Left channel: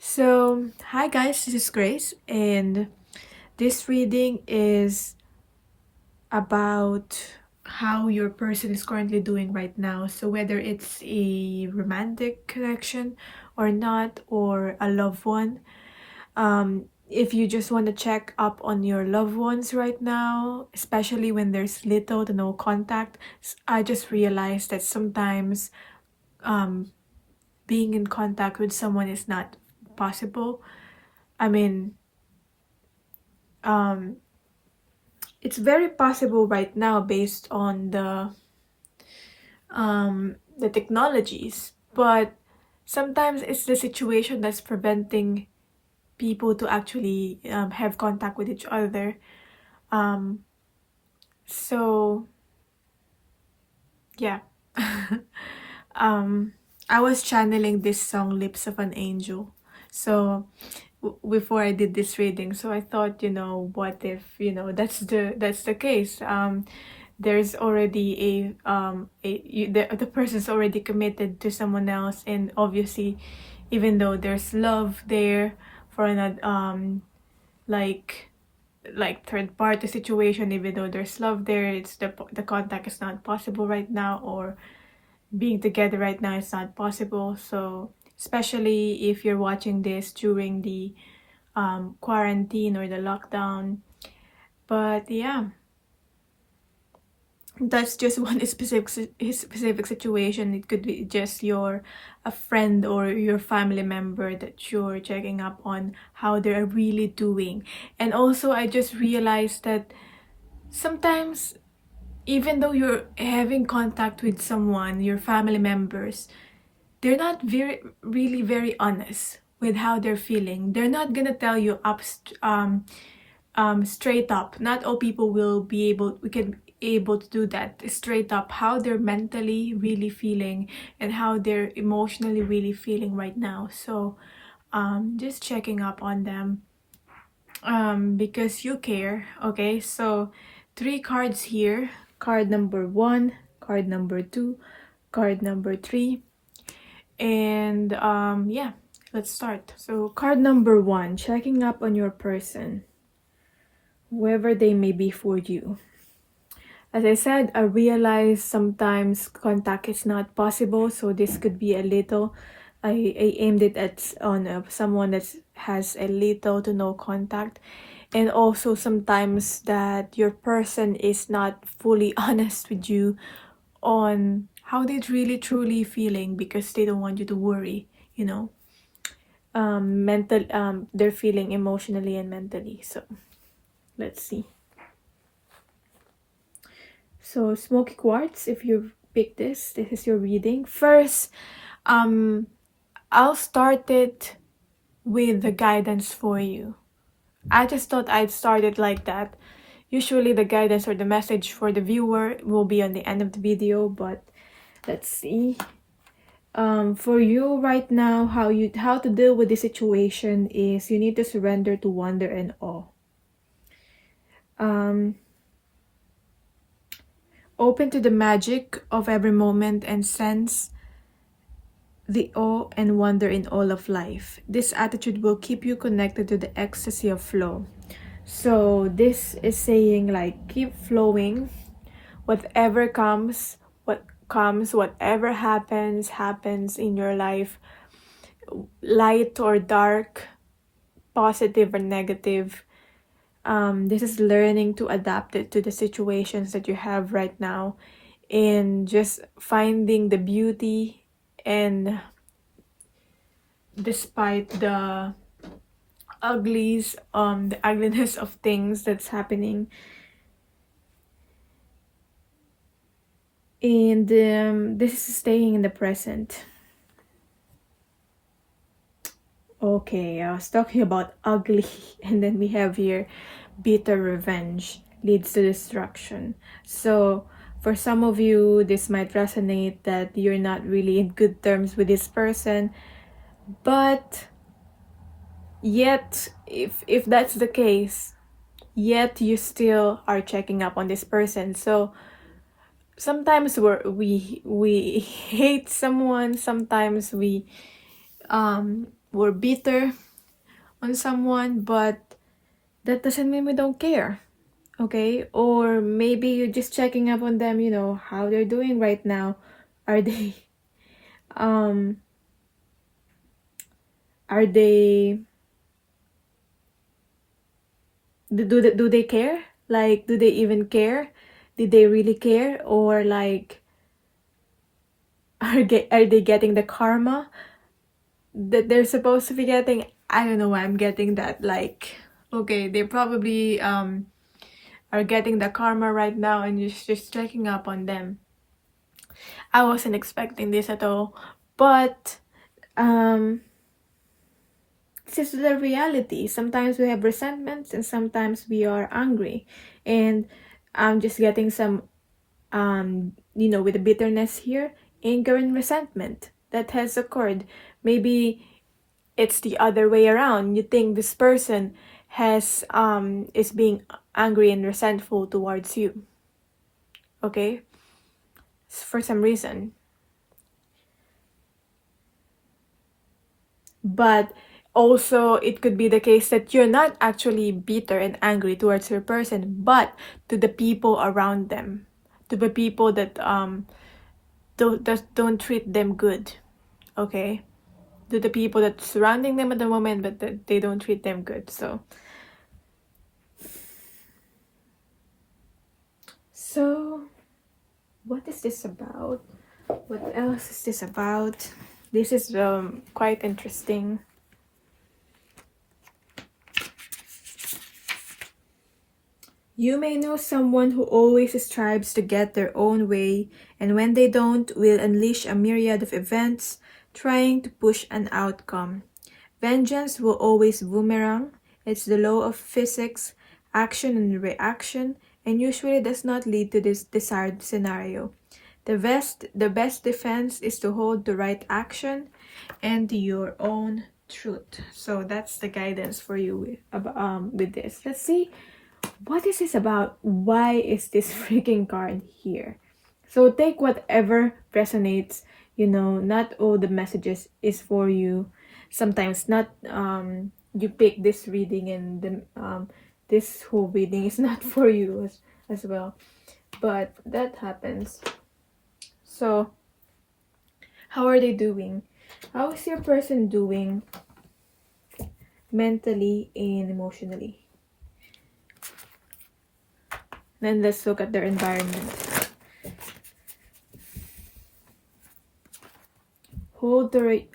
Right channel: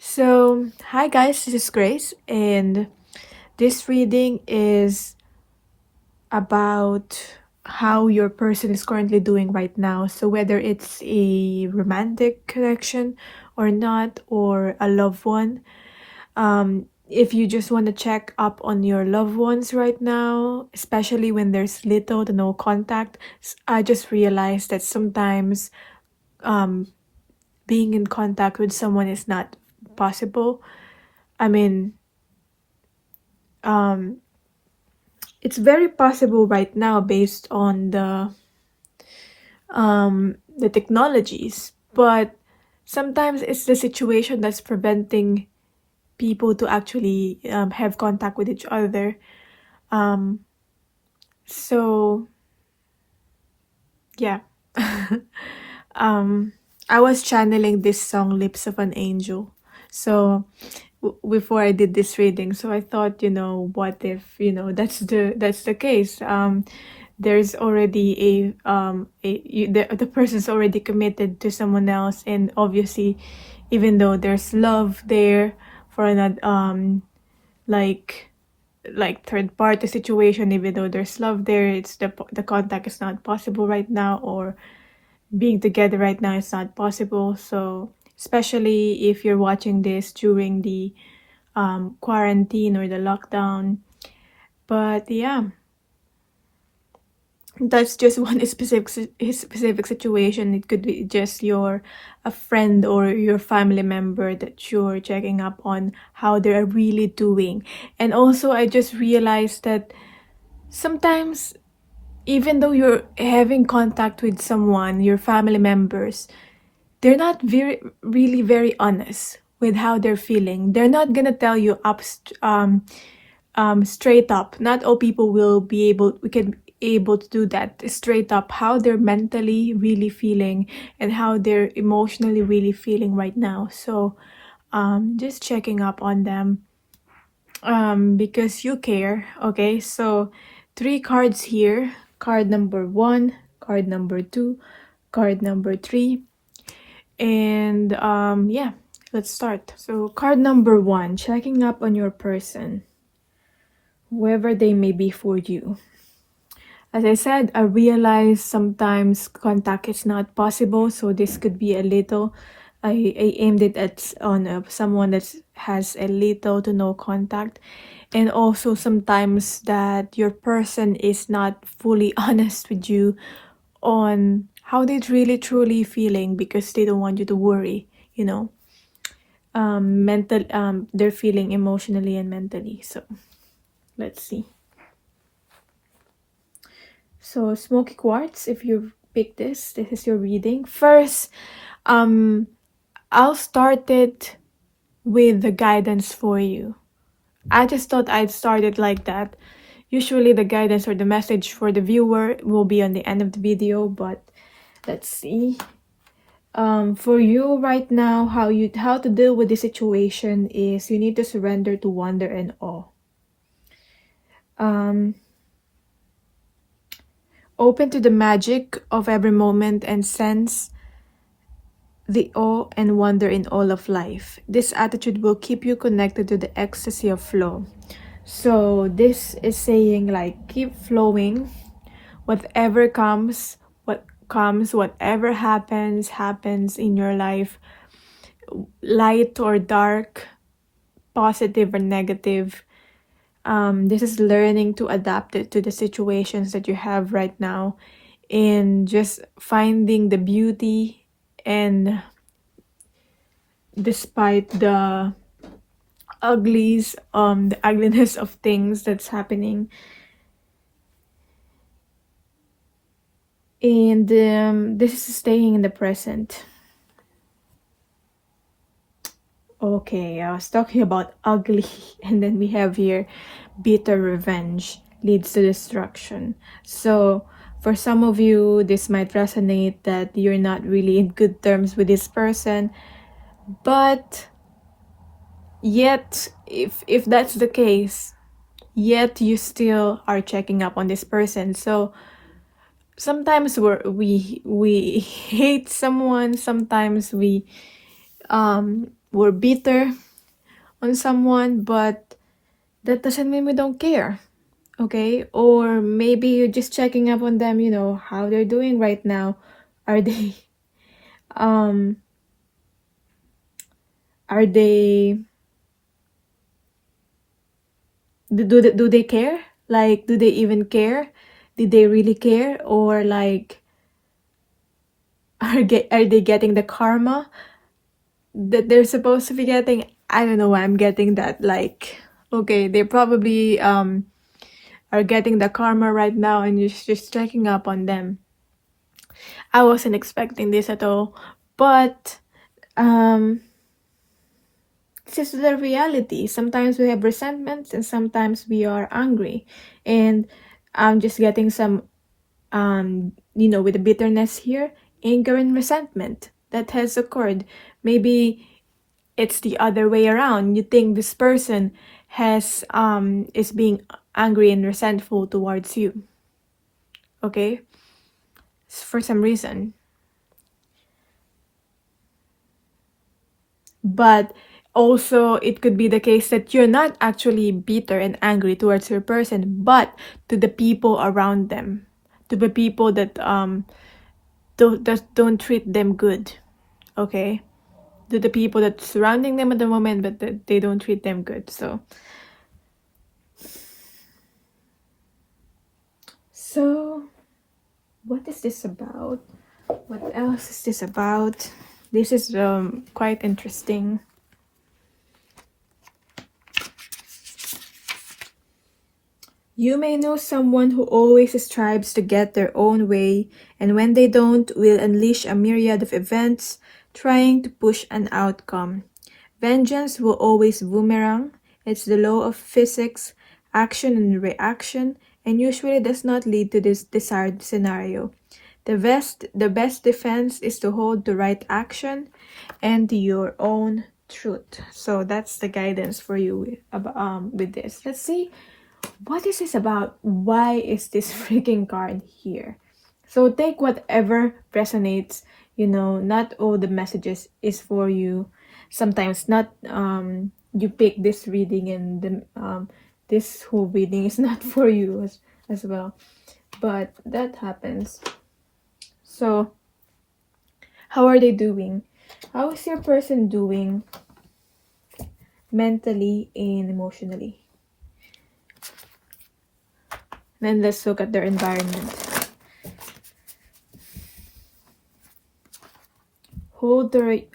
So, hi guys, this is Grace, and this reading is about how your person is currently doing right now. So, whether it's a romantic connection or not, or a loved one, if you just want to check up on your loved ones right now, especially when there's little to no contact, I just realized that sometimes um, being in contact with someone is not possible. I mean, um, it's very possible right now based on the technologies, but sometimes it's the situation that's preventing people to actually have contact with each other. Um, so yeah. um, I was channeling this song "Lips of an Angel." So before I did this reading, so I thought, what if that's the case. There's already the person's already committed to someone else, and obviously, even though there's love there for another like third party situation, even though there's love there, it's the contact is not possible right now, or being together right now is not possible. So especially if you're watching this during the quarantine or the lockdown. But yeah, that's just one specific situation. It could be just a friend or your family member that you're checking up on how they're really doing. And also, I just realized that sometimes, even though you're having contact with someone, your family members, they're not really very honest with how they're feeling. They're not gonna tell you straight up. Not all people we can able to do that straight up, how they're mentally really feeling and how they're emotionally really feeling right now. So just checking up on them because you care. Okay, so 3 cards here: card number 1, card number 2, card number 3. And yeah, let's start. So card number 1, checking up on your person, whoever they may be for you. As I said, I realize sometimes contact is not possible, so this could be a little. I aimed it at on someone that has a little to no contact, and also sometimes that your person is not fully honest with you on how they're really truly feeling, because they don't want you to worry. They're feeling emotionally and mentally. So let's see. So smoky quartz, if you pick this is your reading. First, I'll start it with the guidance for you. I just thought I'd start it like that. Usually the guidance or the message for the viewer will be on the end of the video, but let's see. For you right now, how to deal with this situation is you need to surrender to wonder and awe. Open to the magic of every moment and sense the awe and wonder in all of life. This attitude will keep you connected to the ecstasy of flow. So this is saying, like, keep flowing. Whatever comes, whatever happens in your life, light or dark, positive or negative. This is learning to adapt it to the situations that you have right now, and just finding the beauty, and despite the the ugliness of things that's happening. And this is staying in the present. Okay, I was talking about ugly, and then we have here bitter revenge leads to destruction. So for some of you, this might resonate that you're not really in good terms with this person, but yet, if that's the case, yet you still are checking up on this person. So sometimes we hate someone, sometimes we we're bitter on someone, but that doesn't mean we don't care. Okay, or maybe you're just checking up on them, how they're doing right now. Are they um are they do they care? Like, do they even care? Did they really care? Or like, are they getting the karma that they're supposed to be getting? I don't know why I'm getting that. Like, okay, they probably are getting the karma right now, and you're just checking up on them. I wasn't expecting this at all, but this is the reality. Sometimes we have resentments, and sometimes we are angry, and I'm just getting some with the bitterness here, anger and resentment that has occurred. Maybe it's the other way around. You think this person is being angry and resentful towards you, okay, for some reason. But also, it could be the case that you're not actually bitter and angry towards your person, but to the people around them, to the people that don't treat them good, okay, to the people that's surrounding them at the moment, but that they don't treat them good. So what is this about? What else is this about? This is quite interesting. You may know someone who always strives to get their own way, and when they don't, will unleash a myriad of events trying to push an outcome. Vengeance will always boomerang. It's the law of physics, action and reaction, and usually does not lead to this desired scenario. The best defense is to hold the right action and your own truth. So that's the guidance for you with this. Let's see, what is this about? Why is this freaking card here? So take whatever resonates. Not all the messages is for you. Sometimes not you pick this reading, and this whole reading is not for you as well. But that happens. So how are they doing? How is your person doing mentally and emotionally? Then let's look at their environment. Hold the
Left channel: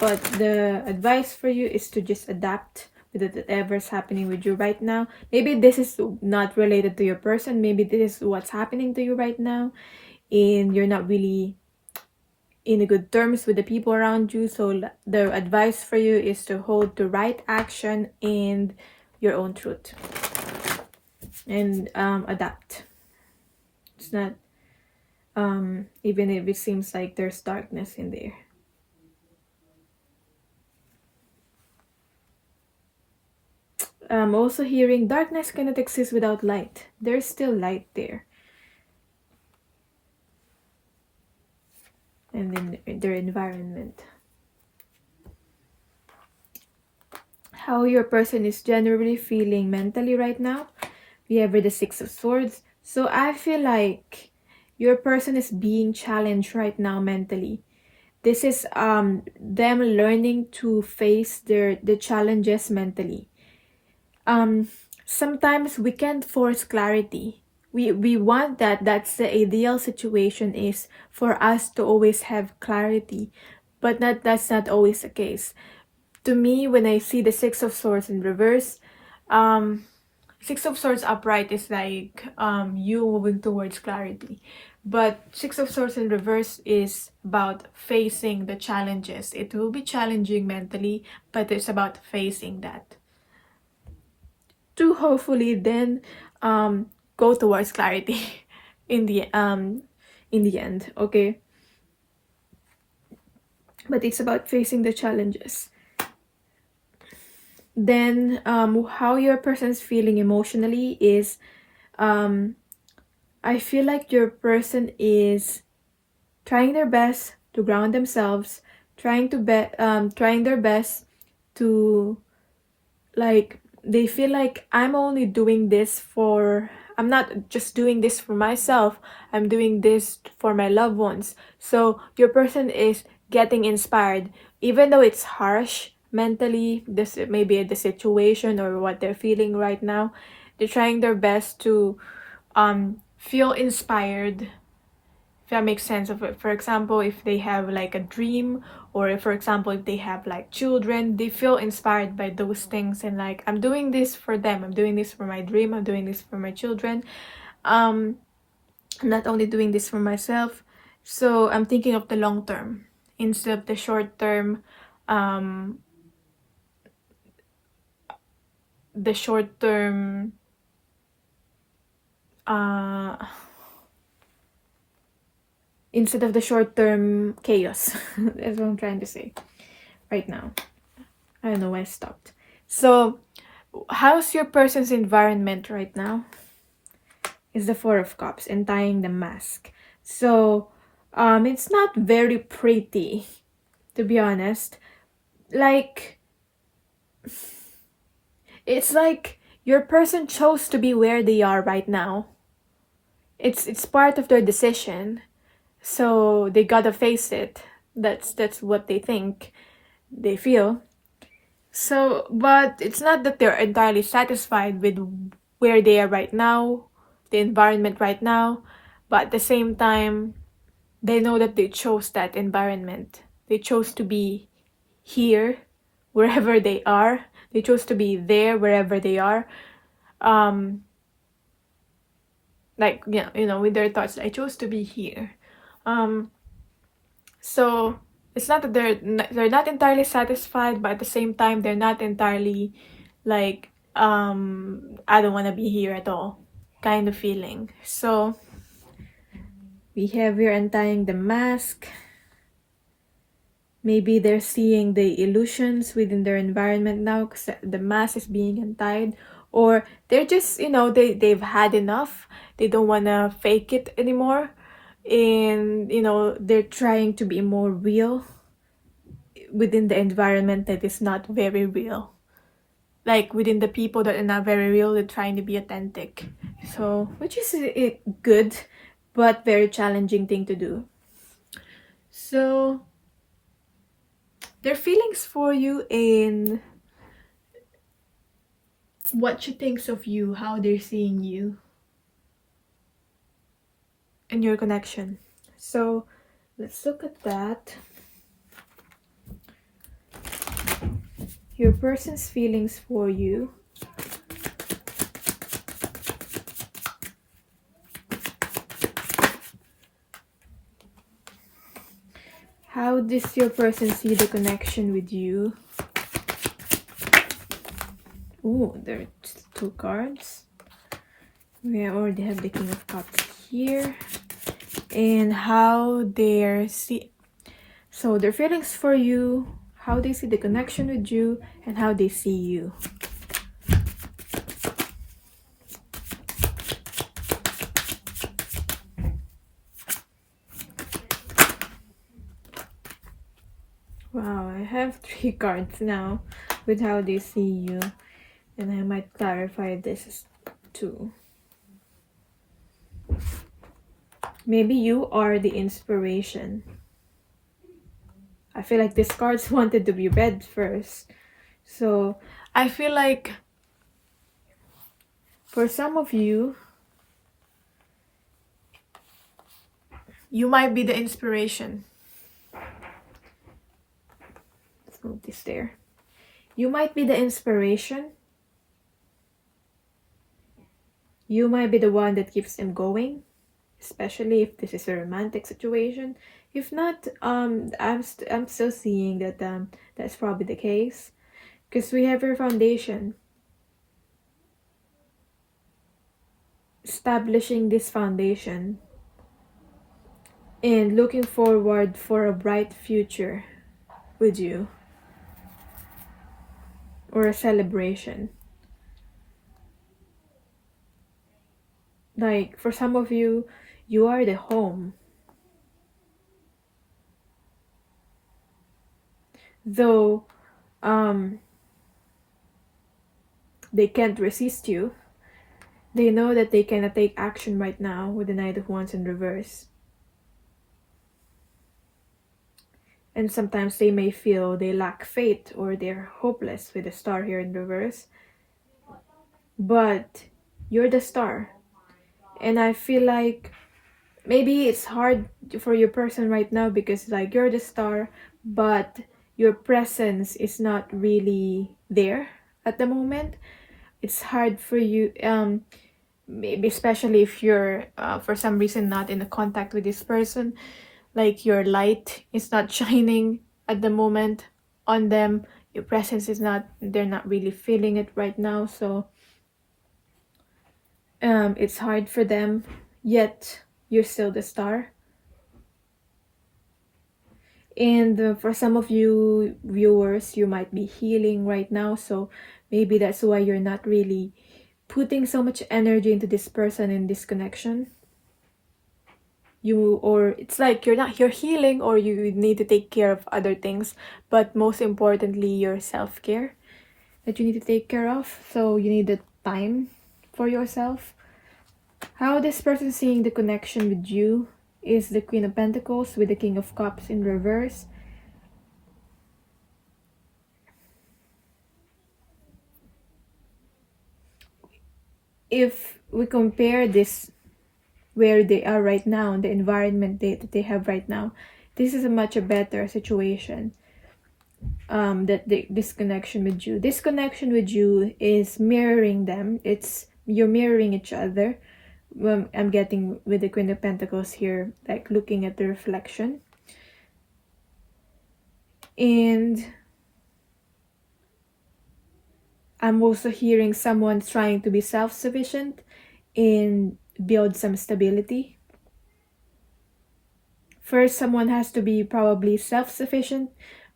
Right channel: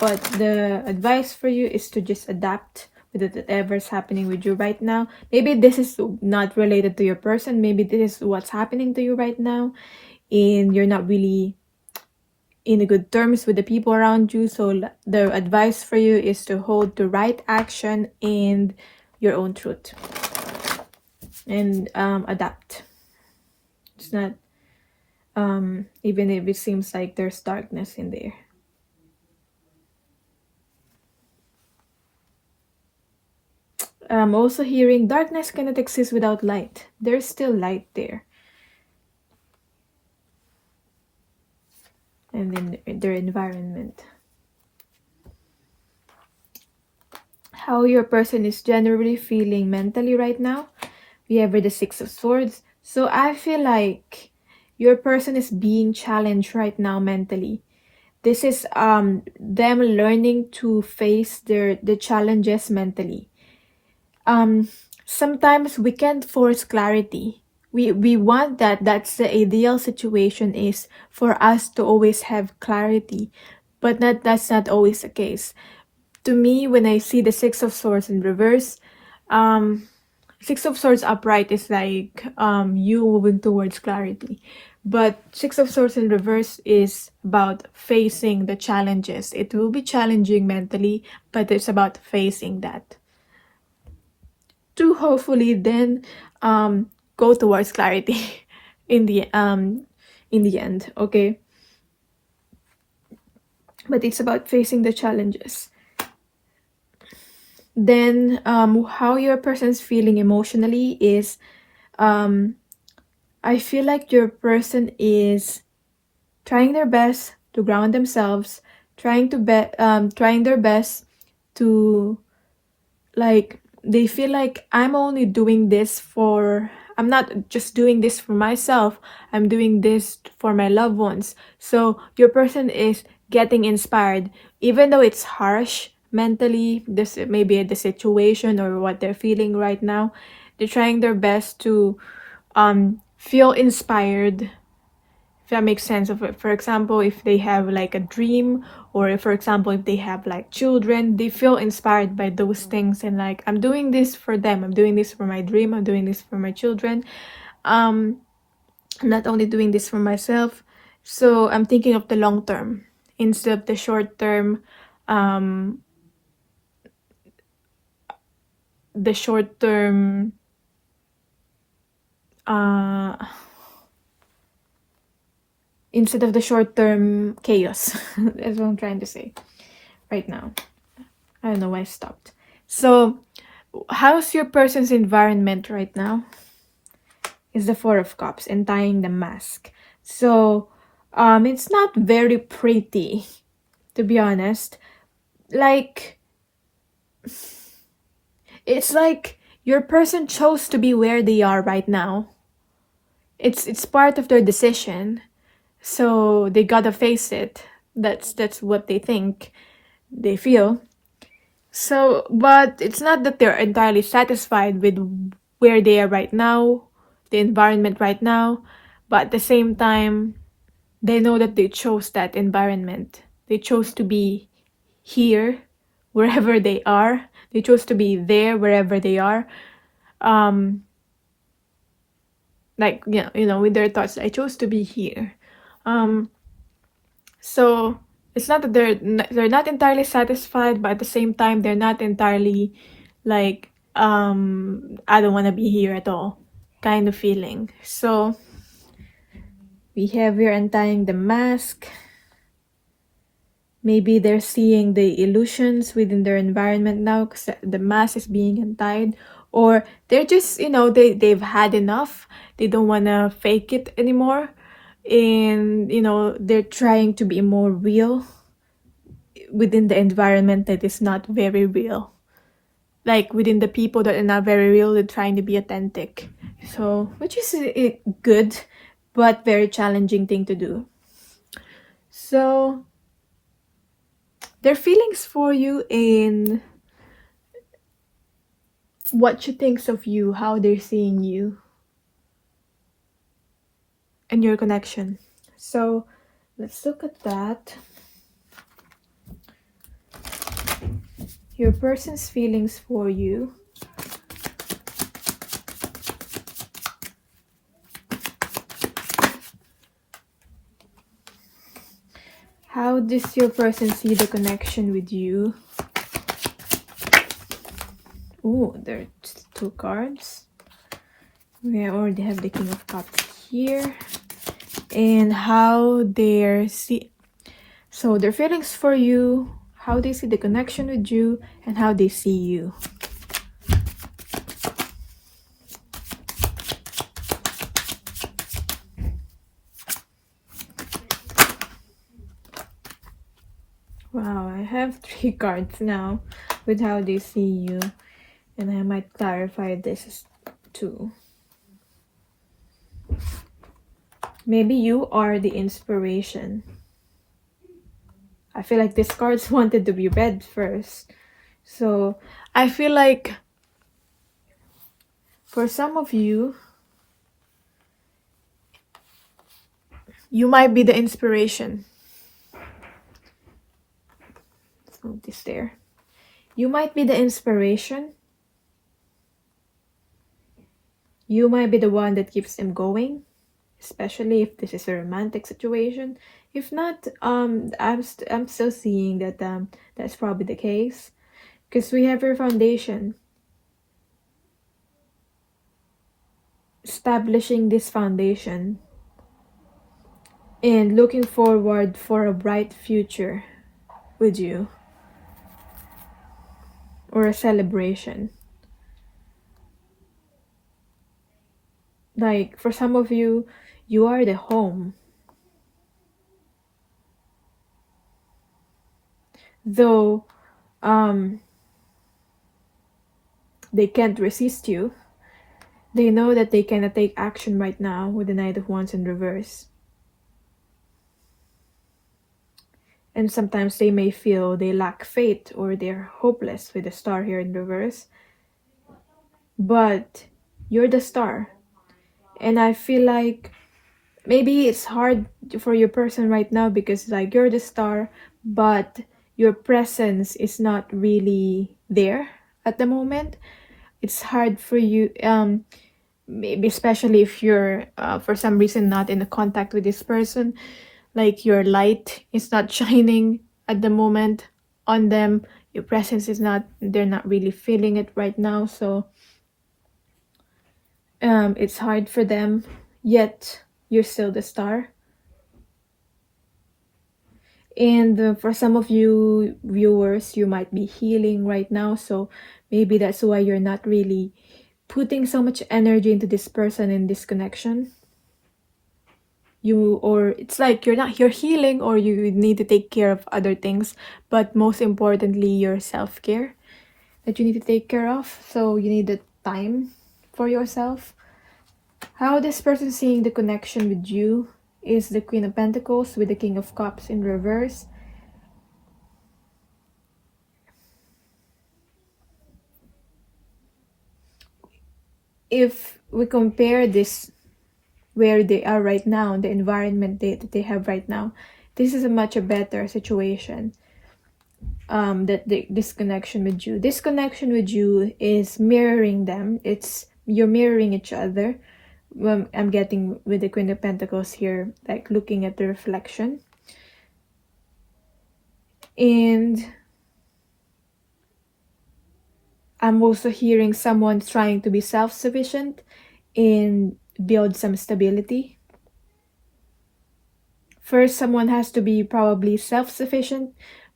but the advice for you is to just adapt with whatever's happening with you right now. Maybe this is not related to your person. Maybe this is what's happening to you right now, and you're not really in the good terms with the people around you. So the advice for you is to hold the right action and your own truth, and adapt. It's not even if it seems like there's darkness in there. I'm also hearing darkness cannot exist without light. There's still light there. And then their environment. How your person is generally feeling mentally right now. We have the Six of Swords. So I feel like your person is being challenged right now mentally. This is them learning to face the challenges mentally. Sometimes we can't force clarity. We want that. That's the ideal situation, is for us to always have clarity, but that's not always the case. To me, when I see the Six of Swords in reverse, Six of Swords upright is like you moving towards clarity, but Six of Swords in reverse is about facing the challenges. It will be challenging mentally, but it's about facing that to hopefully then go towards clarity in the end, okay? But it's about facing the challenges. Then how your person's feeling emotionally is I feel like your person is trying their best to ground themselves, trying their best to, like, they feel like I'm not just doing this for myself, I'm doing this for my loved ones. So your person is getting inspired, even though it's harsh mentally, this maybe the situation or what they're feeling right now. They're trying their best to feel inspired, if that makes sense. Of it, for example, if they have like a dream, or if, for example, if they have like children, they feel inspired by those things, and like, I'm doing this for them, I'm doing this for my dream, I'm doing this for my children, I'm not only doing this for myself. So I'm thinking of the long term instead of the short term, the short term instead of the short-term chaos. That's what I'm trying to say right now. I don't know why I stopped. So how's your person's environment right now? Is the Four of Cups and tying the mask. So it's not very pretty, to be honest. Like, it's like your person chose to be where they are right now. It's part of their decision, so they gotta face it. That's what they think, they feel. So, but it's not that they're entirely satisfied with where they are right now, the environment right now, but at the same time, they know that they chose that environment. They chose to be here, wherever they are. They chose to be there, wherever they are. Like, yeah, with their thoughts, I chose to be here. So it's not that they're not entirely satisfied, but at the same time, they're not entirely like, I don't want to be here at all kind of feeling. So we have here untying the mask. Maybe they're seeing the illusions within their environment now because the mask is being untied, or they're just, they've had enough. They don't want to fake it anymore, and they're trying to be more real within the environment that is not very real. Like, within the people that are not very real, they're trying to be authentic. So, which is a good but very challenging thing to do. So their feelings for you in what she thinks of you, how they're seeing you, and your connection. So let's look at that. Your person's feelings for you. How does your person see the connection with you? Oh, there are 2 cards. We already have the King of Cups here. And how they see. So their feelings for you, how they see the connection with you, and how they see you. Wow, I have 3 cards now with how they see you, and I might clarify this too. Maybe you are the inspiration. I feel like these cards wanted to be read first. So I feel like for some of you, you might be the inspiration. Let's move this there. You might be the inspiration. You might be the one that keeps them going, especially if this is a romantic situation. If not, I'm still seeing that that's probably the case, because we have your foundation. Establishing this foundation and looking forward for a bright future with you, or a celebration. Like, for some of you, you are the home. Though they can't resist you, they know that they cannot take action right now with the Knight of Wands in reverse. And sometimes they may feel they lack faith or they're hopeless with the Star here in reverse. But you're the Star. And I feel like maybe it's hard for your person right now because like you're the Star, but your presence is not really there at the moment. It's hard for you, maybe especially if you're for some reason not in the contact with this person, like your light is not shining at the moment on them, your presence is not, they're not really feeling it right now. So it's hard for them, yet you're still the Star. And for some of you viewers, you might be healing right now, so maybe that's why you're not really putting so much energy into this person and this connection. Or it's like you're healing, or you need to take care of other things, but most importantly your self-care that you need to take care of. So you need the time for yourself. How this person seeing the connection with you is the Queen of Pentacles with the King of Cups in reverse. If we compare this where they are right now, the environment that they have right now, this is a much better situation. This connection with you. This connection with you is mirroring them. You're mirroring each other. I'm getting with the Queen of Pentacles here, like looking at the reflection. And I'm also hearing someone trying to be self-sufficient and build some stability. First, someone has to be probably self-sufficient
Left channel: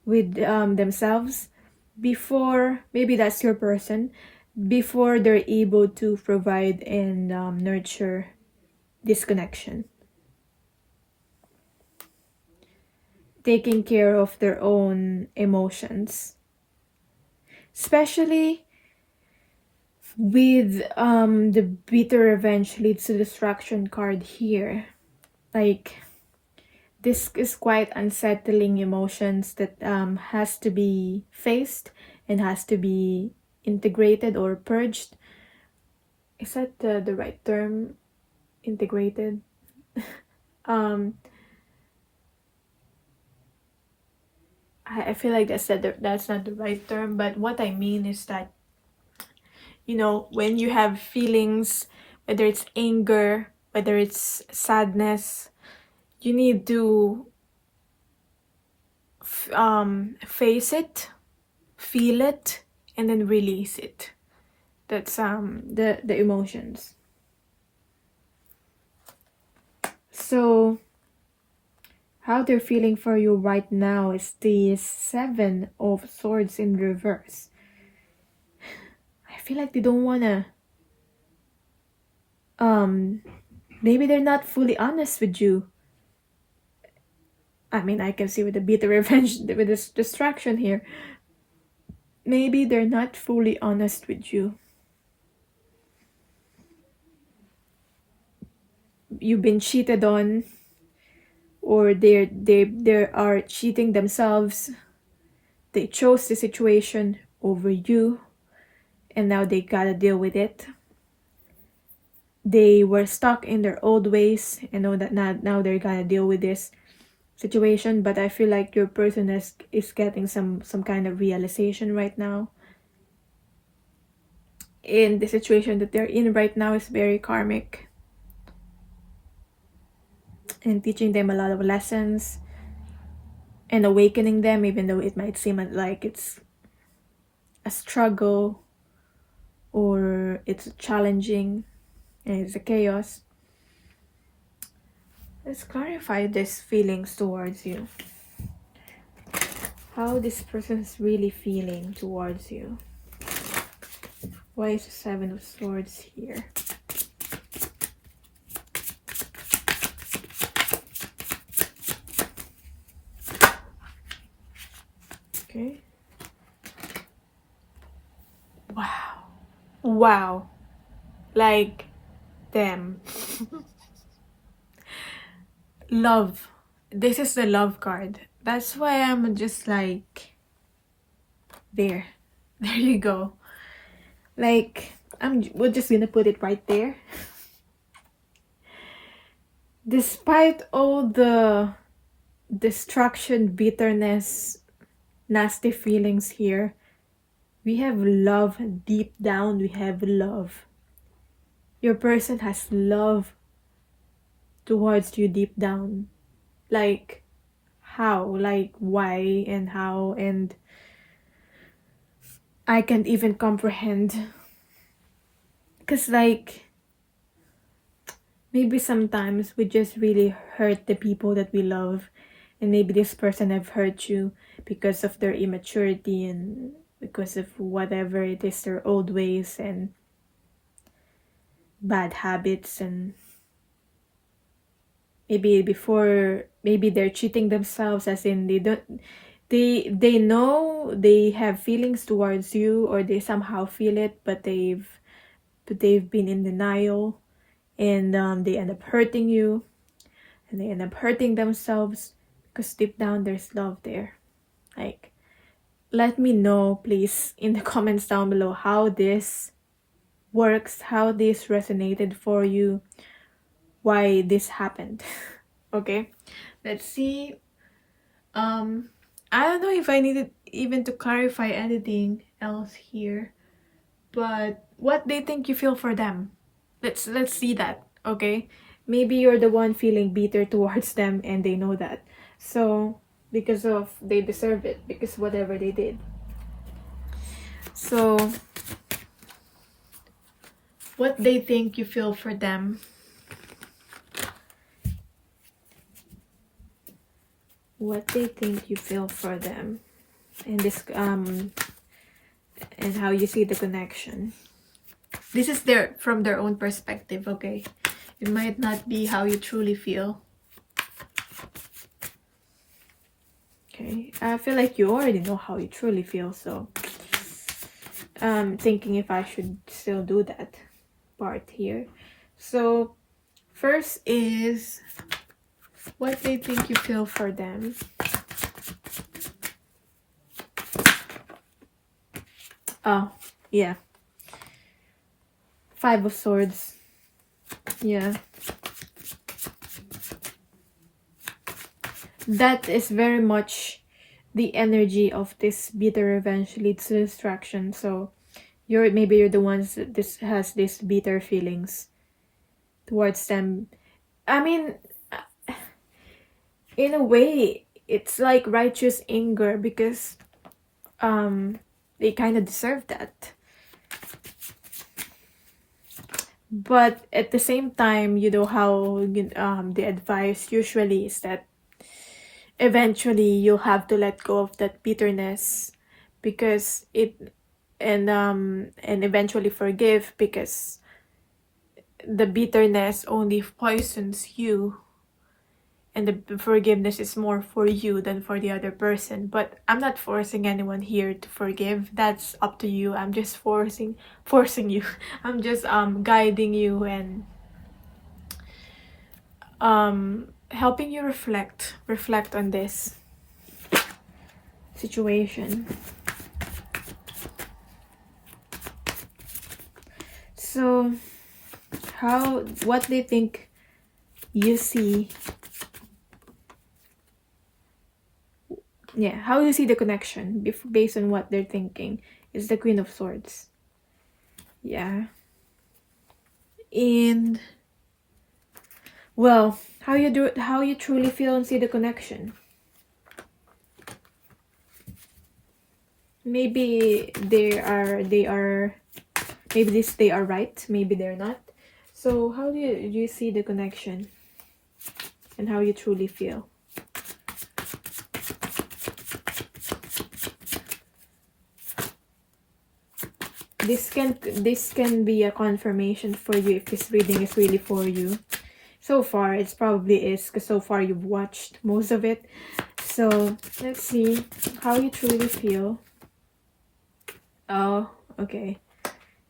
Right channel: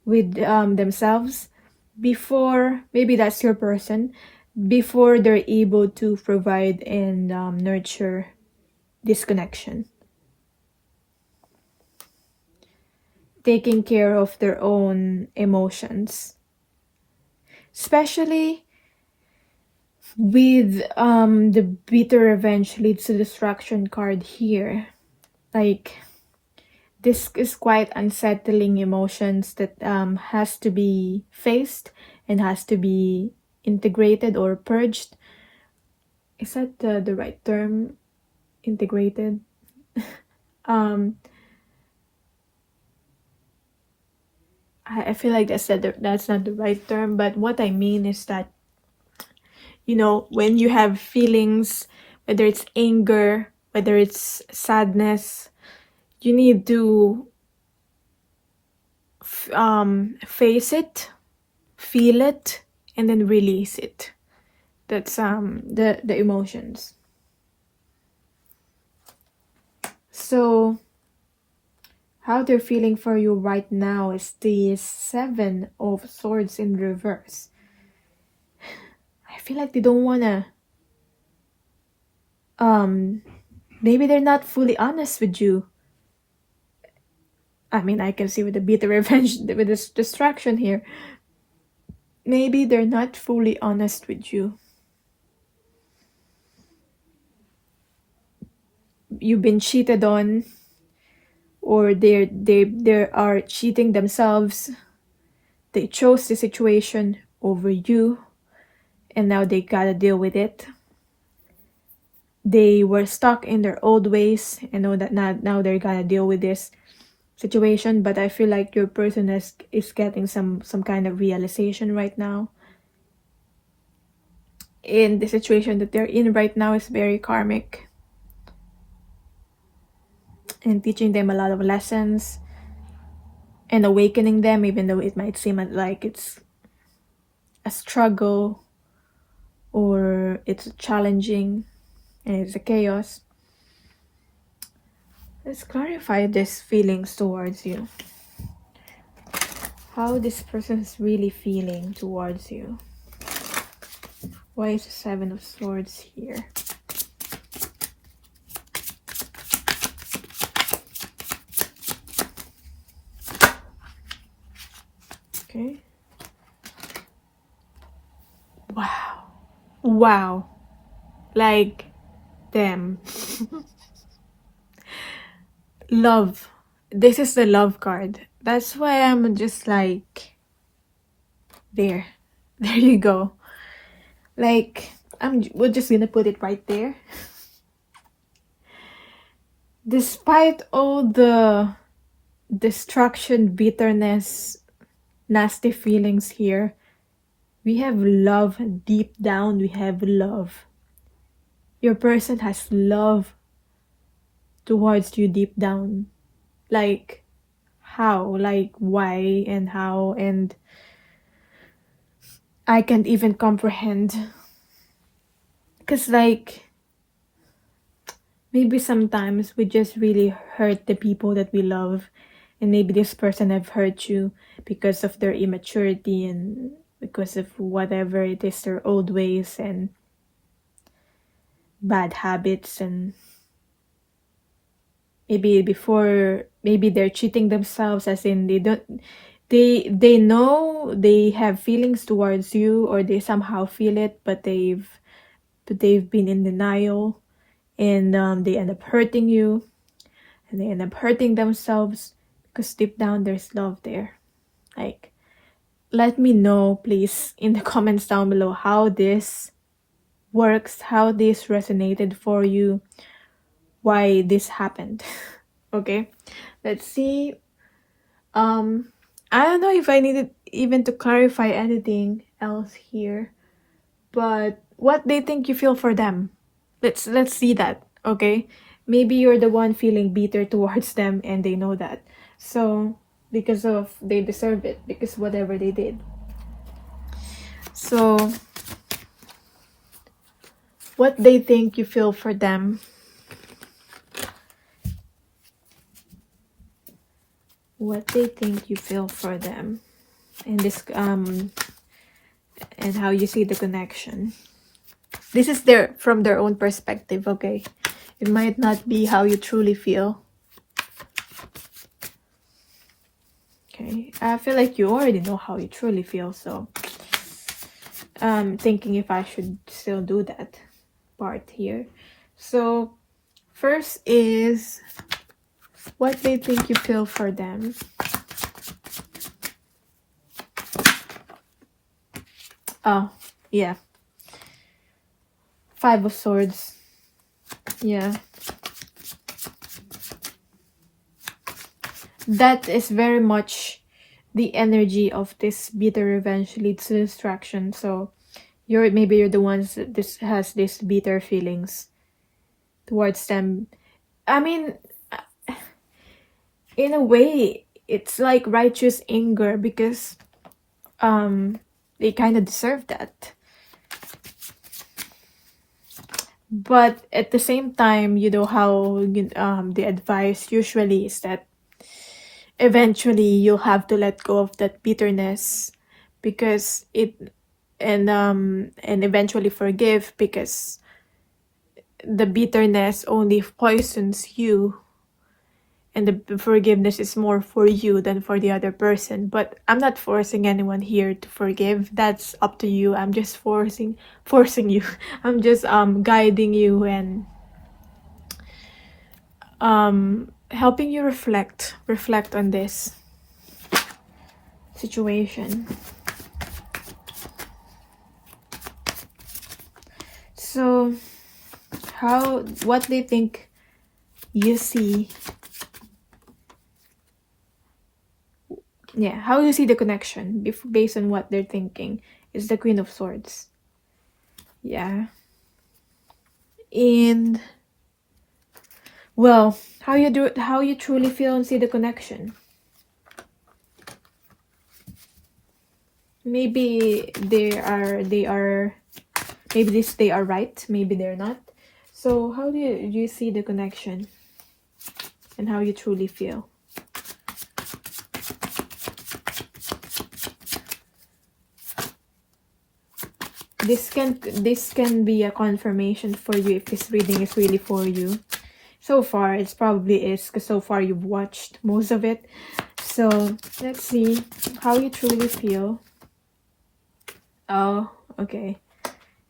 with themselves before, maybe that's your person, before they're able to provide and nurture this connection. Taking care of their own emotions. Especially with the bitter revenge leads to destruction card here. Like, this is quite unsettling emotions that has to be faced and has to be integrated or purged. Is that the right term? Integrated? I feel like that's not the right term, but what I mean is that, you know, when you have feelings, whether it's anger, whether it's sadness, you need to face it, feel it, and then release it. That's the emotions. So how they're feeling for you right now is the 7 of Swords in reverse. I feel like they don't wanna maybe they're not fully honest with you. I mean, I can see with the bitter revenge, with this distraction here, maybe they're not fully honest with you. You've been cheated on, or they are cheating themselves. They chose the situation over you, and now they gotta deal with it. They were stuck in their old ways and know that now they're gonna deal with this situation. But I feel like your person is getting some kind of realization right now. And the situation that they're in right now is very karmic, and teaching them a lot of lessons and awakening them, even though it might seem like it's a struggle or it's challenging and it's a chaos. Let's clarify these feelings towards you. How this person is really feeling towards you. Why is the 7 of Swords here? Okay. Wow. Wow. Like, damn. Love. This is the love card. That's why I'm just like, there. There you go. Like, we're just gonna put it right there. Despite all the destruction, bitterness, nasty feelings here, we have love deep down. We have love. Your person has love towards you deep down. Like, how? Like, why and how? And I can't even comprehend. Because, like, maybe sometimes we just really hurt the people that we love. And maybe this person have hurt you because of their immaturity and because of whatever it is, their old ways and bad habits. And maybe they're cheating themselves, as in they know they have feelings towards you, or they somehow feel it, but they've been in denial, and they end up hurting you, and they end up hurting themselves because deep down there's love there. Like, let me know please in the comments down below how this works, how this resonated for you, why this happened. Okay, let's see. I don't know if I needed even to clarify anything else here, but what they think you feel for them. Let's see that. Okay, maybe you're the one feeling bitter towards them and they know that, so because of they deserve it, because whatever they did. So what they think you feel for them. What they think you feel for them, and this and how you see the connection. This is from their own perspective, okay? It might not be how you truly feel. Okay, I feel like you already know how you truly feel, so thinking if I should still do that part here. So first is what they think you feel for them. Oh, yeah. 5 of Swords. Yeah. That is very much the energy of this bitter revenge leads to distraction. So maybe you're the ones that has these bitter feelings towards them. I mean, in a way, it's like righteous anger, because they kind of deserve that. But at the same time, you know how the advice usually is that eventually you'll have to let go of that bitterness, because and eventually forgive, because the bitterness only poisons you, and the forgiveness is more for you than for the other person. But I'm not forcing anyone here to forgive. That's up to you. I'm just forcing you. I'm just guiding you and helping you reflect on this situation. So what they think you see. Yeah, how you see the connection based on what they're thinking is the Queen of Swords. Yeah. And well, how you truly feel and see the connection. Maybe they are right, maybe they're not. So how do you see the connection and how you truly feel? This can be a confirmation for you if this reading is really for you. So far, it probably is, because so far you've watched most of it. So let's see how you truly feel. Oh, okay.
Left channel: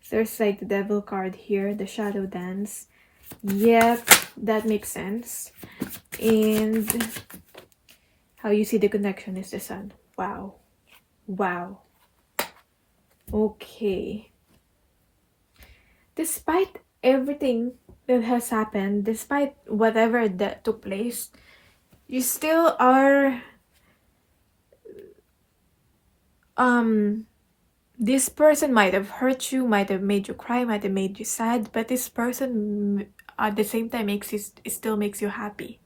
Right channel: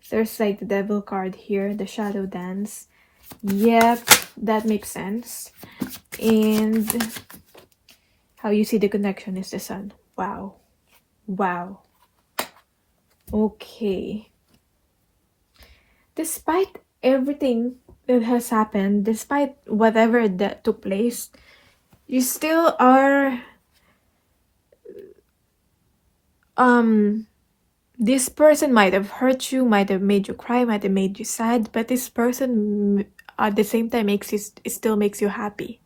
There's like the devil card here, the shadow dance. Yep, that makes sense. And how you see the connection is the sun. Wow. Wow. Okay. Despite everything that has happened, despite whatever that took place, you still are this person might have hurt you, might have made you cry, might have made you sad, but this person at the same time makes you, it still makes you happy.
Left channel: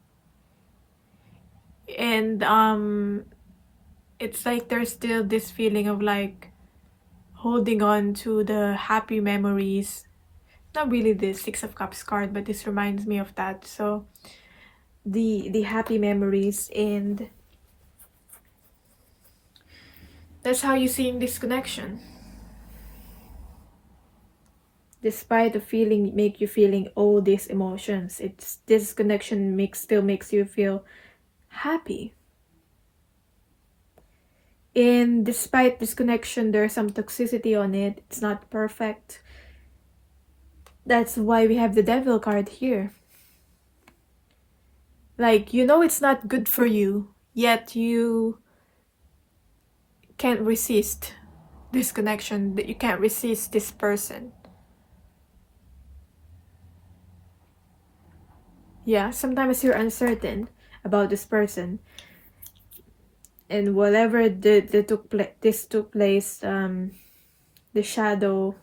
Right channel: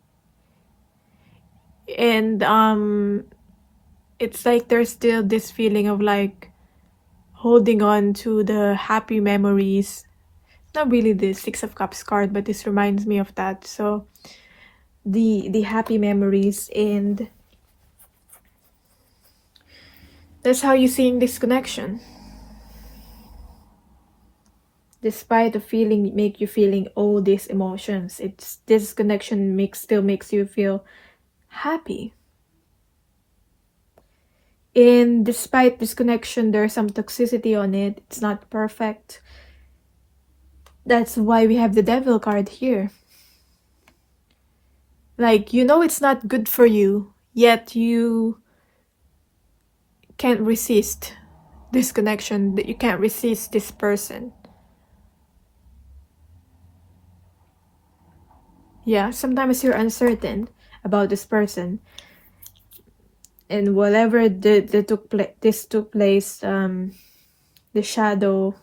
And it's like there's still this feeling of like holding on to the happy memories. Not really the Six of Cups card, but this reminds me of that. So the happy memories, and that's how you're seeing this connection. Despite the feeling, make you feeling all these emotions, it's this connection still makes you feel happy. And despite this connection, there's some toxicity on it. It's not perfect. That's why we have the devil card here. Like, you know it's not good for you, yet you can't resist this connection, that you can't resist this person. Yeah, sometimes you're uncertain about this person, and whatever this took place, the shadow,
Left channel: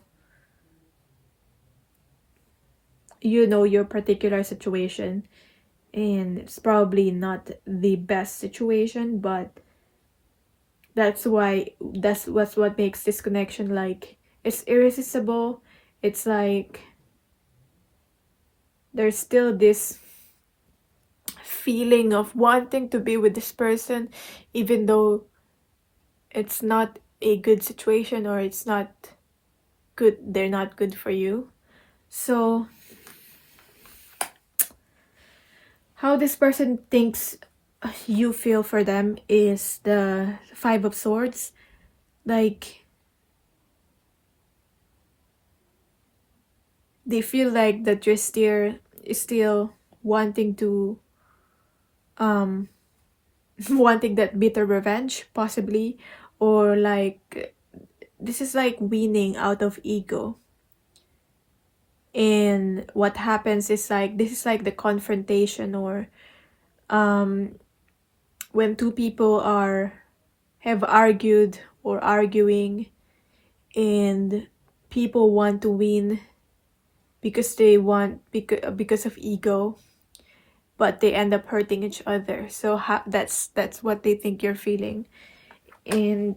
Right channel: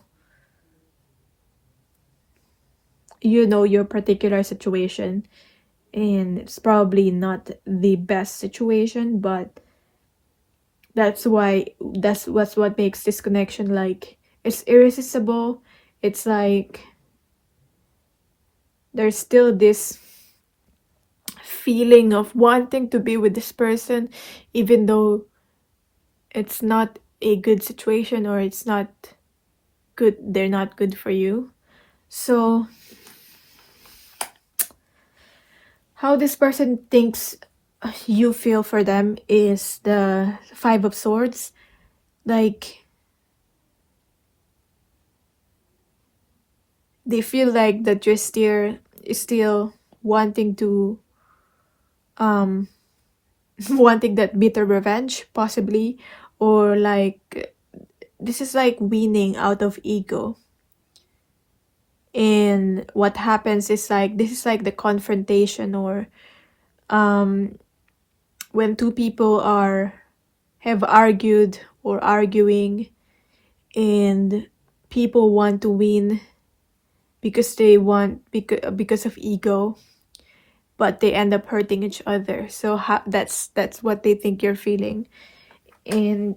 you know your particular situation, and it's probably not the best situation, but that's what makes this connection like it's irresistible. It's like there's still this feeling of wanting to be with this person, even though it's not a good situation, or it's not good, they're not good for you. So how this person thinks you feel for them is the Five of Swords. Like, they feel like that you're still wanting to wanting that bitter revenge, possibly, or like this is like weaning out of ego. And what happens is like this is like the confrontation, or when two people have argued or arguing, and people want to win because they want because of ego, but they end up hurting each other. So that's what they think you're feeling. And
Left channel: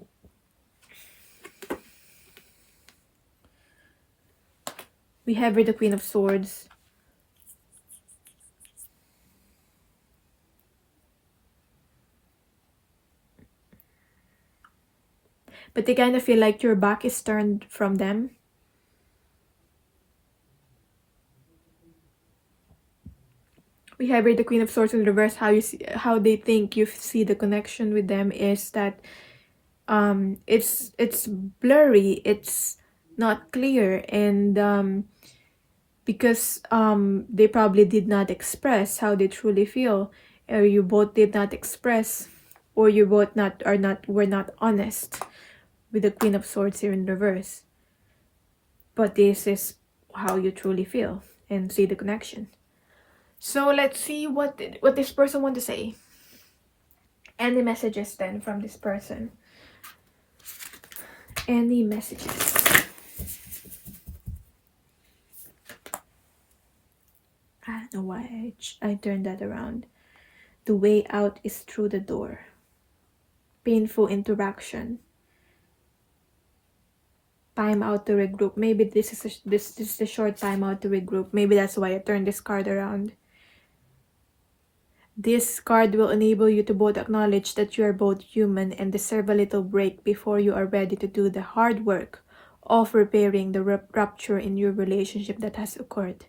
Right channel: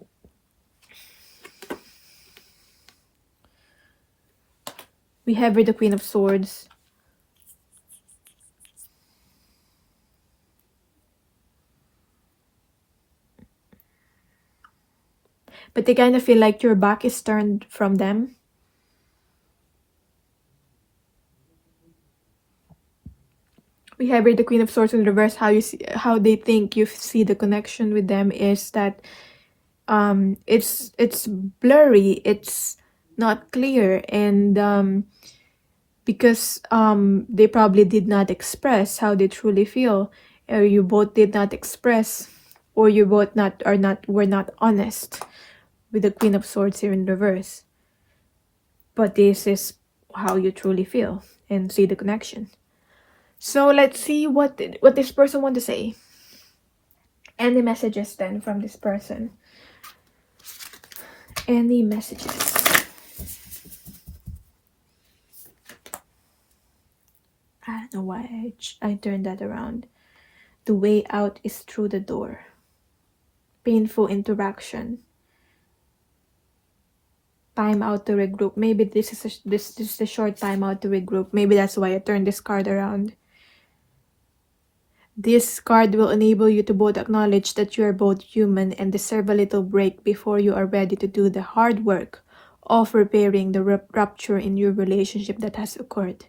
we have here the Queen of Swords. But they kind of feel like your back is turned from them. We have here the Queen of Swords in reverse. How they think you see the connection with them is that it's blurry, it's not clear, and because they probably did not express how they truly feel, or you both did not express, or you both were not honest with the Queen of Swords here in reverse. But this is how you truly feel and see the connection. So let's see what this person want to say. Any messages then from this person? Any messages? I don't know why I turned that around. The way out is through the door. Painful interaction. Time out to regroup. Maybe this is a short time out to regroup. Maybe that's why I turned this card around. This card will enable you to both acknowledge that you are both human and deserve a little break before you are ready to do the hard work of repairing the rupture in your relationship that has occurred.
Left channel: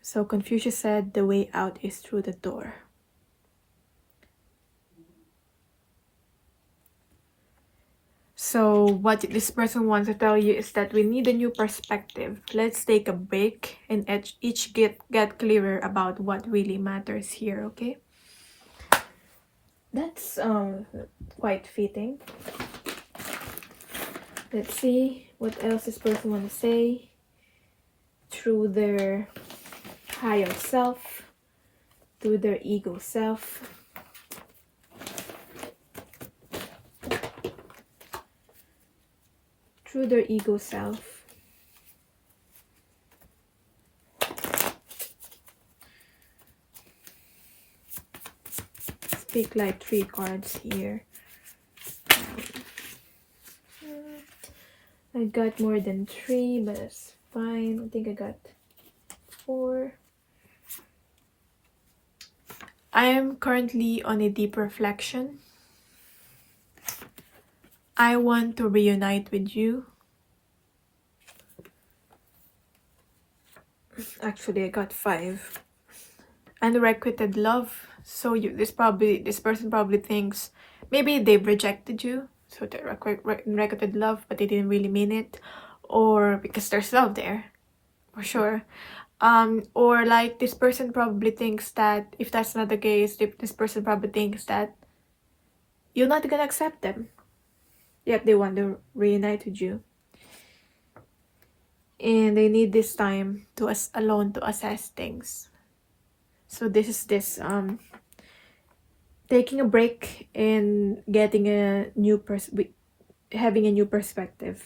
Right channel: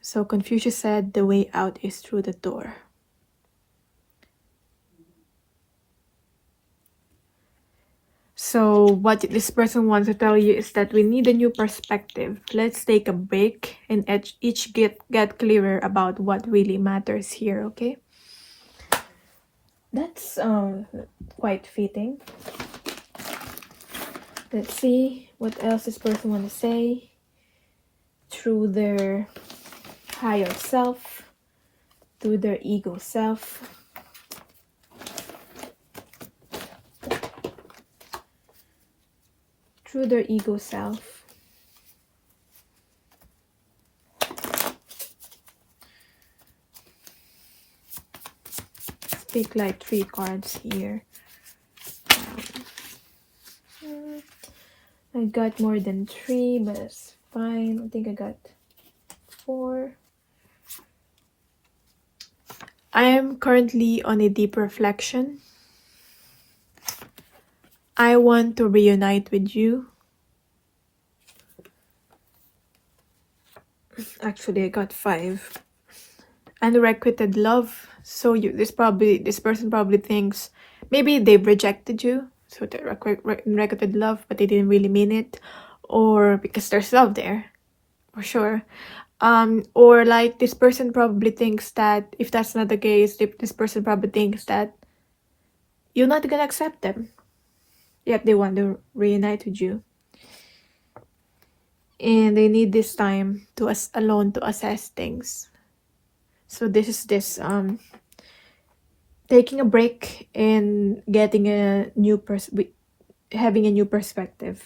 So Confucius said the way out is through the door. So what this person wants to tell you is that we need a new perspective. Let's take a break and each get clearer about what really matters here, okay? That's quite fitting. Let's see what else this person wants to say through their higher self, through their ego self. Through their ego self. Pick like 3 cards here. I got more than 3, but that's fine. I think I got 4. I am currently on a deep reflection. I want to reunite with you. Actually, I got 5. Unrequited love. So this person probably thinks maybe they've rejected you. So they're unrequited love, but they didn't really mean it, or because there's love there, for sure. Or like this person probably thinks that if that's not the case, this person probably thinks that you're not gonna accept them, yet they want to reunite with you, and they need this time to alone to assess things. So this is taking a break and getting a new having a new perspective.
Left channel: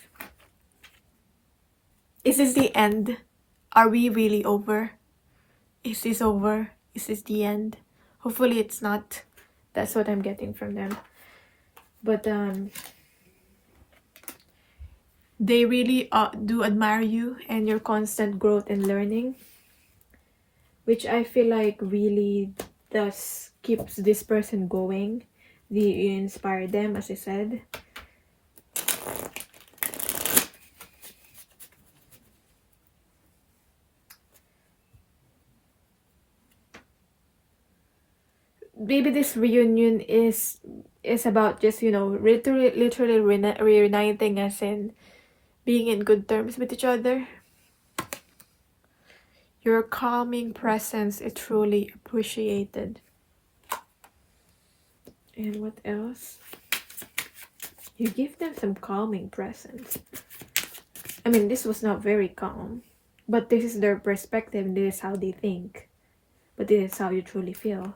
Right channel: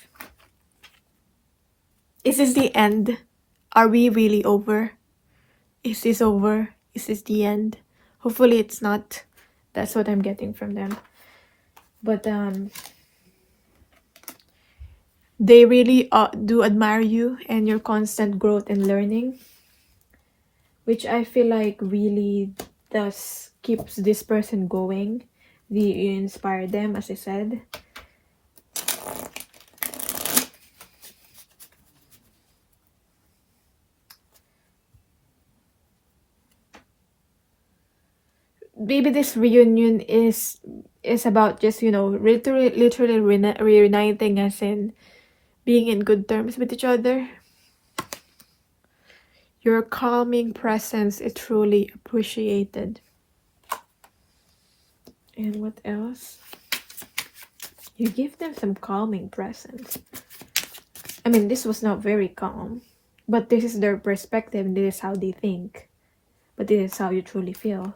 Is this the end? Are we really over? Is this over? Is this the end? Hopefully it's not. That's what I'm getting from them. But they really do admire you and your constant growth and learning, which I feel like really does keeps this person going. You inspire them, as I said. Maybe this reunion is about just, you know, literally reuniting, as in being in good terms with each other. Your calming presence is truly appreciated. And what else? You give them some calming presence. I mean, this was not very calm, but this is their perspective. This is how they think, but this is how you truly feel.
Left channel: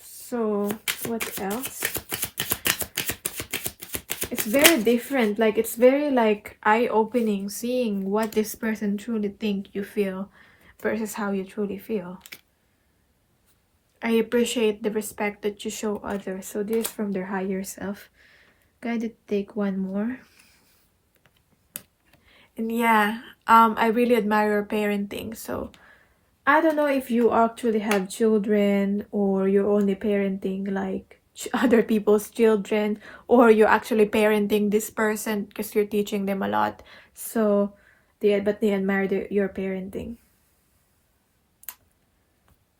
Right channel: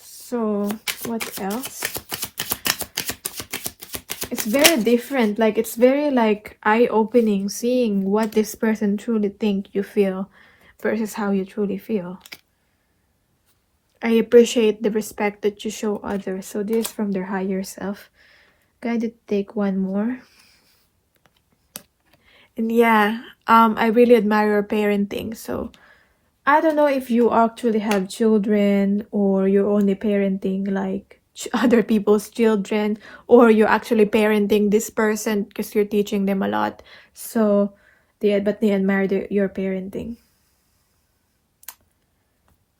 So what else? It's very different. Like, it's very like eye-opening seeing what this person truly think you feel versus how you truly feel. I appreciate the respect that you show others. So this is from their higher self. Gotta take one more. And yeah, I really admire your parenting. So I don't know if you actually have children, or you're only parenting like other people's children, or you're actually parenting this person because you're teaching them a lot. So they admire your parenting.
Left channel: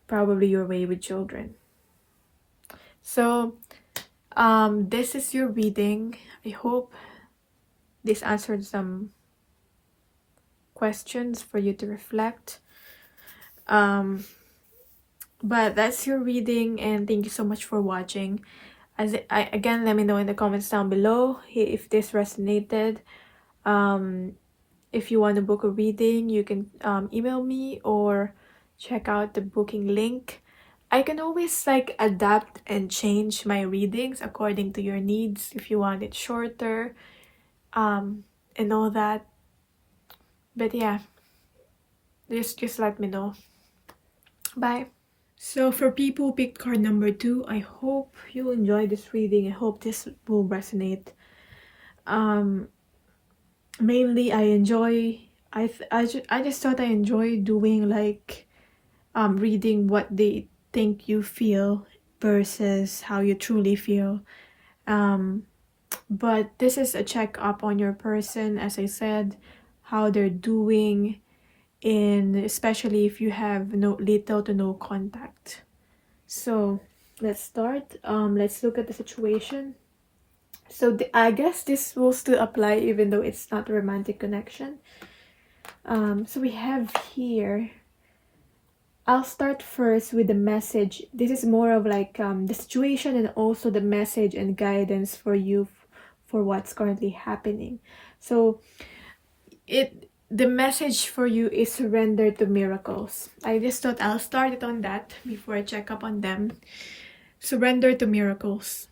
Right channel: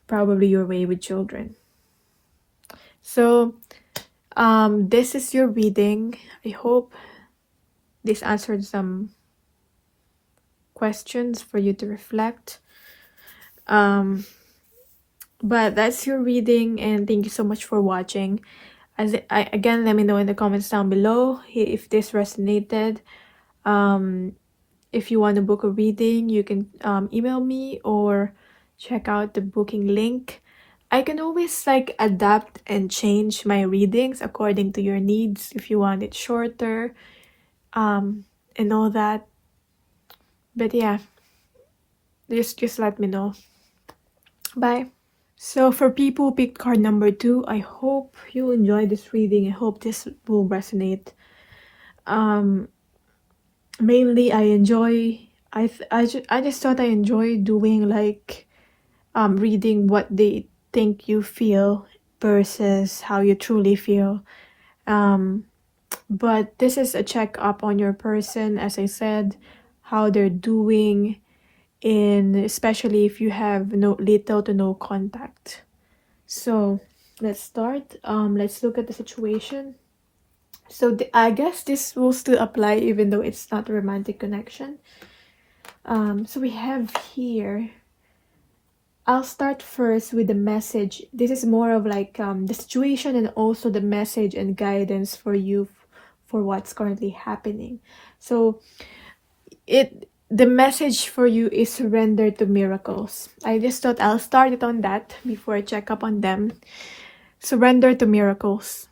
Probably your way with children. So this is your reading. I hope this answered some questions for you to reflect. But that's your reading, and thank you so much for watching. Again, let me know in the comments down below if this resonated. If you want to book a reading, you can email me or check out the booking link. I can always like adapt and change my readings according to your needs, if you want it shorter and all that. But yeah, just let me know. Bye. So for people who picked card number 2, I hope you enjoy this reading. I hope this will resonate. Mainly I just thought I enjoy doing like reading what they think you feel versus how you truly feel. But this is a check-up on your person, as I said, how they're doing, and especially if you have little to no contact. So let's start. Let's look at the situation. So I guess this will still apply even though it's not a romantic connection. So we have here, I'll start first with the message. This is more of like the situation and also the message and guidance for you for what's currently happening. So the message for you is surrender to miracles. I just thought I'll start it on that before I check up on them. Surrender to miracles.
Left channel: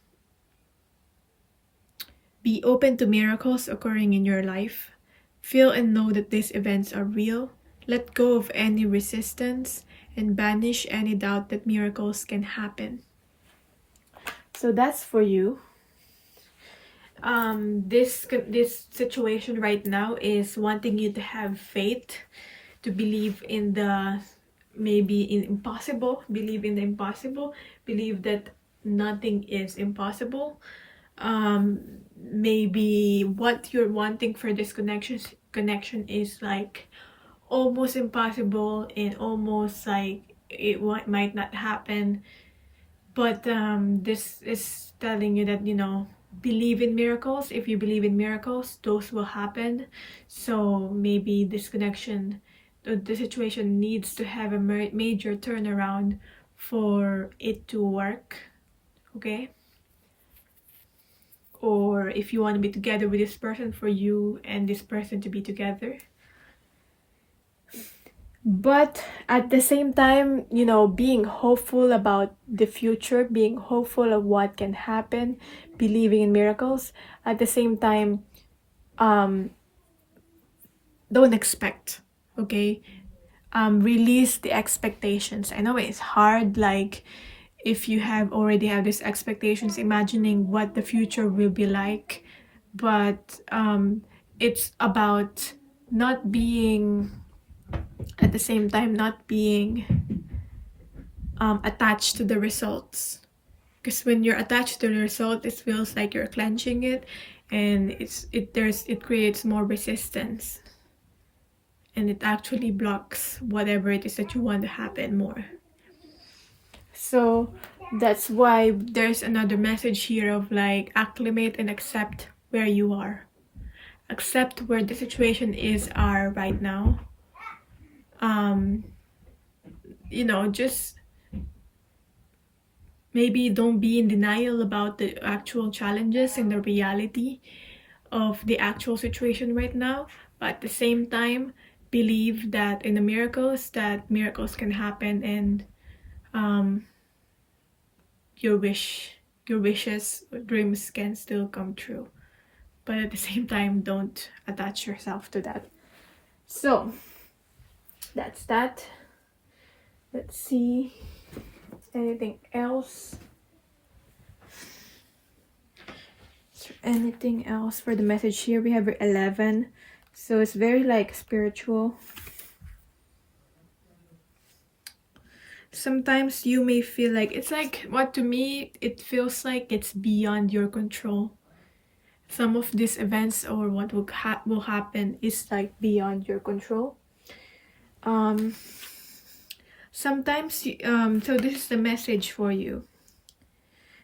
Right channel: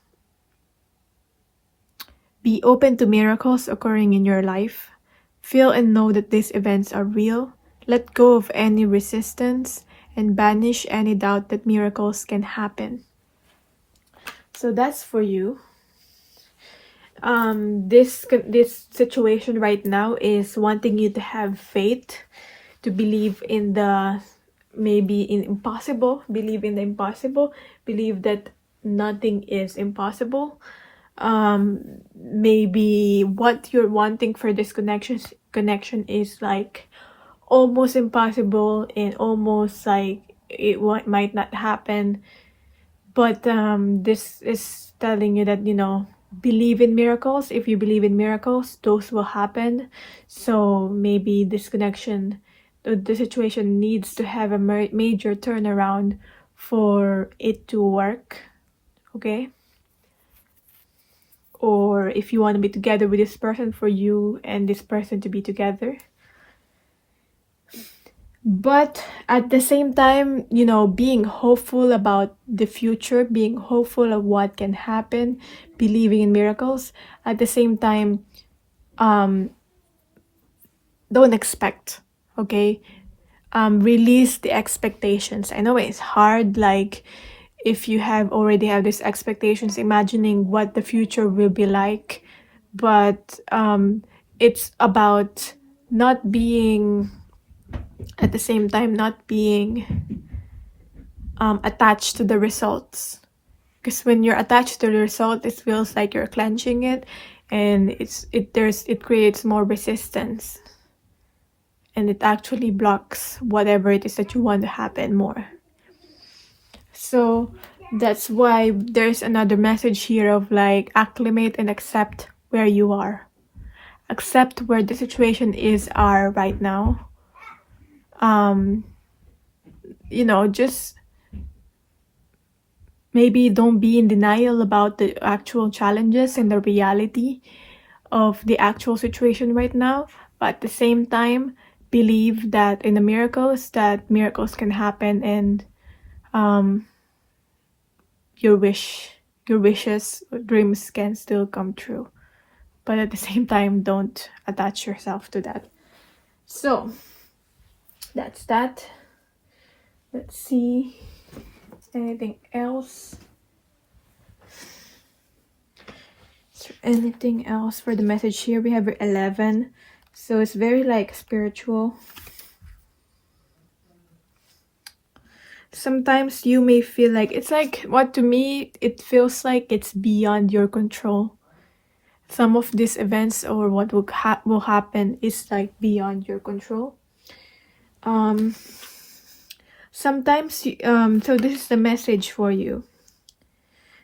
Be open to miracles occurring in your life. Feel and know that these events are real. Let go of any resistance and banish any doubt that miracles can happen. So that's for you. This situation right now is wanting you to have faith, to believe in the impossible, believe in the impossible, believe that nothing is impossible. Maybe what you're wanting for this connection is like almost impossible and almost like it might not happen, but this is telling you that, you know, believe in miracles. If you believe in miracles, those will happen. So maybe this connection, the situation needs to have a major turnaround for it to work, okay? Or if you want to be together with this person, for you and this person to be together. But at the same time, you know, being hopeful about the future, being hopeful of what can happen, believing in miracles. At the same time, don't expect, okay? Release the expectations. I know it's hard, like if you already have these expectations, imagining what the future will be like, but it's about not being, at the same time, not being attached to the results. Because when you're attached to the result, it feels like you're clenching it, and it creates more resistance, and it actually blocks whatever it is that you want to happen more. So that's why there's another message here of like acclimate and accept where you are. Accept where the situation are right now. You know, just maybe don't be in denial about the actual challenges and the reality of the actual situation right now, but at the same time, believe that in the miracles, that miracles can happen, and your wishes, dreams can still come true. But at the same time, don't attach yourself to that. So that's that. Let's see. Anything else? Is there anything else for the message here? We have 11. So it's very like spiritual. Sometimes you may feel like it's like, what to me, it feels like it's beyond your control. Some of these events or what will happen is like beyond your control. Sometimes, so this is the message for you.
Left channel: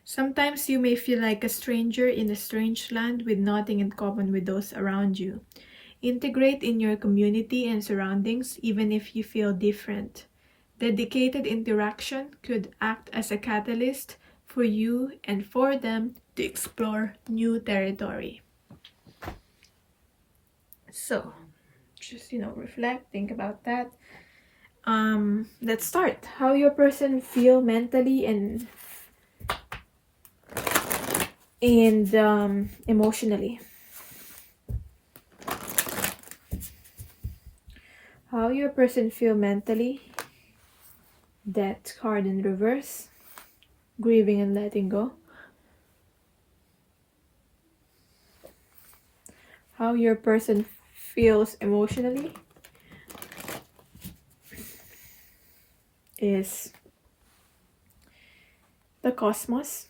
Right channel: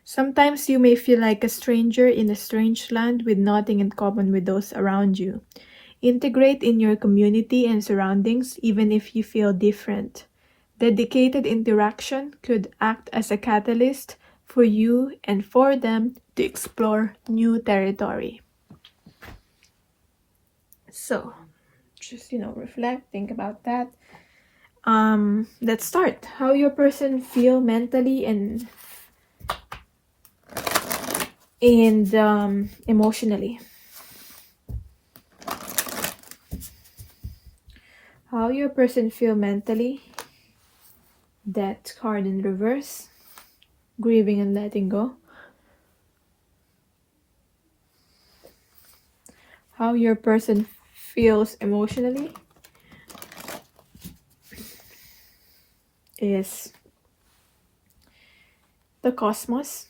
Sometimes you may feel like a stranger in a strange land with nothing in common with those around you. Integrate in your community and surroundings even if you feel different. Dedicated interaction could act as a catalyst for you and for them to explore new territory. So, just, you know, reflect, think about that. Let's start. How your person feel mentally and emotionally. How your person feel mentally. Death card in reverse. Grieving and letting go. How your person feels emotionally is the Cosmos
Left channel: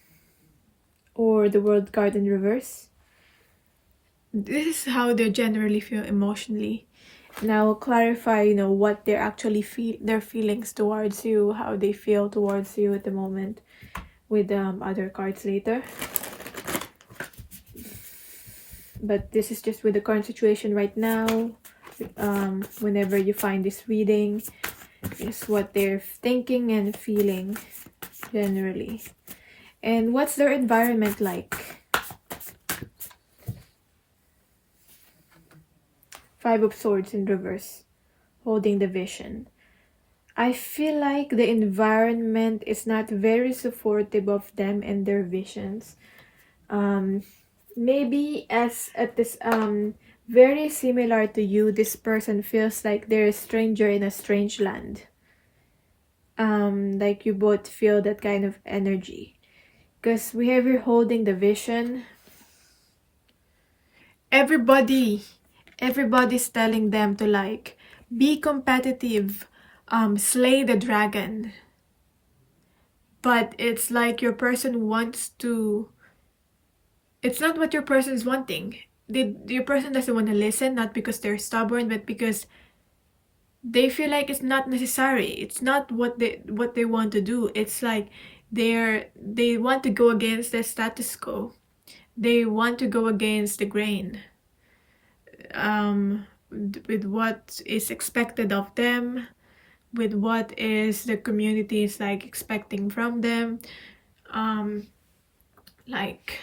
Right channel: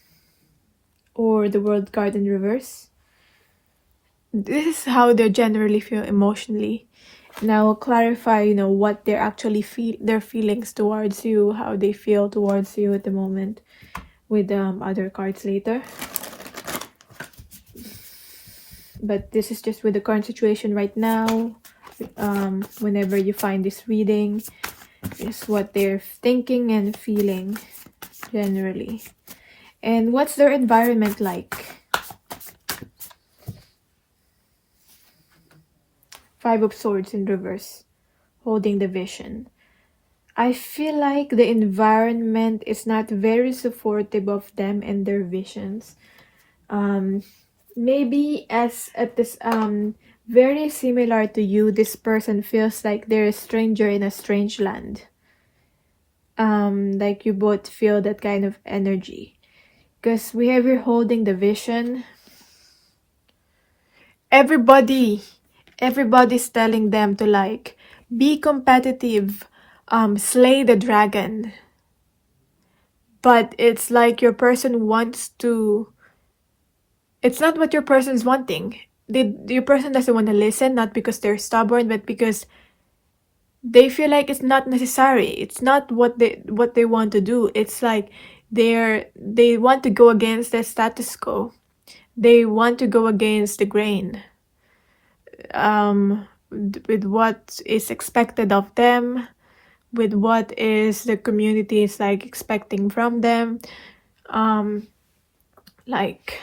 or the World card in reverse. This is how they generally feel emotionally. Now I'll clarify, you know, what they're actually their feelings towards you, how they feel towards you at the moment, with other cards later. But this is just with the current situation right now. Whenever you find this reading, is what they're thinking and feeling generally. And what's their environment like? Five of Swords in reverse, holding the vision. I feel like the environment is not very supportive of them and their visions. Maybe at this very similar to you, this person feels like they're a stranger in a strange land. Like you both feel that kind of energy. Because we have here holding the vision. Everybody's telling them to like be competitive, slay the dragon. But it's like your person wants to, it's not what your person's wanting. Your person doesn't want to listen, not because they're stubborn, but because they feel like it's not necessary. It's not what they want to do. It's like they want to go against the status quo. They want to go against the grain. With what is expected of them, with what is the community is like expecting from them. Like,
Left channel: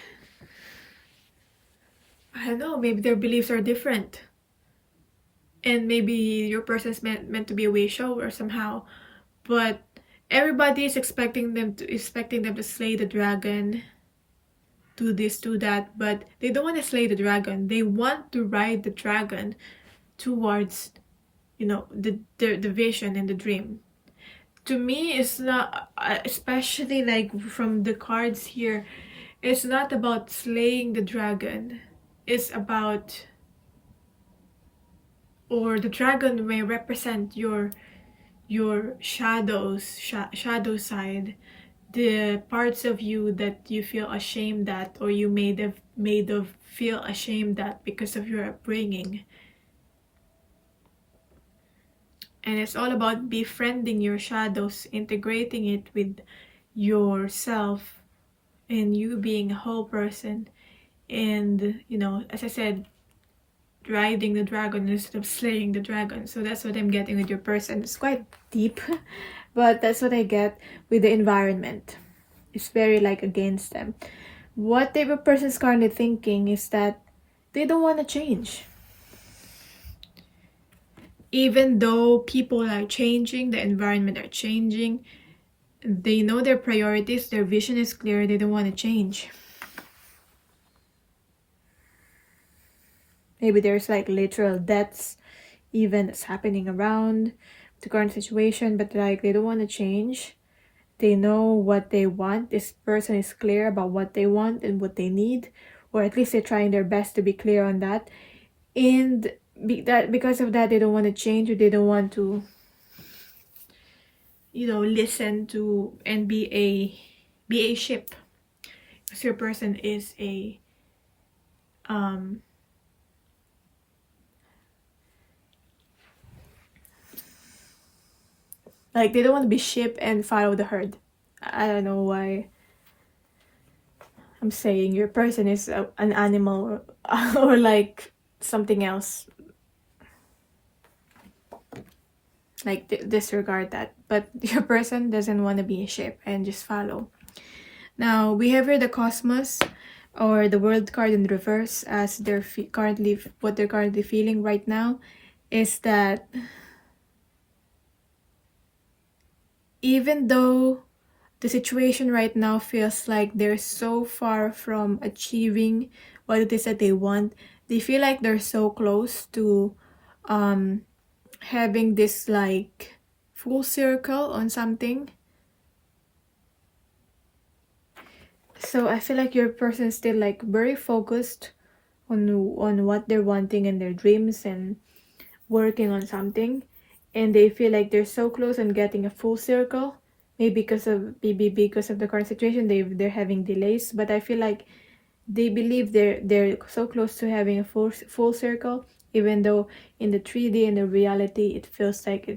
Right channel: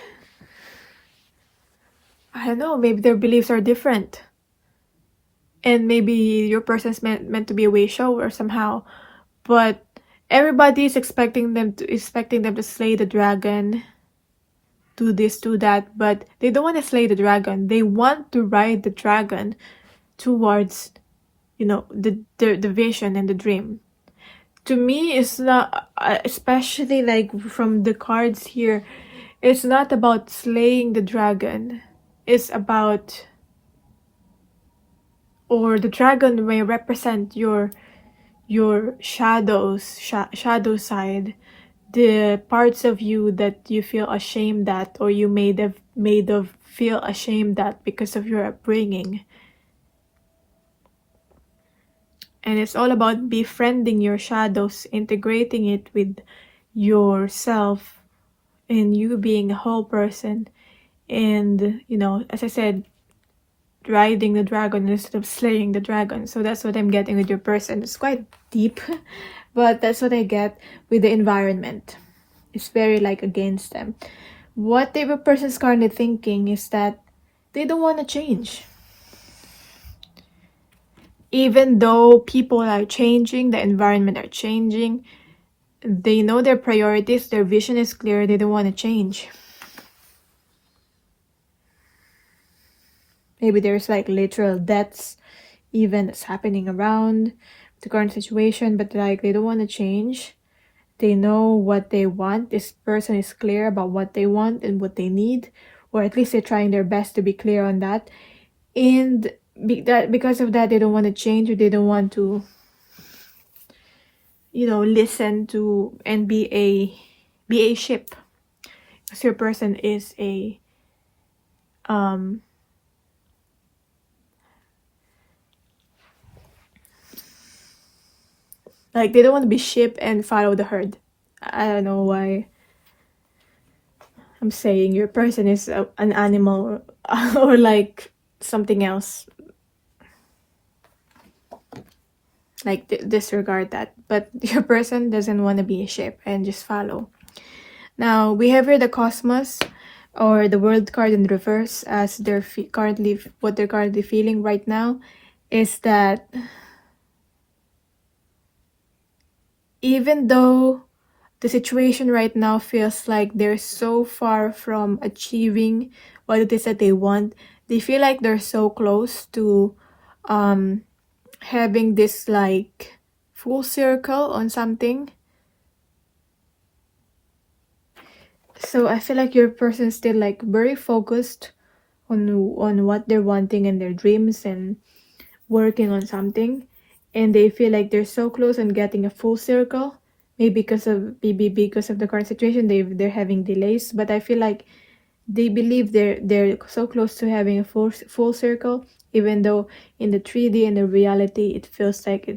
I don't know, maybe their beliefs are different. And maybe your person's meant to be a way shower somehow. But everybody is expecting them to slay the dragon, do this, do that, but they don't want to slay the dragon. They want to ride the dragon towards, you know, the vision and the dream. To me, it's not, especially like from the cards here, it's not about slaying the dragon. It's about, or the dragon may represent your shadow side, the parts of you that you feel ashamed at, or you made of feel ashamed at because of your upbringing. And it's all about befriending your shadows, integrating it with yourself, and you being a whole person. And, you know, as I said, riding the dragon instead of slaying the dragon. So that's what I'm getting with your person. It's quite deep, but that's what I get with the environment. It's very like against them. What type of person's currently thinking is that they don't want to change. Even though people are changing, the environment are changing, they know their priorities, their vision is clear, they don't want to change. Maybe there's like literal deaths even that's happening around the current situation, but like they don't want to change. They know what they want. This person is clear about what they want and what they need, or at least they're trying their best to be clear on that. And because of that, they don't want to change, or they don't want to, you know, listen to and be a ship. So your person is a like they don't want to be sheep and follow the herd. I don't know why I'm saying your person is an animal or like something else. Like disregard that. But your person doesn't want to be a sheep and just follow. Now we have here the Cosmos or the World card in reverse, as they're what they're currently feeling right now is that even though the situation right now feels like they're so far from achieving what it is that they want, they feel like they're so close to having this like full circle on something. So I feel like your person's still like very focused on what they're wanting and their dreams and working on something. And they feel like they're so close on getting a full circle. Maybe because of the current situation, they're having delays. But I feel like they believe they're so close to having a full circle, even though in the 3D and the reality it feels like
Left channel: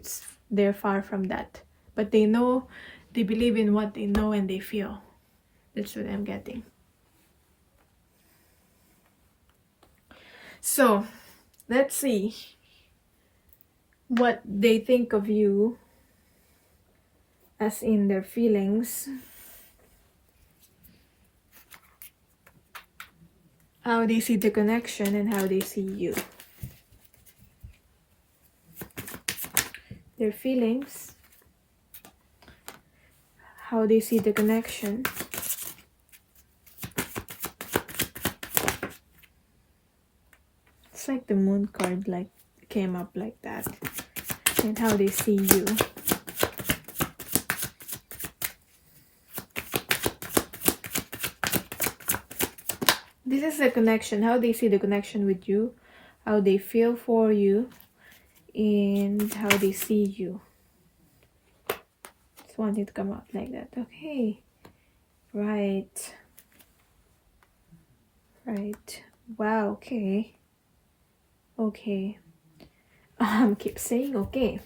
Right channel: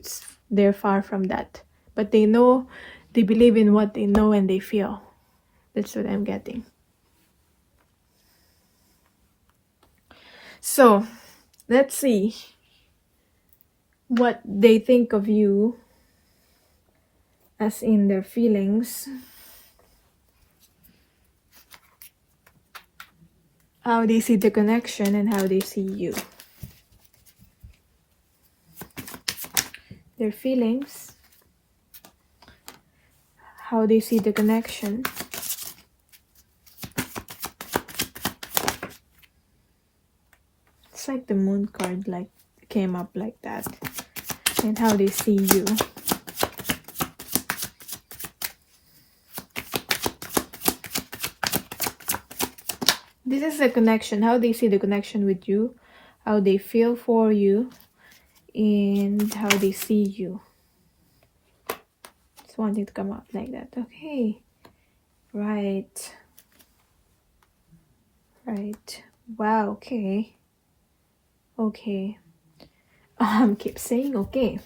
they're far from that. But they know, they believe in what they know and they feel. That's what I'm getting. So let's see what they think of you, as in their feelings, how they see the connection, and how they see you. Their feelings, how they see the connection, it's like the moon card like came up like that, and how they see you. This is the connection, how they see the connection with you, how they feel for you, and how they see you. Just want it to come out like that. Okay. Right. Wow. Okay. Keep saying okay.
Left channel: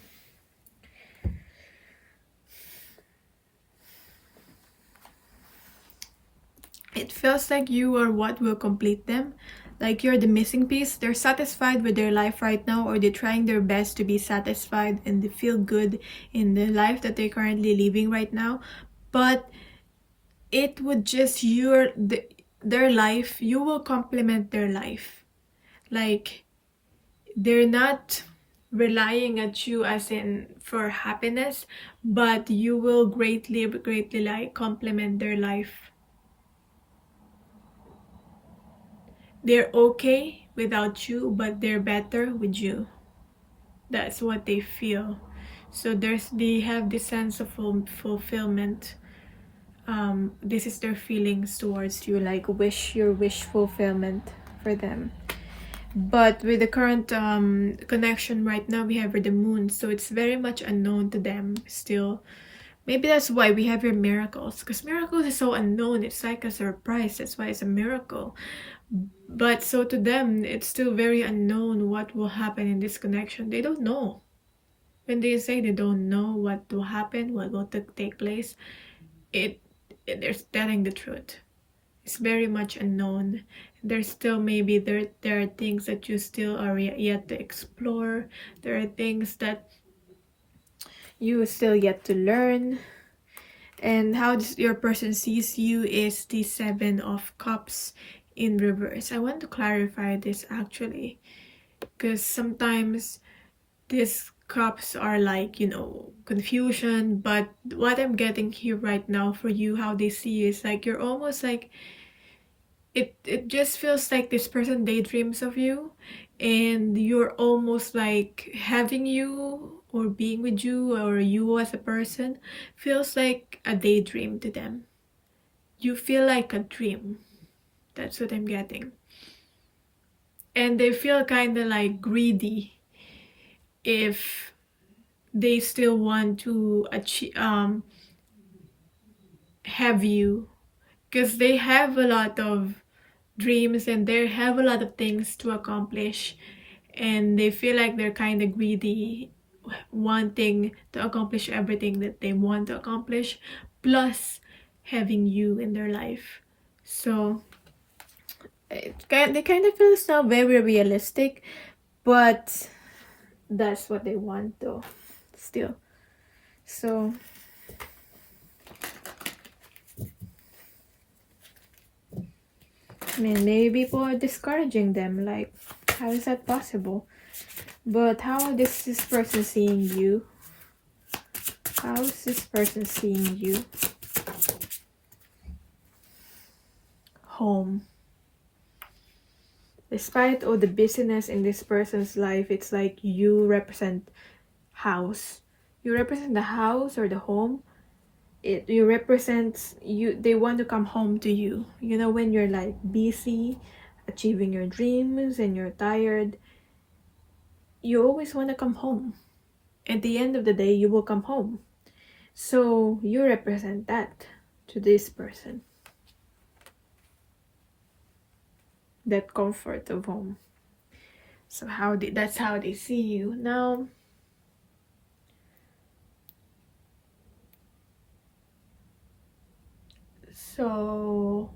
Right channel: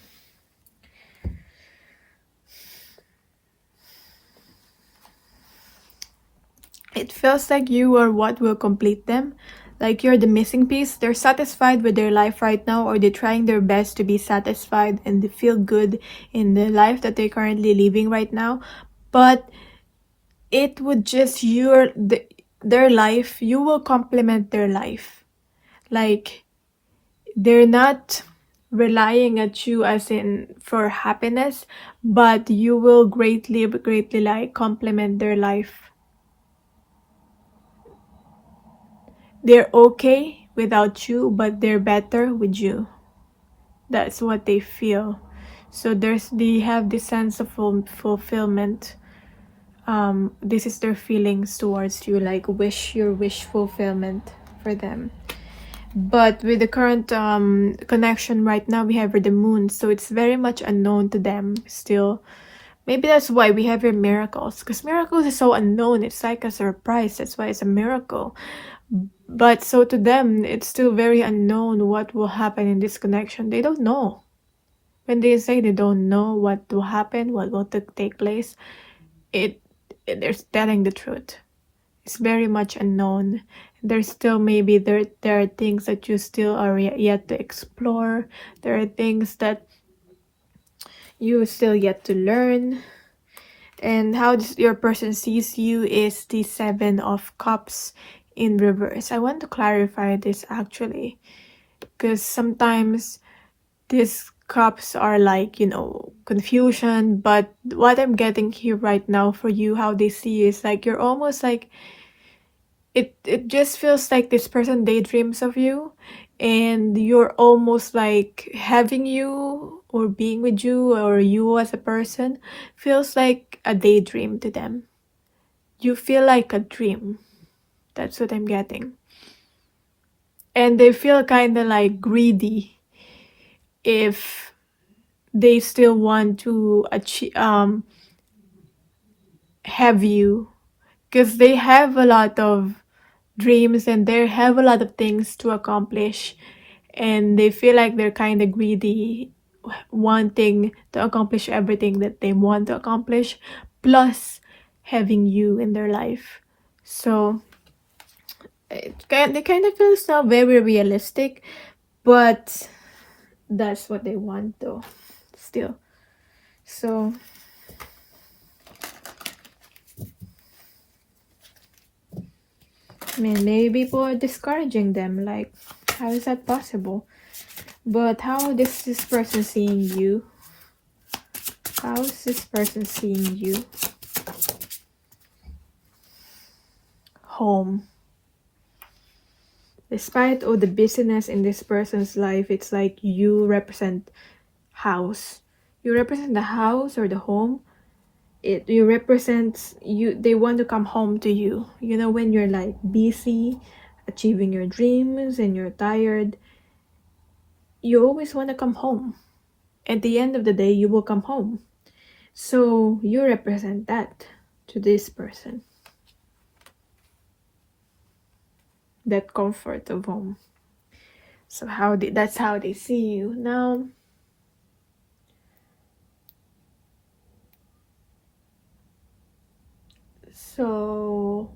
It feels like you are what will complete them. Like you're the missing piece. They're satisfied with their life right now, or they're trying their best to be satisfied and they feel good in the life that they're currently living right now. But it would just their life, you will complement their life. Like they're not relying at you as in for happiness, but you will greatly like complement their life. They're okay without you, but they're better with you. That's what they feel. So they have this sense of fulfillment. This is their feelings towards you, like your wish fulfillment for them. But with the current connection right now, we have the moon, so it's very much unknown to them still. Maybe that's why we have your miracles, because miracles is so unknown. It's like a surprise. That's why it's a miracle. But so to them, it's still very unknown what will happen in this connection. They don't know. When they say they don't know what will happen, what will take place, they're telling the truth. It's very much unknown. There's still maybe there are things that you still are yet to explore. There are things that you still yet to learn. And how your person sees you is the 7 of Cups in reverse. I want to clarify this actually, because sometimes these cups are like, confusion, but what I'm getting here right now for you, how they see you, is like you're almost like it just feels like this person daydreams of you, and you're almost like having you or being with you, or you as a person feels like a daydream to them. You feel like a dream. That's what I'm getting. And they feel kind of like greedy if they still want to achieve, have you, because they have a lot of dreams and they have a lot of things to accomplish, and they feel like they're kind of greedy, wanting to accomplish everything that they want to accomplish, plus having you in their life. So they kind of feels now very realistic, but that's what they want though still. So maybe people are discouraging them, like how is that possible? But how is this person seeing you? How is this person seeing you? Home. Despite all the busyness in this person's life, it's like you represent house. You represent the house or the home. You represent you. They want to come home to you. When you're like busy achieving your dreams and you're tired, you always want to come home. At the end of the day, you will come home. So you represent that to this person. That comfort of home. So that's how they see you. Now, So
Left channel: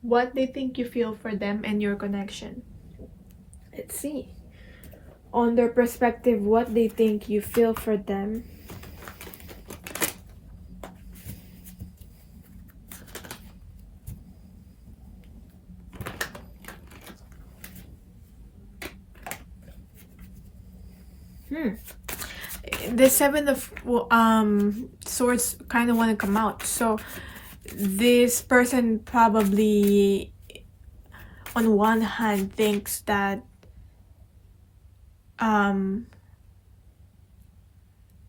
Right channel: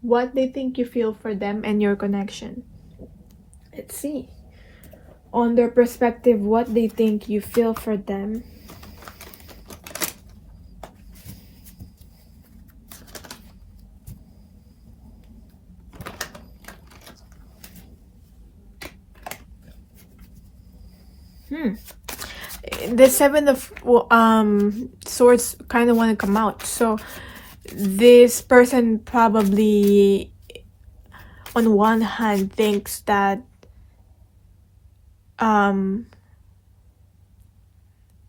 what they think you feel for them and your connection. Let's see. On their perspective, what they think you feel for them. The Seven of Swords kind of want to come out. So this person probably, on one hand, thinks that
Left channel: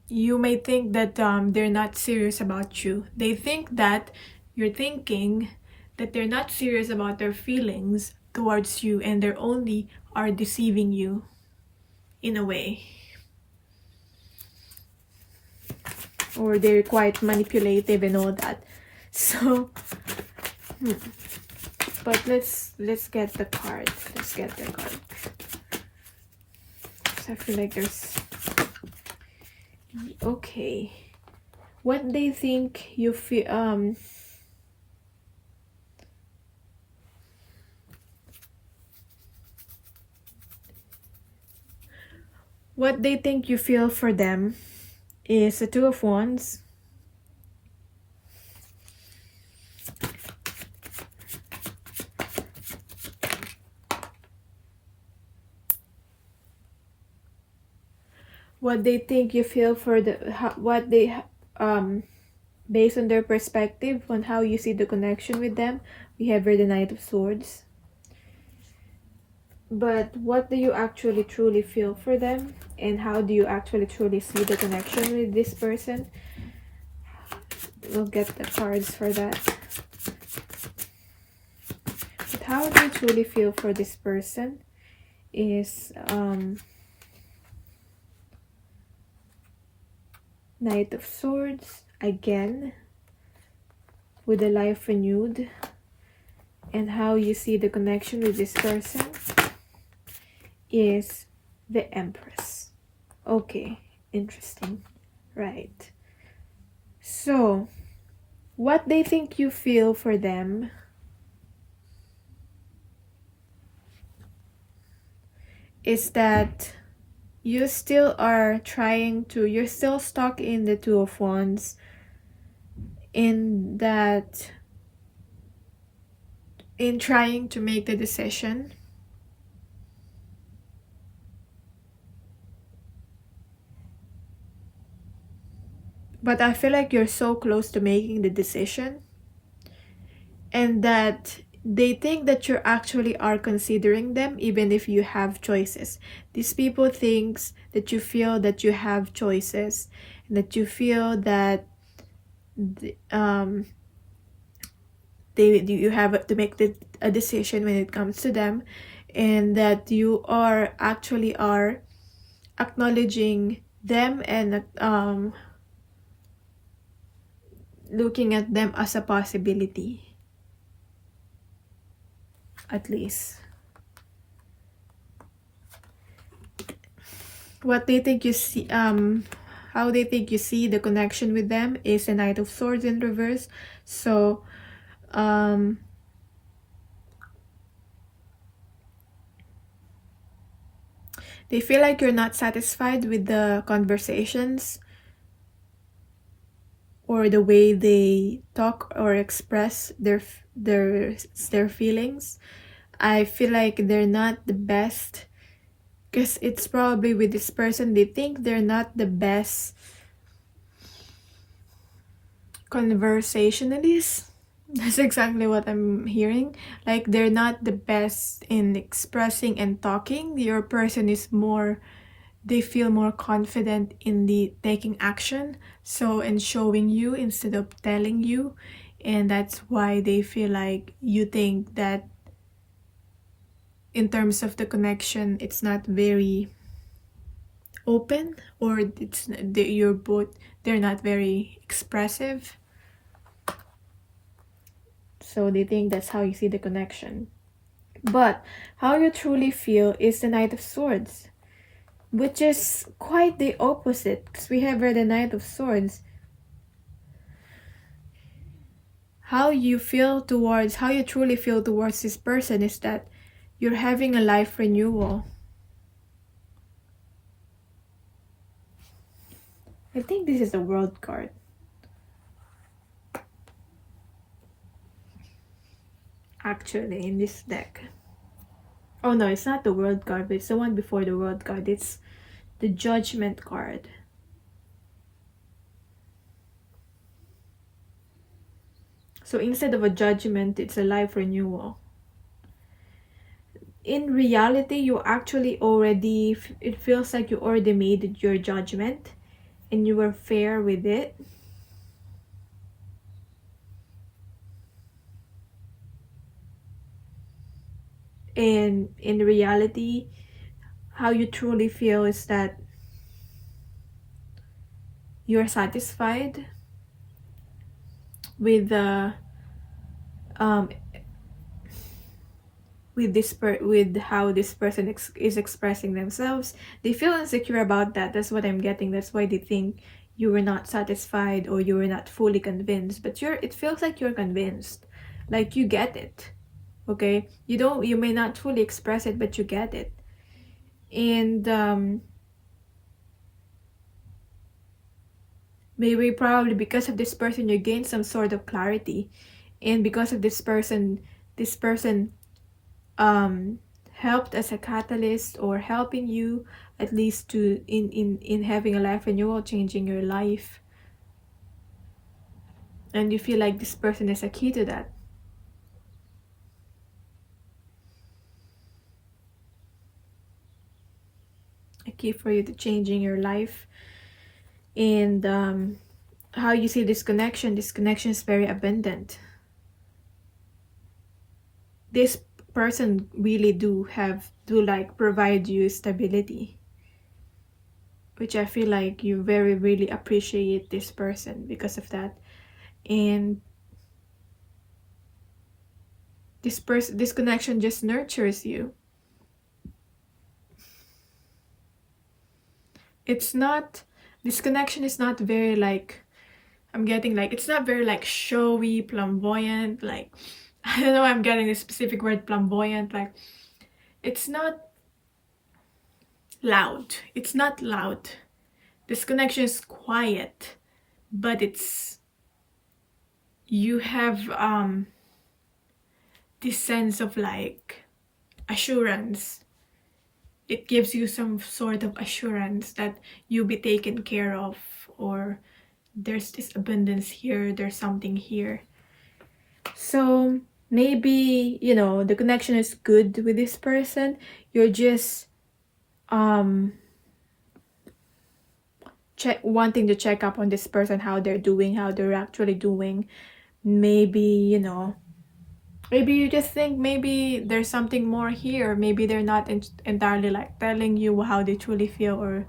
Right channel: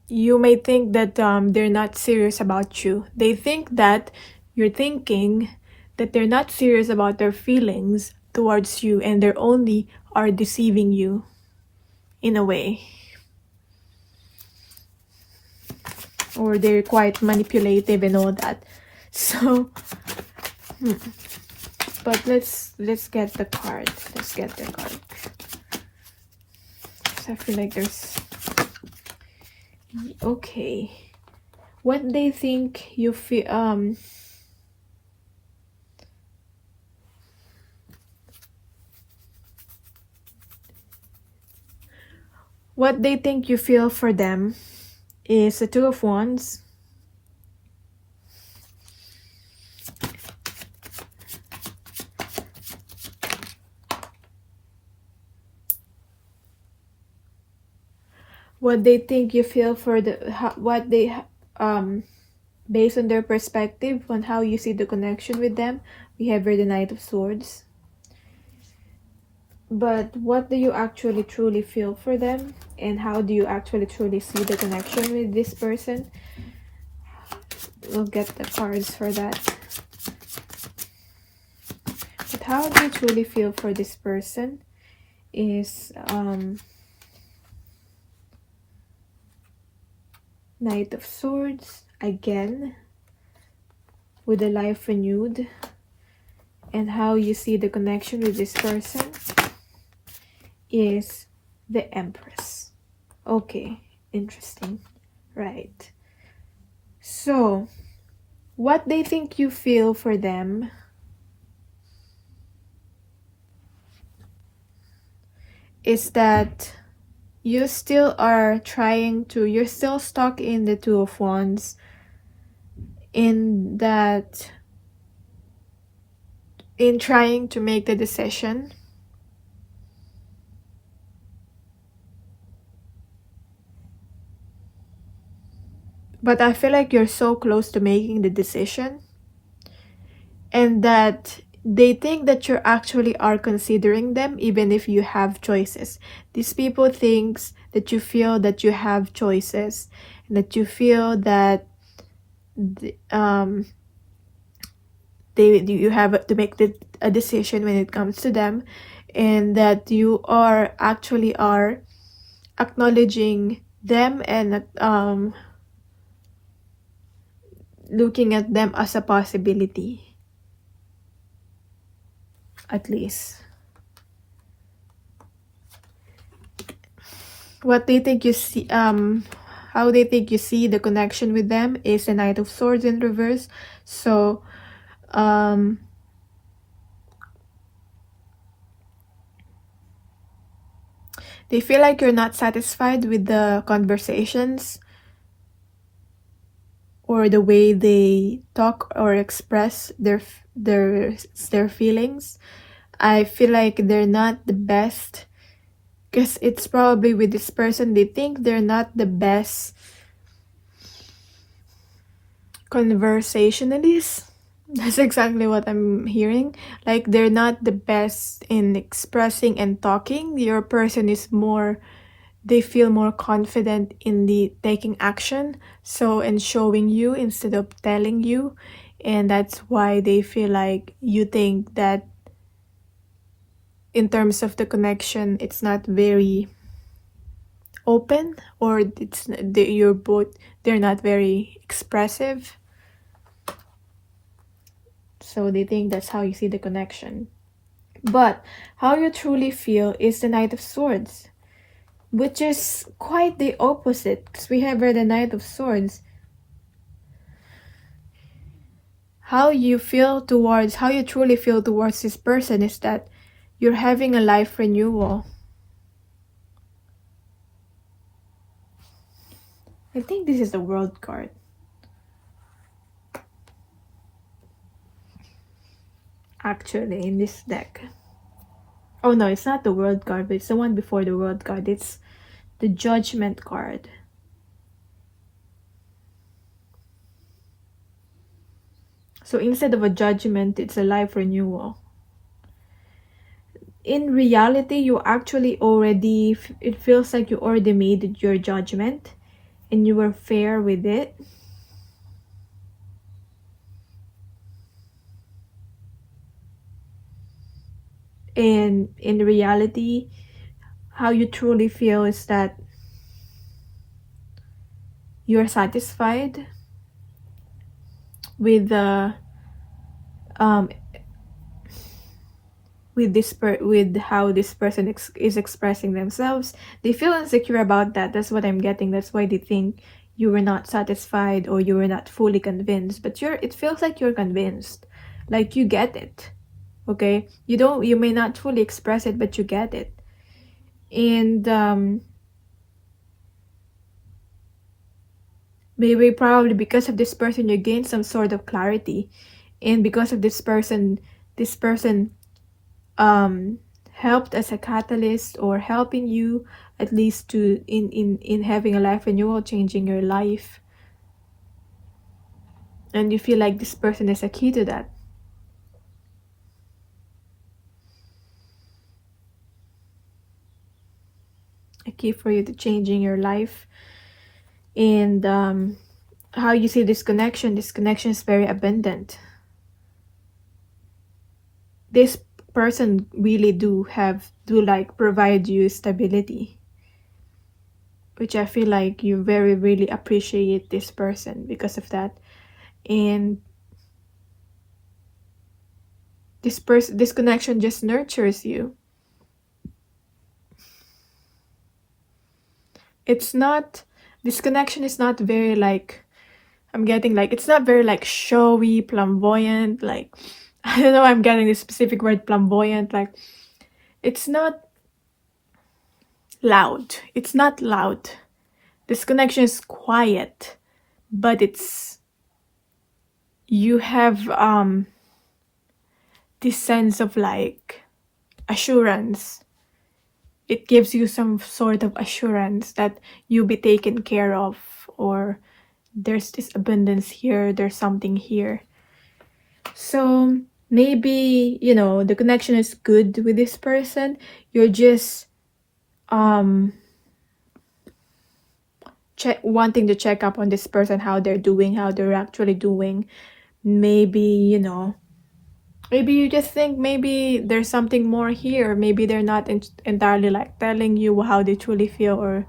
you may think that they're not serious about you. They think that you're thinking that they're not serious about their feelings towards you, and they're only are deceiving you in a way. Or they're quite manipulative and all that. So but let's get the card. Let's get the card. I feel like there's okay. What they think you feel what they think you feel for them is the Two of Wands. What they think you feel for the what they based on their perspective on how you see the connection with them. We have here the Knight of Swords. But what do you actually truly feel for them, and how do you actually truly see the connection with this person? We'll get the cards for that. But how do you truly feel for this person is Knight of Swords again with the life renewed, and how you see the connection with this person is the Empress. Okay, interesting. Right. So, what they think you feel for them is that you still are trying to, you're still stuck in the Two of Wands, in that, in trying to make a decision. But I feel like you're so close to making the decision, and that they think that you actually are considering them even if you have choices. These people thinks that you feel that you have choices, that you feel that you have to make a decision when it comes to them, and that you are actually are acknowledging them and looking at them as a possibility, at least. What they think you see, how they think you see the connection with them is the Knight of Swords in reverse. So they feel like you're not satisfied with the conversations or the way they talk or express their feelings. I feel like they're not the best, because it's probably with this person, they think they're not the best conversationalists. That's exactly what I'm hearing. Like, they're not the best in expressing and talking. Your person is more, they feel more confident in the taking action, so in showing you instead of telling you, and that's why they feel like you think that in terms of the connection it's not very open, or it's you're both, they're not very expressive. So they think that's how you see the connection. But how you truly feel is the Knight of Swords, which is quite the opposite, because we have here the Knight of Swords. how you truly feel towards this person is that you're having a life renewal. I think this is the World card. Actually, in this deck. Oh no, it's not the World card, but it's the one before the World card. It's the Judgment card. So instead of a judgment, it's a life renewal. In reality, you actually already, it feels like you already made your judgment and you were fair with it. And in reality, how you truly feel is that you're satisfied with the with how this person is expressing themselves. They feel insecure about that. That's what I'm getting. That's why they think you were not satisfied or you were not fully convinced. But it feels like you're convinced, like you get it. Okay, you may not fully express it, but you get it. And maybe probably because of this person you gain some sort of clarity, and because of this person helped as a catalyst, or helping you at least to in having a life renewal, changing your life, and you feel like this person is a key to that. A key for you to changing your life. And how you see this connection is very abundant. This person really do like provide you stability, which I feel like you really appreciate this person because of that. And this connection just nurtures you. This connection is not very like, I'm getting like, it's not very like showy, flamboyant, like, I don't know, I'm getting the specific word, flamboyant, like, it's not loud. It's not loud. This connection is quiet, but you have this sense of like assurance. It gives you some sort of assurance that you'll be taken care of, or there's this abundance here, there's something here. So maybe, the connection is good with this person. You're just wanting to check up on this person, how they're doing, how they're actually doing. Maybe, maybe you just think maybe there's something more here. Maybe they're not entirely like telling you how they truly feel or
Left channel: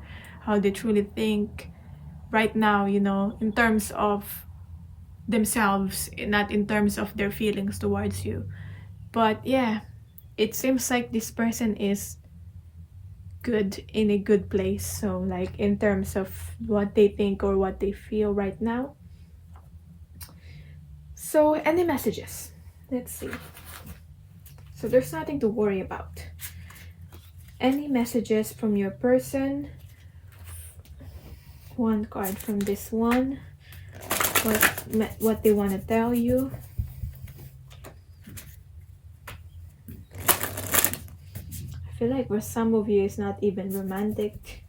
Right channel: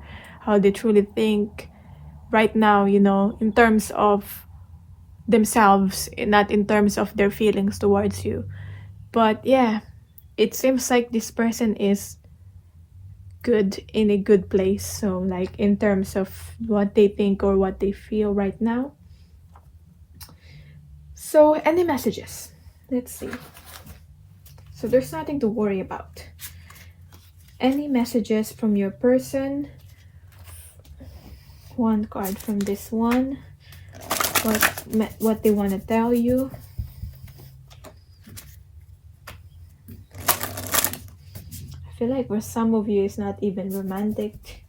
how they truly think right now, in terms of themselves, not in terms of their feelings towards you. But yeah, it seems like this person is good, in a good place. So like in terms of what they think or what they feel right now. So any messages? Let's see. So there's nothing to worry about. Any messages from your person? One card from this one. What they want to tell you. I feel like for some of you it's not even romantic.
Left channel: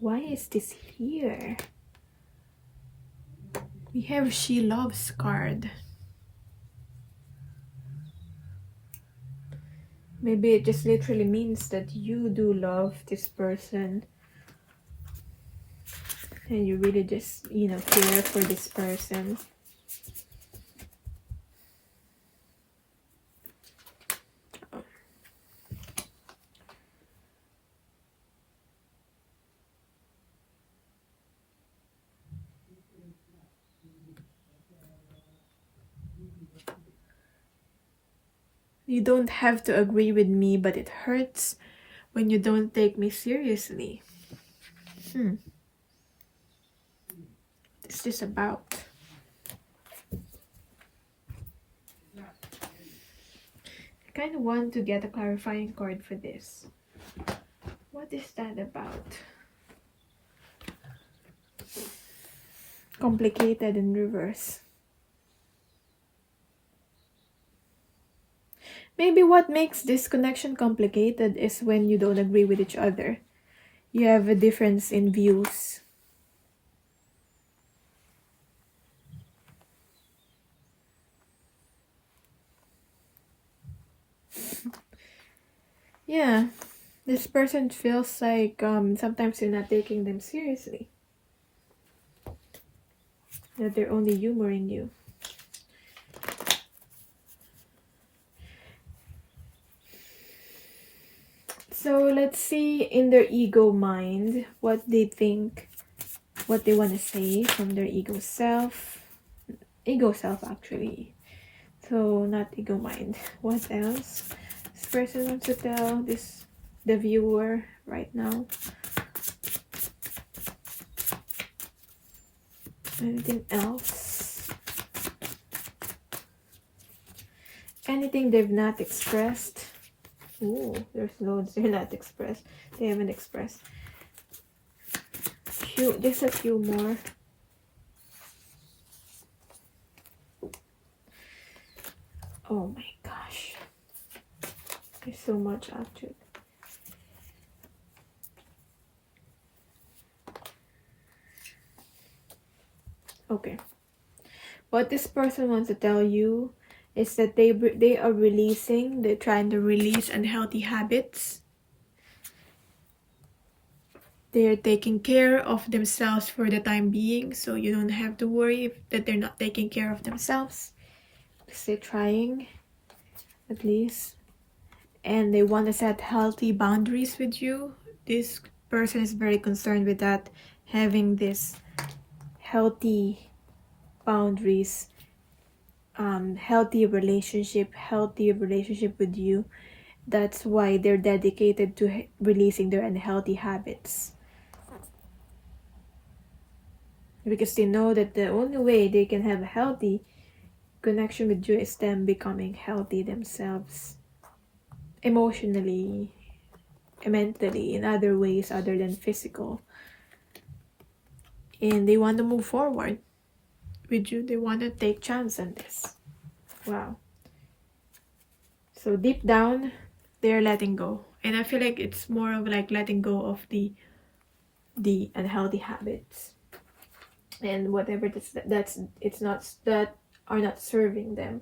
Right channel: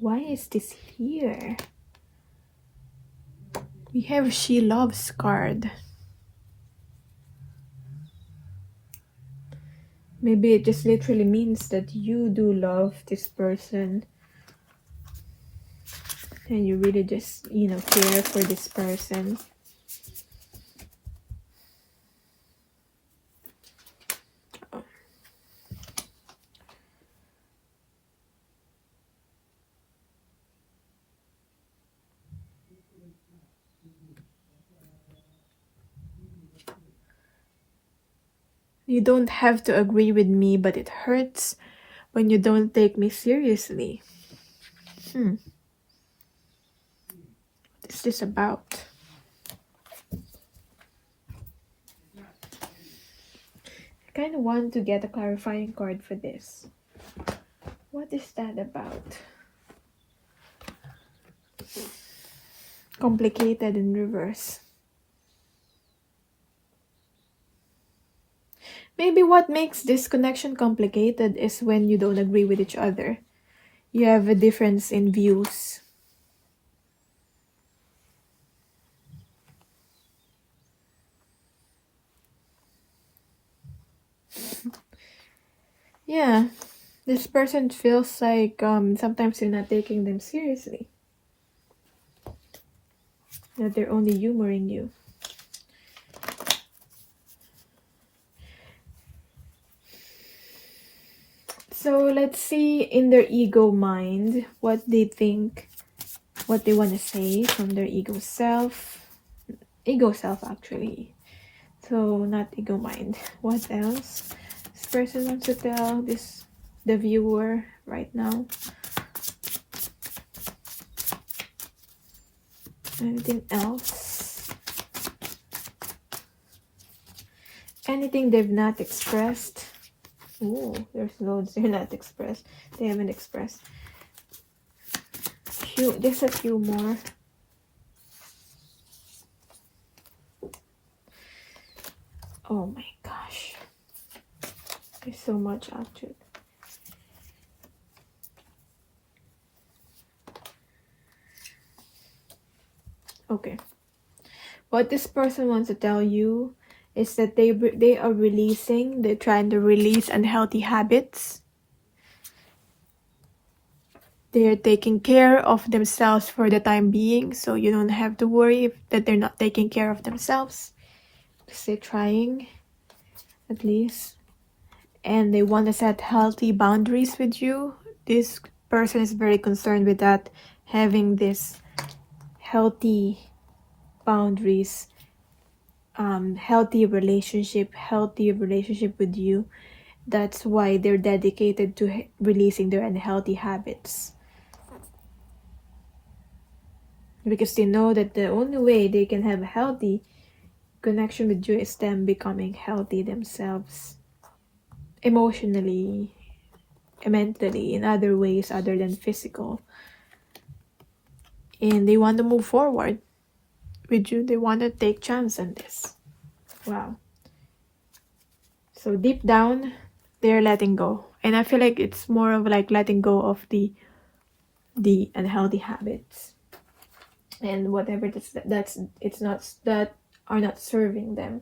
Why is this here? We have She Loves card. Maybe it just literally means that you do love this person. And you really just, care for this person. You don't have to agree with me, but it hurts when you don't take me seriously. What's this about? kind of want to get a clarifying card for this. What is that about? Complicated in reverse. Maybe what makes this connection complicated is when you don't agree with each other. You have a difference in views. Yeah, this person feels like sometimes you're not taking them seriously. That they're only humoring you. So let's see in their ego mind what they think, what they want to say from their ego self. Ego self actually. So not ego mind. What else? This person wants to tell the viewer right now. Anything else? Anything they've not expressed? Ooh, there's loads they're not expressed. They haven't expressed. There's a few more. Oh my gosh. There's so much actually. Okay. What this person wants to tell you is that they are releasing, they're trying to release unhealthy habits. They're taking care of themselves for the time being, so you don't have to worry that they're not taking care of themselves. Because they're trying, at least. And they want to set healthy boundaries with you. This person is very concerned with that, having this healthy boundaries, healthy relationship with you. That's why they're dedicated to releasing their unhealthy habits, because they know that the only way they can have a healthy connection with you is them becoming healthy themselves, emotionally, mentally, in other ways other than physical. And they want to move forward with you. They want to take chance on this. Wow. So deep down, they're letting go. And I feel like it's more of like letting go of the unhealthy habits and whatever that are not serving them.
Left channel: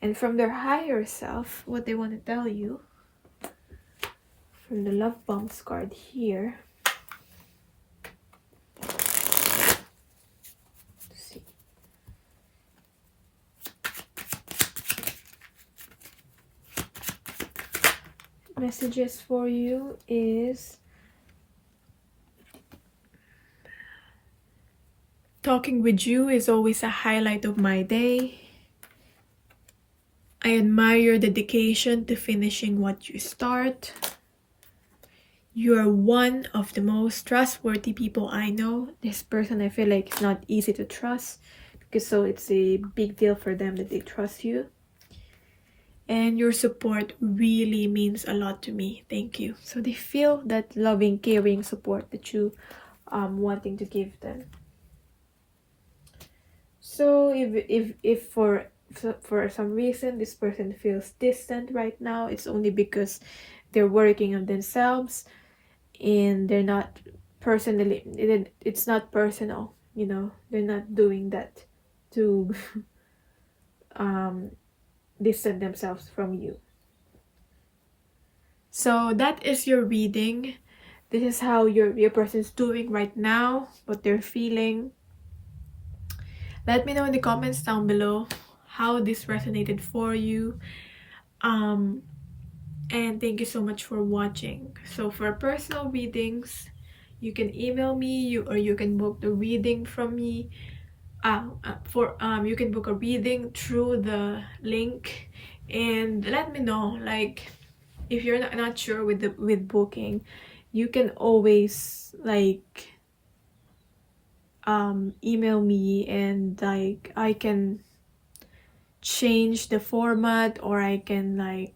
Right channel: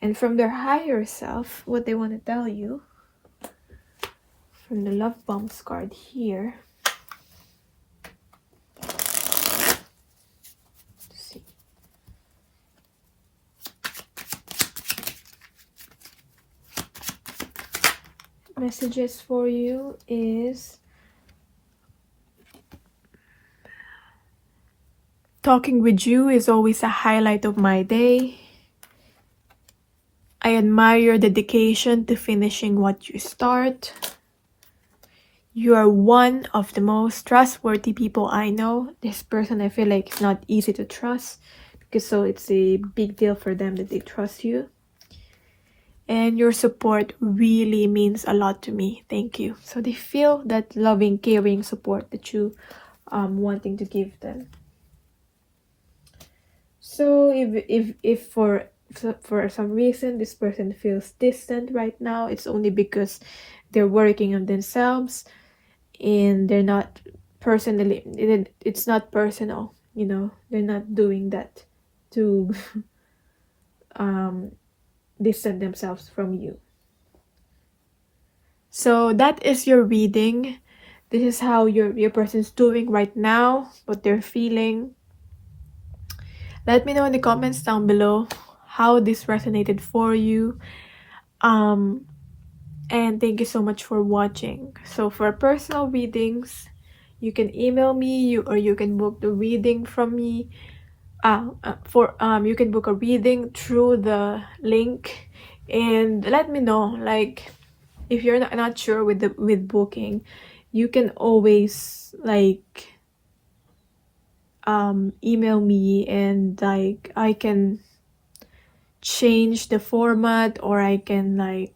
And from their higher self, what they want to tell you from the love bombs card here. Messages for you is talking with you is always a highlight of my day. I admire your dedication to finishing what you start. You are one of the most trustworthy people I know. This person, I feel like it's not easy to trust, because so it's a big deal for them that they trust you. And your support really means a lot to me. Thank you. So they feel that loving, caring support that you wanting to give them. So if for some reason this person feels distant right now, it's only because they're working on themselves and they're not personally, it's not personal, you know, they're not doing that to distance themselves from you. So that is your reading. This is how your person's doing right now, what they're feeling. Let me know in the comments down below how this resonated for you. And thank you so much for watching. So for personal readings, you can email me or you can book the reading from me. You can book a reading through the link, and let me know, like, if you're not sure with booking, you can always like email me, and like I can change the format, or I can like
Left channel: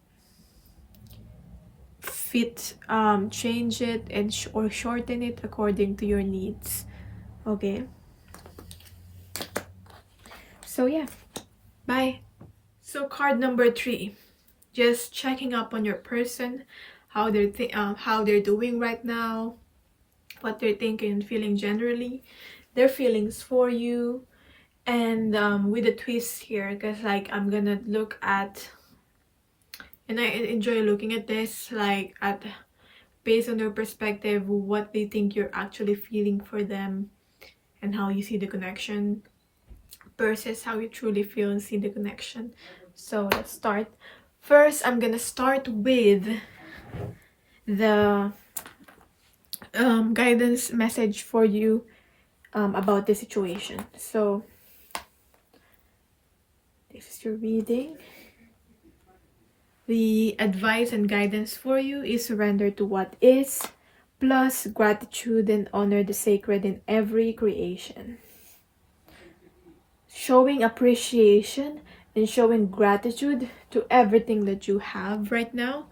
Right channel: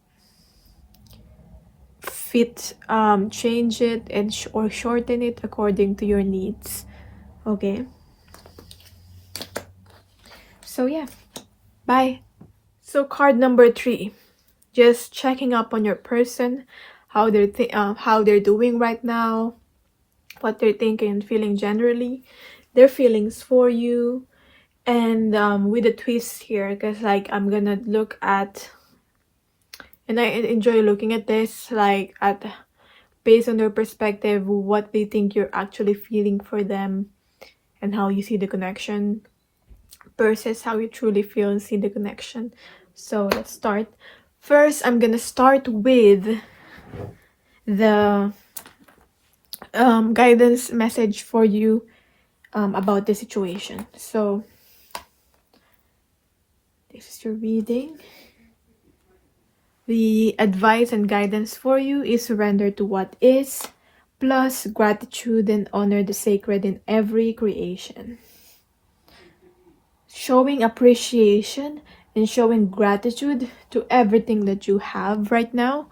change it and or shorten it according to your needs. Okay, so yeah, bye. So card number 3, just checking up on your person, how they're doing right now, what they're thinking and feeling generally, their feelings for you. And with a twist here, because like I'm gonna look at, and I enjoy looking at this, like at based on their perspective, what they think you're actually feeling for them, and how you see the connection versus how you truly feel and see the connection. So let's start. First, I'm gonna start with the guidance message for you about the situation. So this is your reading. The advice and guidance for you is surrender to what is, plus gratitude and honor the sacred in every creation. Showing appreciation and showing gratitude to everything that you have right now,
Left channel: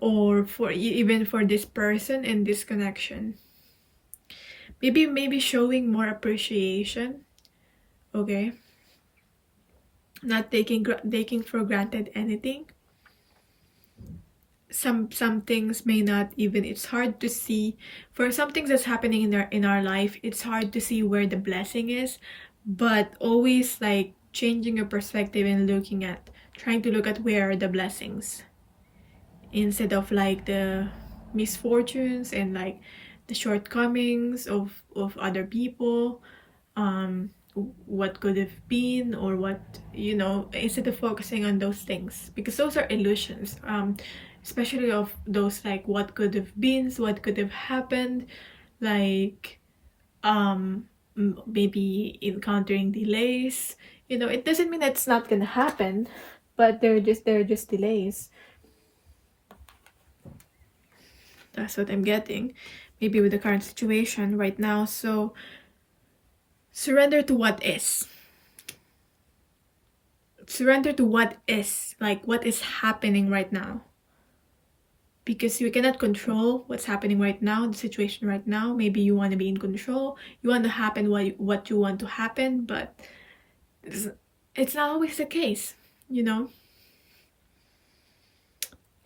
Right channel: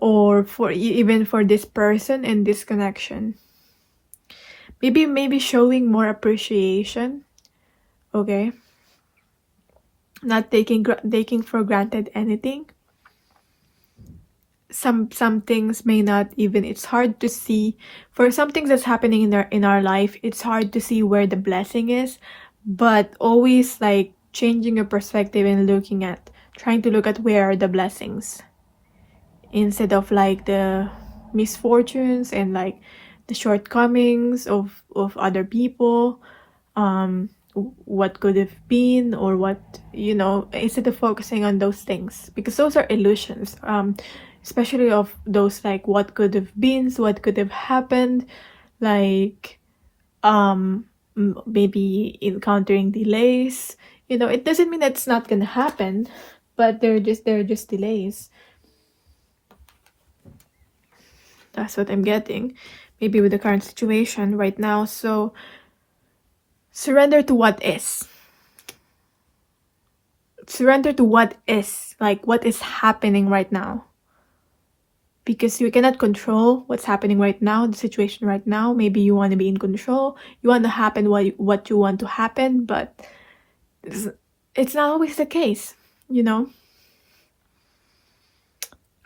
or for even for this person and this connection. Maybe showing more appreciation, okay? Not taking for granted anything. Some things may not even, it's hard to see for some things that's happening in our life. It's hard to see where the blessing is, but always like changing your perspective and trying to look at where are the blessings, instead of like the misfortunes and like the shortcomings of other people, what could have been, or what, instead of focusing on those things, because those are illusions, especially of those like what could have been, what could have happened, like maybe encountering delays. It doesn't mean that it's not gonna happen, but they're just delays. That's what I'm getting, maybe with the current situation right now. So surrender to what is. Surrender to what is, like what is happening right now. Because you cannot control what's happening right now, the situation right now. Maybe you want to be in control. You want to happen what you want to happen, but it's not always the case,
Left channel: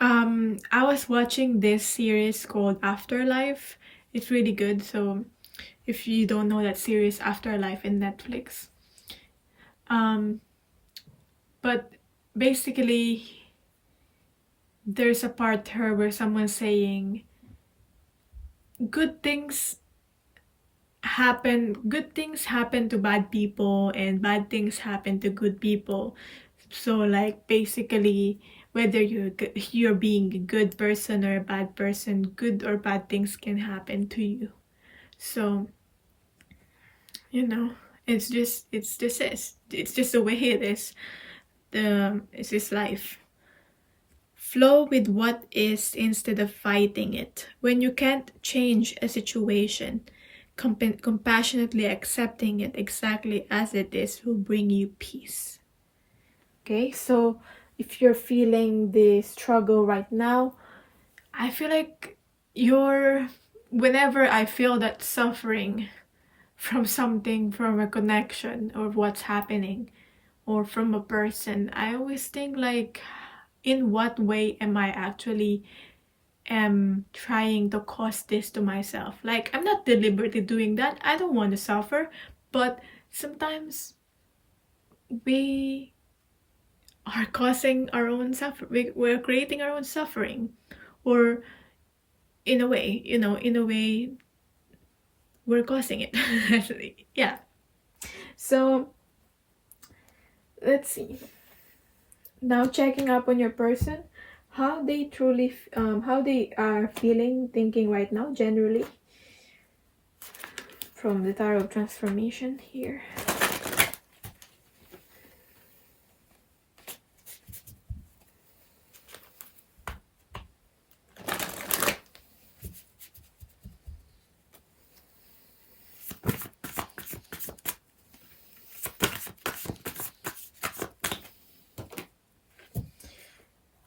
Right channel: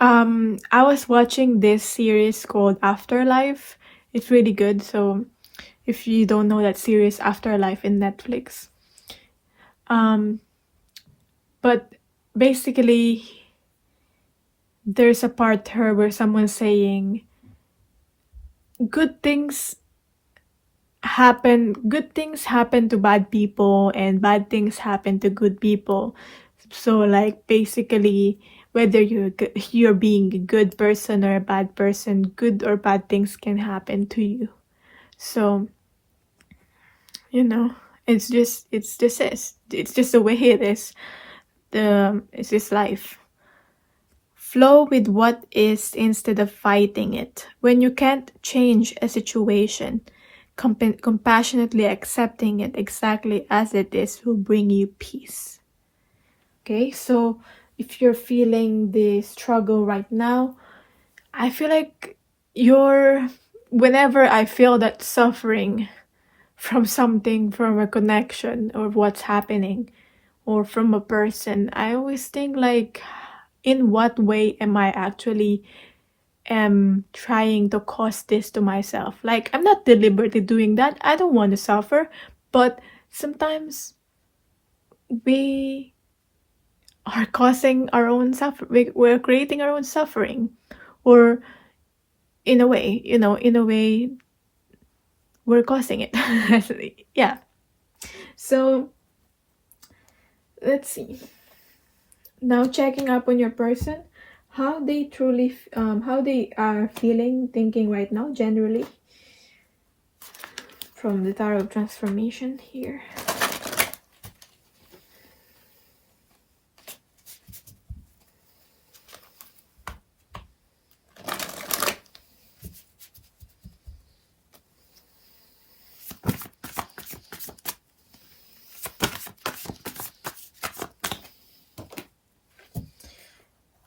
I was watching this series called Afterlife. It's really good. So if you don't know that series, Afterlife in Netflix. But basically, there's a part here where someone's saying good things happen to bad people, and bad things happen to good people. So like basically, whether you're being a good person or a bad person, good or bad things can happen to you. So it's just the way it is. It's just life. Flow with what is instead of fighting it. When you can't change a situation, compassionately accepting it exactly as it is will bring you peace. Okay, so if you're feeling the struggle right now, I feel like whenever I feel that suffering from something, from a connection or what's happening, or from a person, I always think like, in what way am I actually trying to cause this to myself? Like, I'm not deliberately doing that. I don't want to suffer, but sometimes we are causing our own suffering. We're creating our own suffering, or in a way, we're causing it. Yeah. So let's see. Now checking up on your person, how they are feeling, thinking right now, generally, from the Tarot of Transformation here.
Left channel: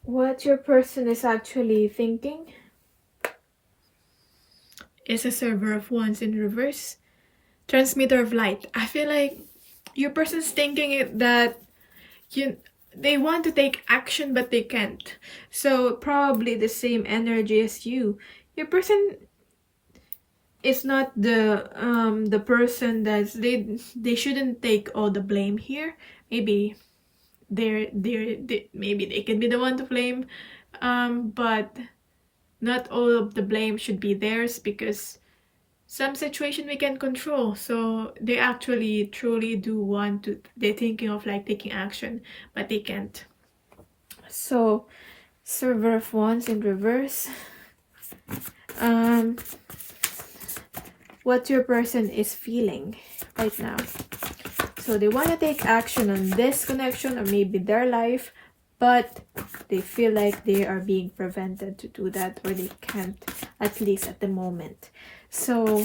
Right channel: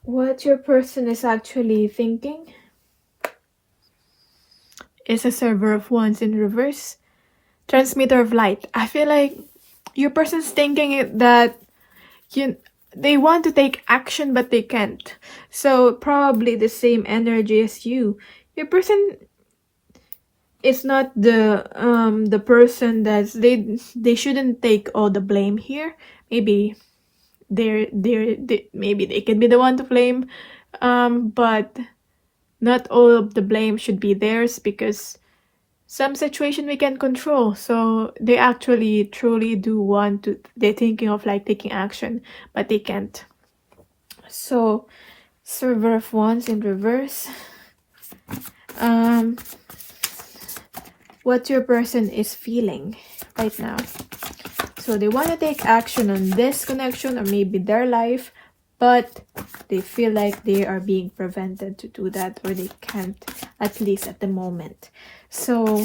What your person is actually thinking is a Server of Wands in reverse. Transmitter of light. I feel like your person's thinking that they want to take action but they can't. So probably the same energy as you. Your person is not the person that they shouldn't take all the blame here. Maybe maybe they can be the one to blame, but not all of the blame should be theirs, because some situation we can control. So they actually truly do want to, they're thinking of like taking action but they can't. So Server of Wands in reverse. What your person is feeling right now. So they want to take action on this connection or maybe their life, but they feel like they are being prevented to do that, or they can't, at least at the moment. So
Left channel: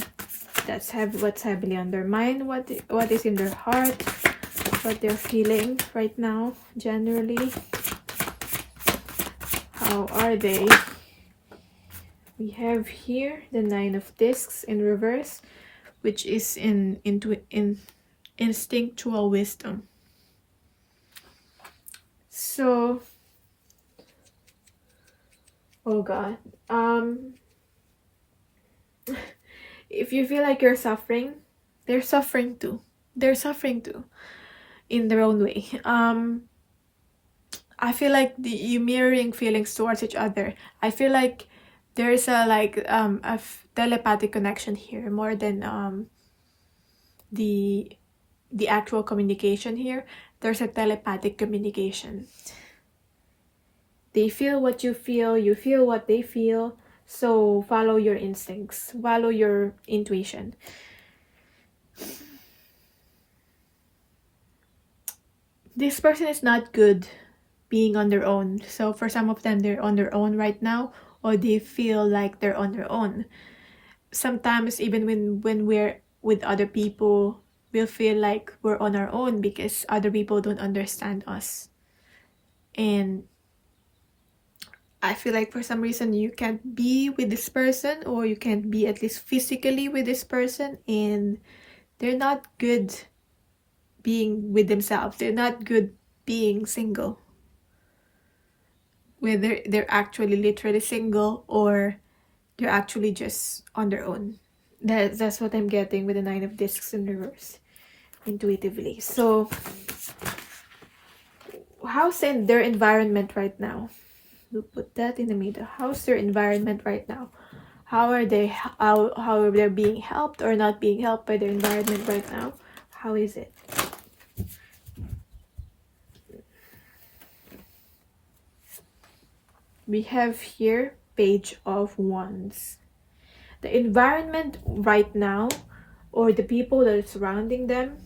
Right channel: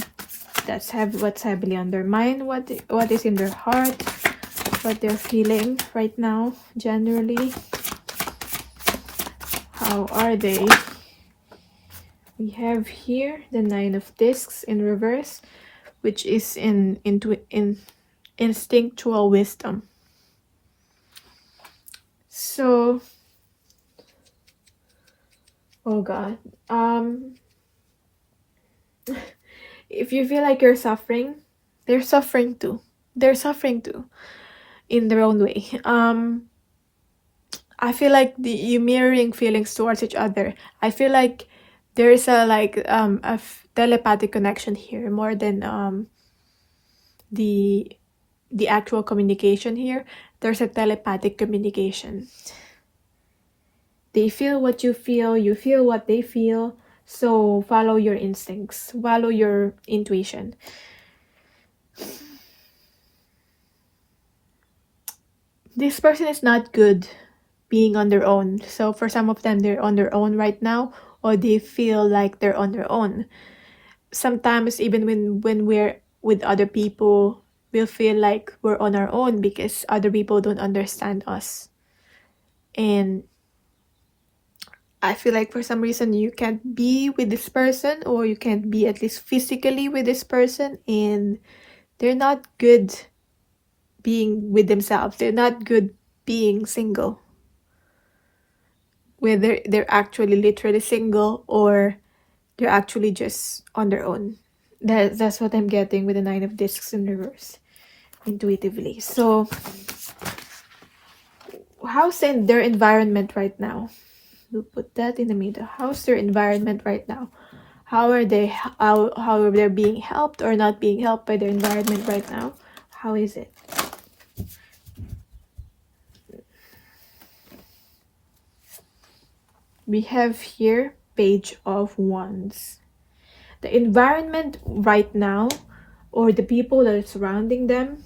that's what's heavily on their mind, what is in their heart, what they're feeling right now, generally. How are they? We have here the Nine of Discs in reverse, which is in instinctual wisdom. So, oh God, if you feel like you're suffering, they're suffering too. They're suffering too, in their own way. I feel like you mirroring feelings towards each other. I feel like there is a telepathic connection here, more than the actual communication here. There's a telepathic communication. They feel what you feel, you feel what they feel. So follow your instincts, follow your intuition. This person is not good being on their own. So for some of them, they're on their own right now, or they feel like they're on their own. Sometimes even when we're with other people, we'll feel like we're on our own because other people don't understand us. And I feel like for some reason you can't be with this person, or you can't be at least physically with this person, and they're not good being with themselves. They're not good being single. Whether they're actually literally single or they're actually just on their own. That's what I'm getting with the Nine of Discs in reverse, intuitively. So how's their environment right now? We'll put that in the middle. How's their environment right now? How are they being helped or not being helped by their environment right now? How is it? We have here Page of Wands. The environment right now, or the people that are surrounding them,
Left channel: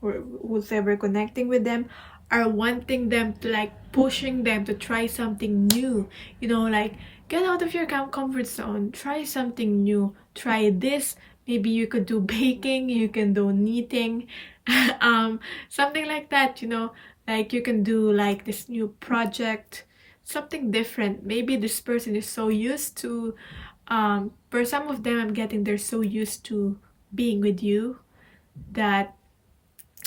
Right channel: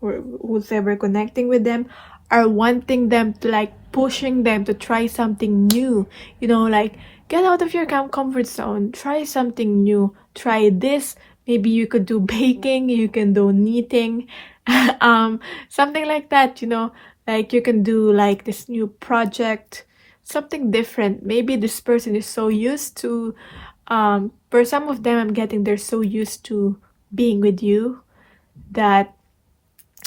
or who's ever connecting with them, are wanting them to, like, pushing them to try something new. You know, like, get out of your comfort zone, try something new, try this. Maybe you could do baking, you can do knitting, something like that, you know, like you can do like this new project, something different. Maybe this person is so used to, for some of them I'm getting they're so used to being with you that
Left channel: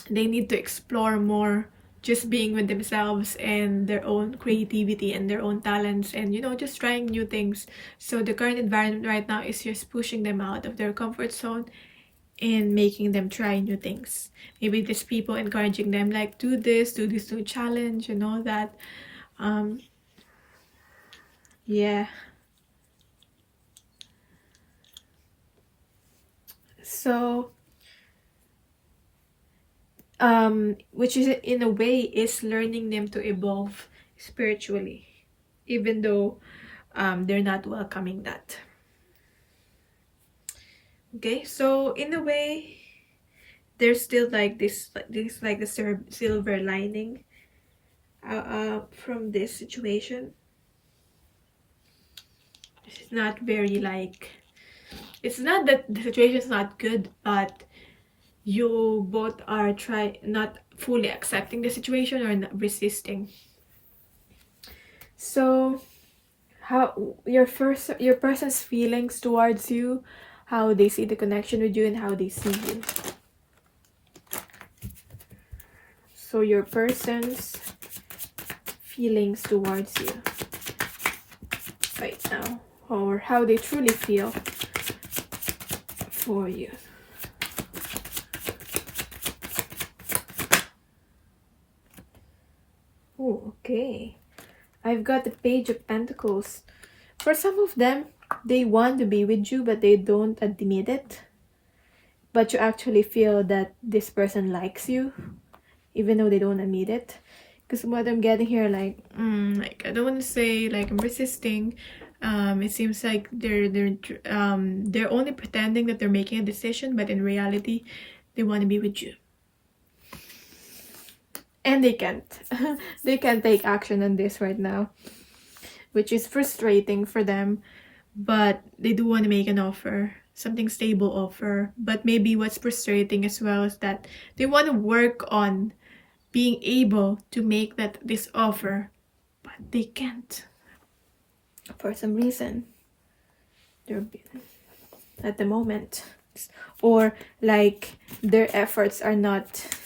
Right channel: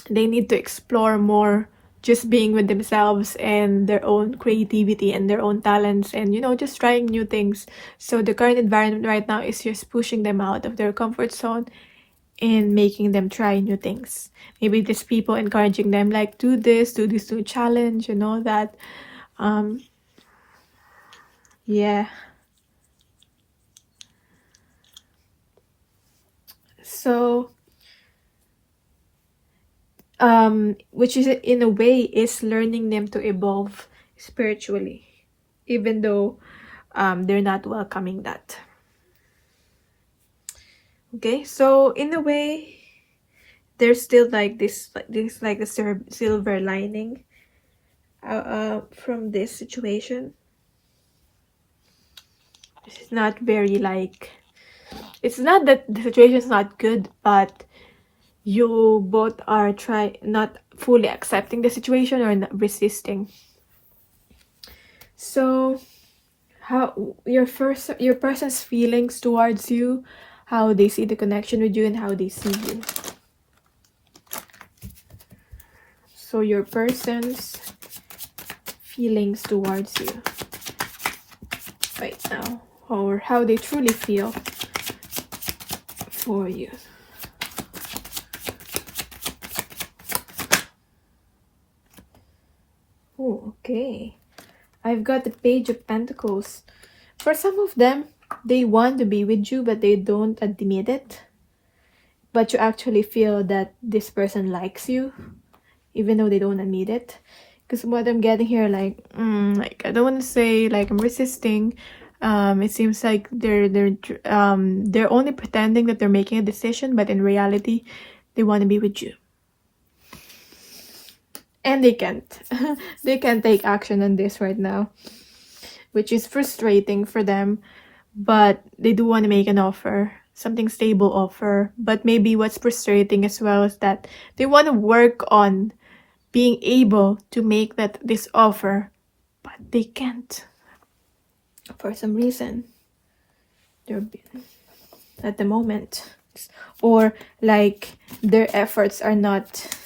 they need to explore more, just being with themselves and their own creativity and their own talents, and, you know, just trying new things. So the current environment right now is just pushing them out of their comfort zone and making them try new things. Maybe these people encouraging them, like, do this new challenge, you know, that yeah. So which is, in a way, is learning them to evolve spiritually, even though they're not welcoming that. Okay, so in a way, there's still like this like a silver lining from this situation. It's not very like, it's not that the situation is not good, but you both are not fully accepting the situation or not resisting. So how your person's feelings towards you, how they see the connection with you, and how they see you. So your person's feelings towards you right now, or how they truly feel for you. Oh, okay. I've got the Page of Pentacles. For some of them, they want to be with you, but they don't admit it. But you actually feel that this person likes you, even though they don't admit it. Because what I'm getting here, like I don't want to say like I'm resisting. It seems like they're only pretending that they're making a decision, but in reality, they want to be with you. And they can't. They can't take action on this right now, which is frustrating for them. But they do want to make an offer, something stable offer. But maybe what's frustrating as well is that they want to work on being able to make this offer, but they can't for some reason. They're at the moment, or like their efforts are not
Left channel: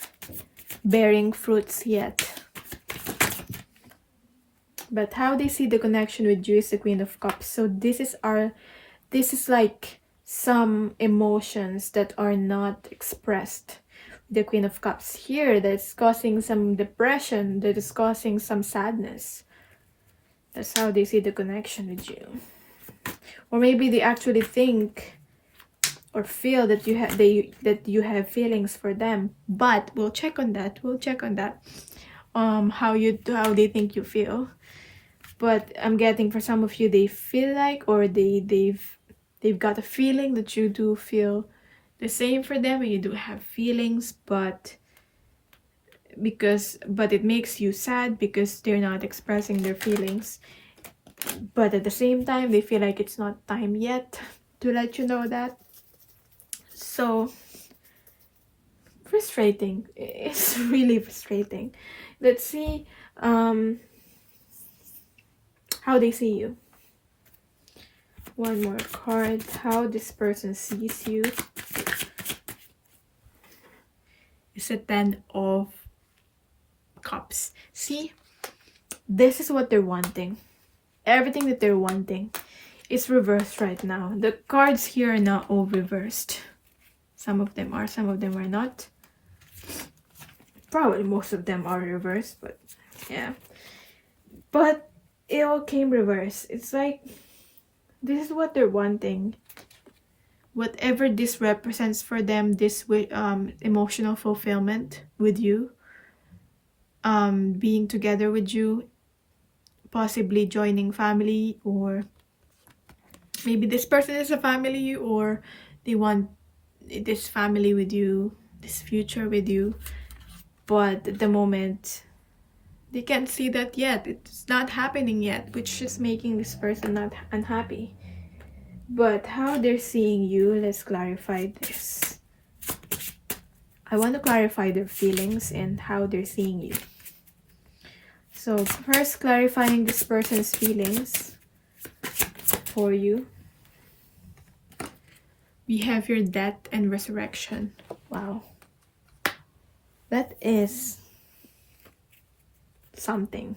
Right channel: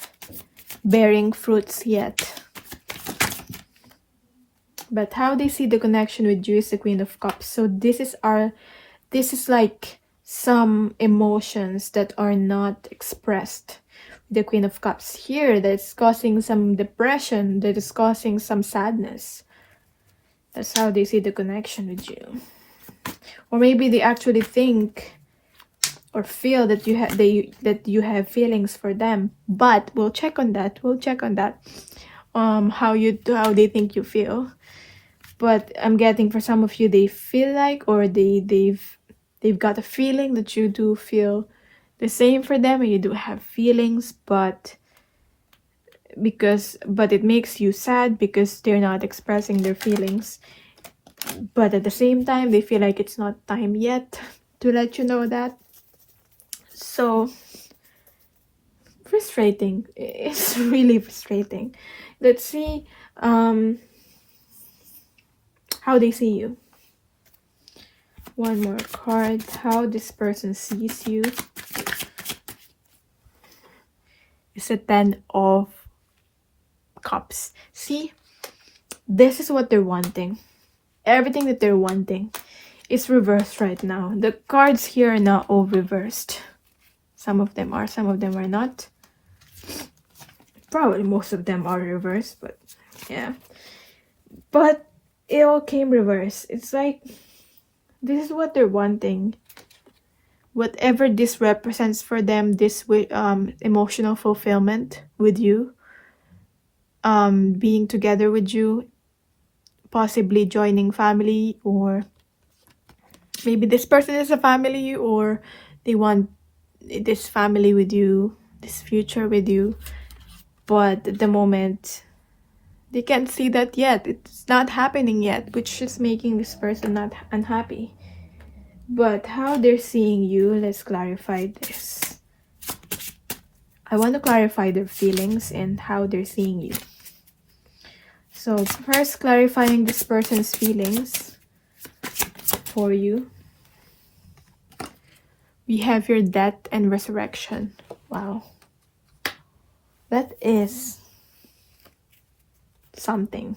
bearing fruits yet. But how they see the connection with you is the Queen of Cups. So this is like some emotions that are not expressed. The Queen of Cups here, that's causing some depression, that is causing some sadness. That's how they see the connection with you. Or maybe they actually think or feel that you have feelings for them. But we'll check on that. How they think you feel. But I'm getting for some of you, they feel like, or they've got a feeling that you do feel the same for them, and you do have feelings, but it makes you sad because they're not expressing their feelings. But at the same time, they feel like it's not time yet to let you know that. So frustrating. It's really frustrating. Let's see how they see you. One more card. How this person sees you. It's a 10 of Cups. See, this is what they're wanting. Everything that they're wanting is reversed right now. The cards here are now all reversed. Some of them are not. Probably most of them are reversed, but yeah. But it all came reversed. It's like this is what they're wanting. Whatever this represents for them, this emotional fulfillment with you, being together with you, possibly joining family, or maybe this person is a family, or they want this family with you, this future with you. But at the moment, they can't see that yet. It's not happening yet, which is making this person not unhappy. But how they're seeing you, let's clarify this. I want to clarify their feelings and how they're seeing you. So first, clarifying this person's feelings for you. We have your death and resurrection. Wow. That is something.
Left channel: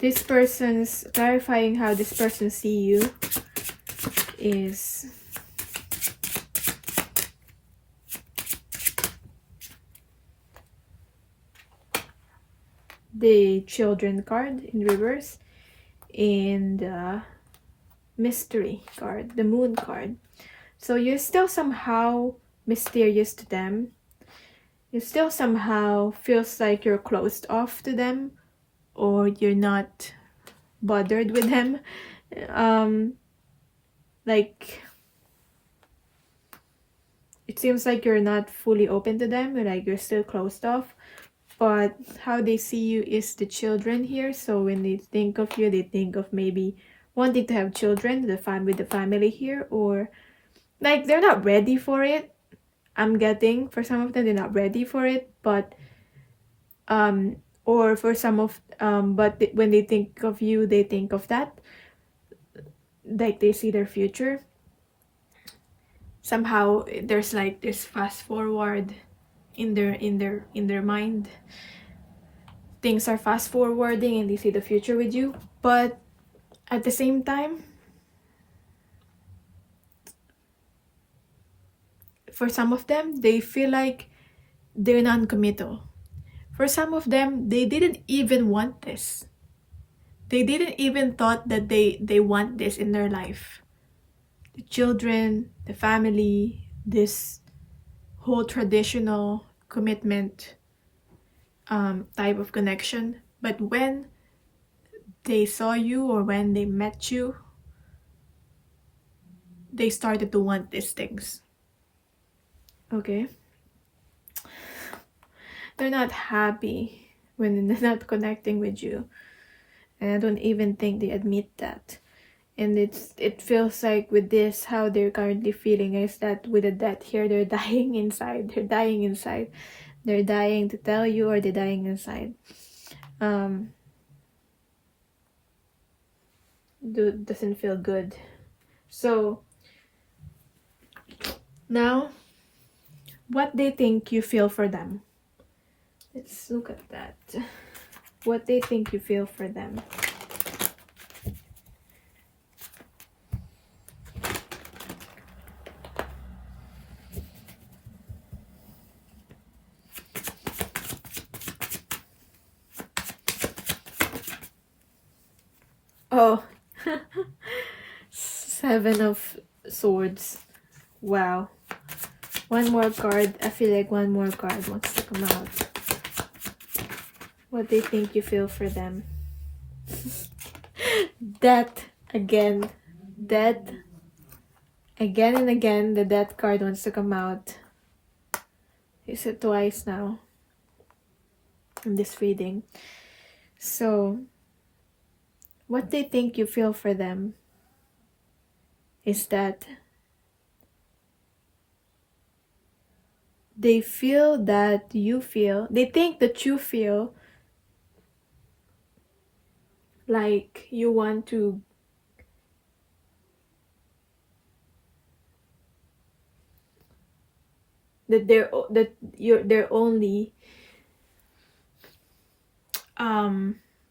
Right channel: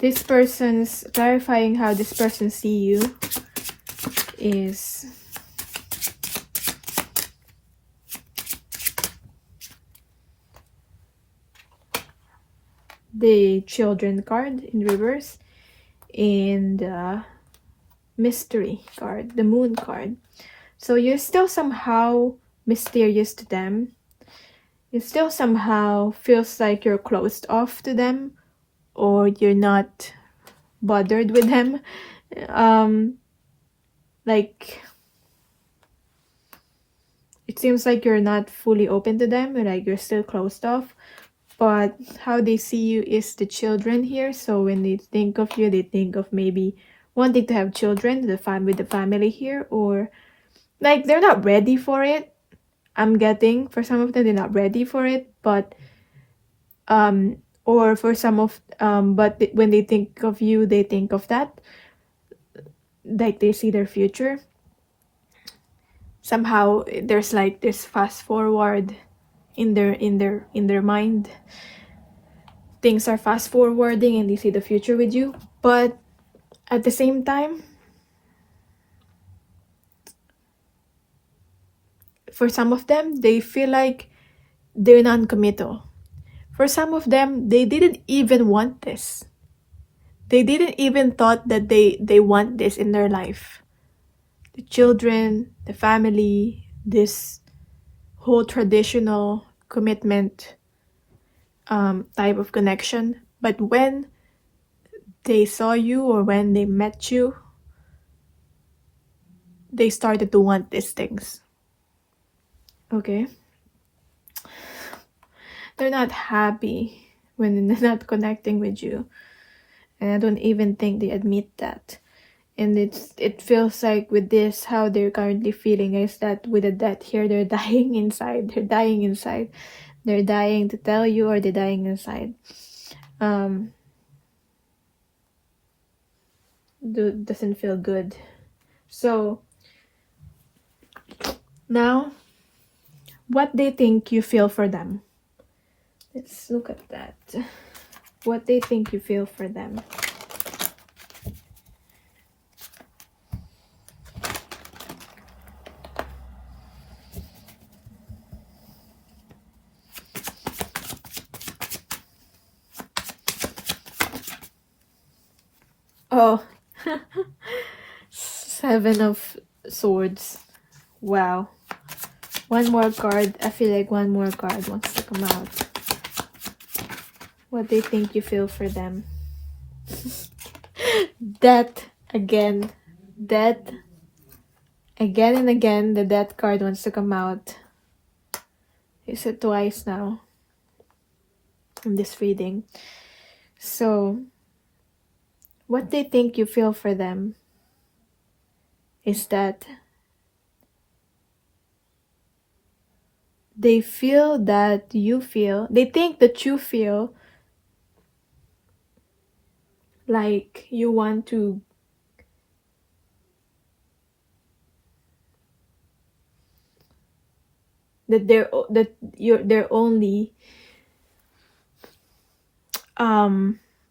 This person's clarifying how this person see you is the Children card in reverse and the Mystery card, the Moon card. So you're still somehow mysterious to them. It still somehow feels like you're closed off to them, or you're not bothered with them. Like it seems like you're not fully open to them, like you're still closed off. But how they see you is the Children here. So when they think of you, they think of maybe wanting to have children with the family here, or like they're not ready for it. I'm getting for some of them, they're not ready for it, but or for some of but when they think of you, they think of that. like they see their future. Somehow there's like this fast forward in their mind. Things are fast forwarding and they see the future with you, but at the same time, for some of them, they feel like they're non-committal. For some of them, they didn't even want this. They didn't even thought that they want this in their life. The children, the family, this whole traditional commitment type of connection. But when they saw you or when they met you, they started to want these things. Okay? They're not happy when they're not connecting with you. And I don't even think they admit that. And it feels like with this, how they're currently feeling is that with the death here, they're dying inside. They're dying inside. They're dying to tell you, or they're dying inside. Doesn't feel good. So now, what they think you feel for them. Let's look at that. What they think you feel for them. Oh, 7 of Swords. Wow. One more card. I feel like one more card wants to come out. What they think you feel for them. Death again. Death. Again and again, the death card wants to come out. Is it twice now in this reading? So, what they think you feel for them is that they feel that you feel, they think that you feel like you want to they're only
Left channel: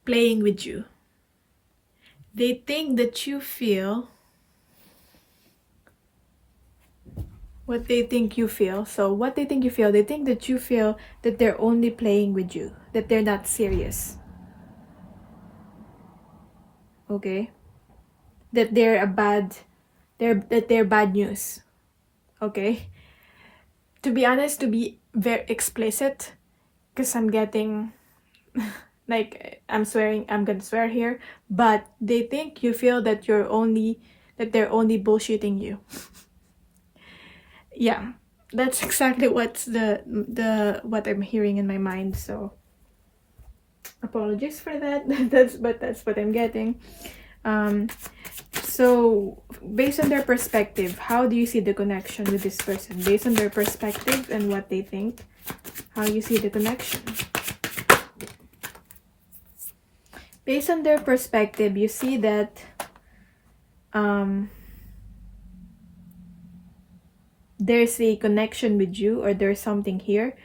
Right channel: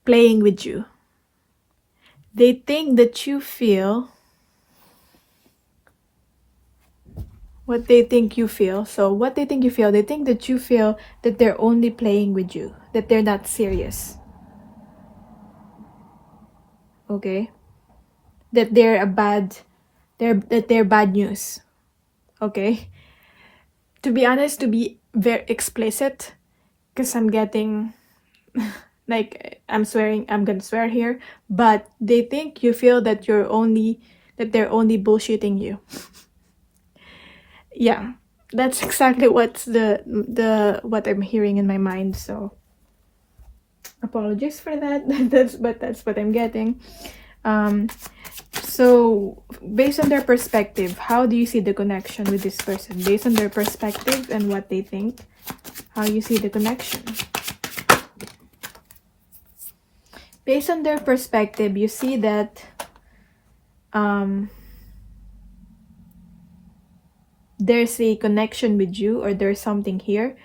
playing with you. They think that you feel what they think you feel. So what they think you feel, they think that you feel that they're only playing with you, that they're not serious. Okay? That they're bad news. Okay? To be honest, to be very explicit, because I'm getting like I'm gonna swear here, but they think you feel that they're only bullshitting you. Yeah, that's exactly what's what I'm hearing in my mind. So apologies for that. that's what I'm getting. So based on their perspective, how do you see the connection with this person? Based on their perspective and what they think, how you see the connection? Based on their perspective, you see that there's a connection with you, or there's something here,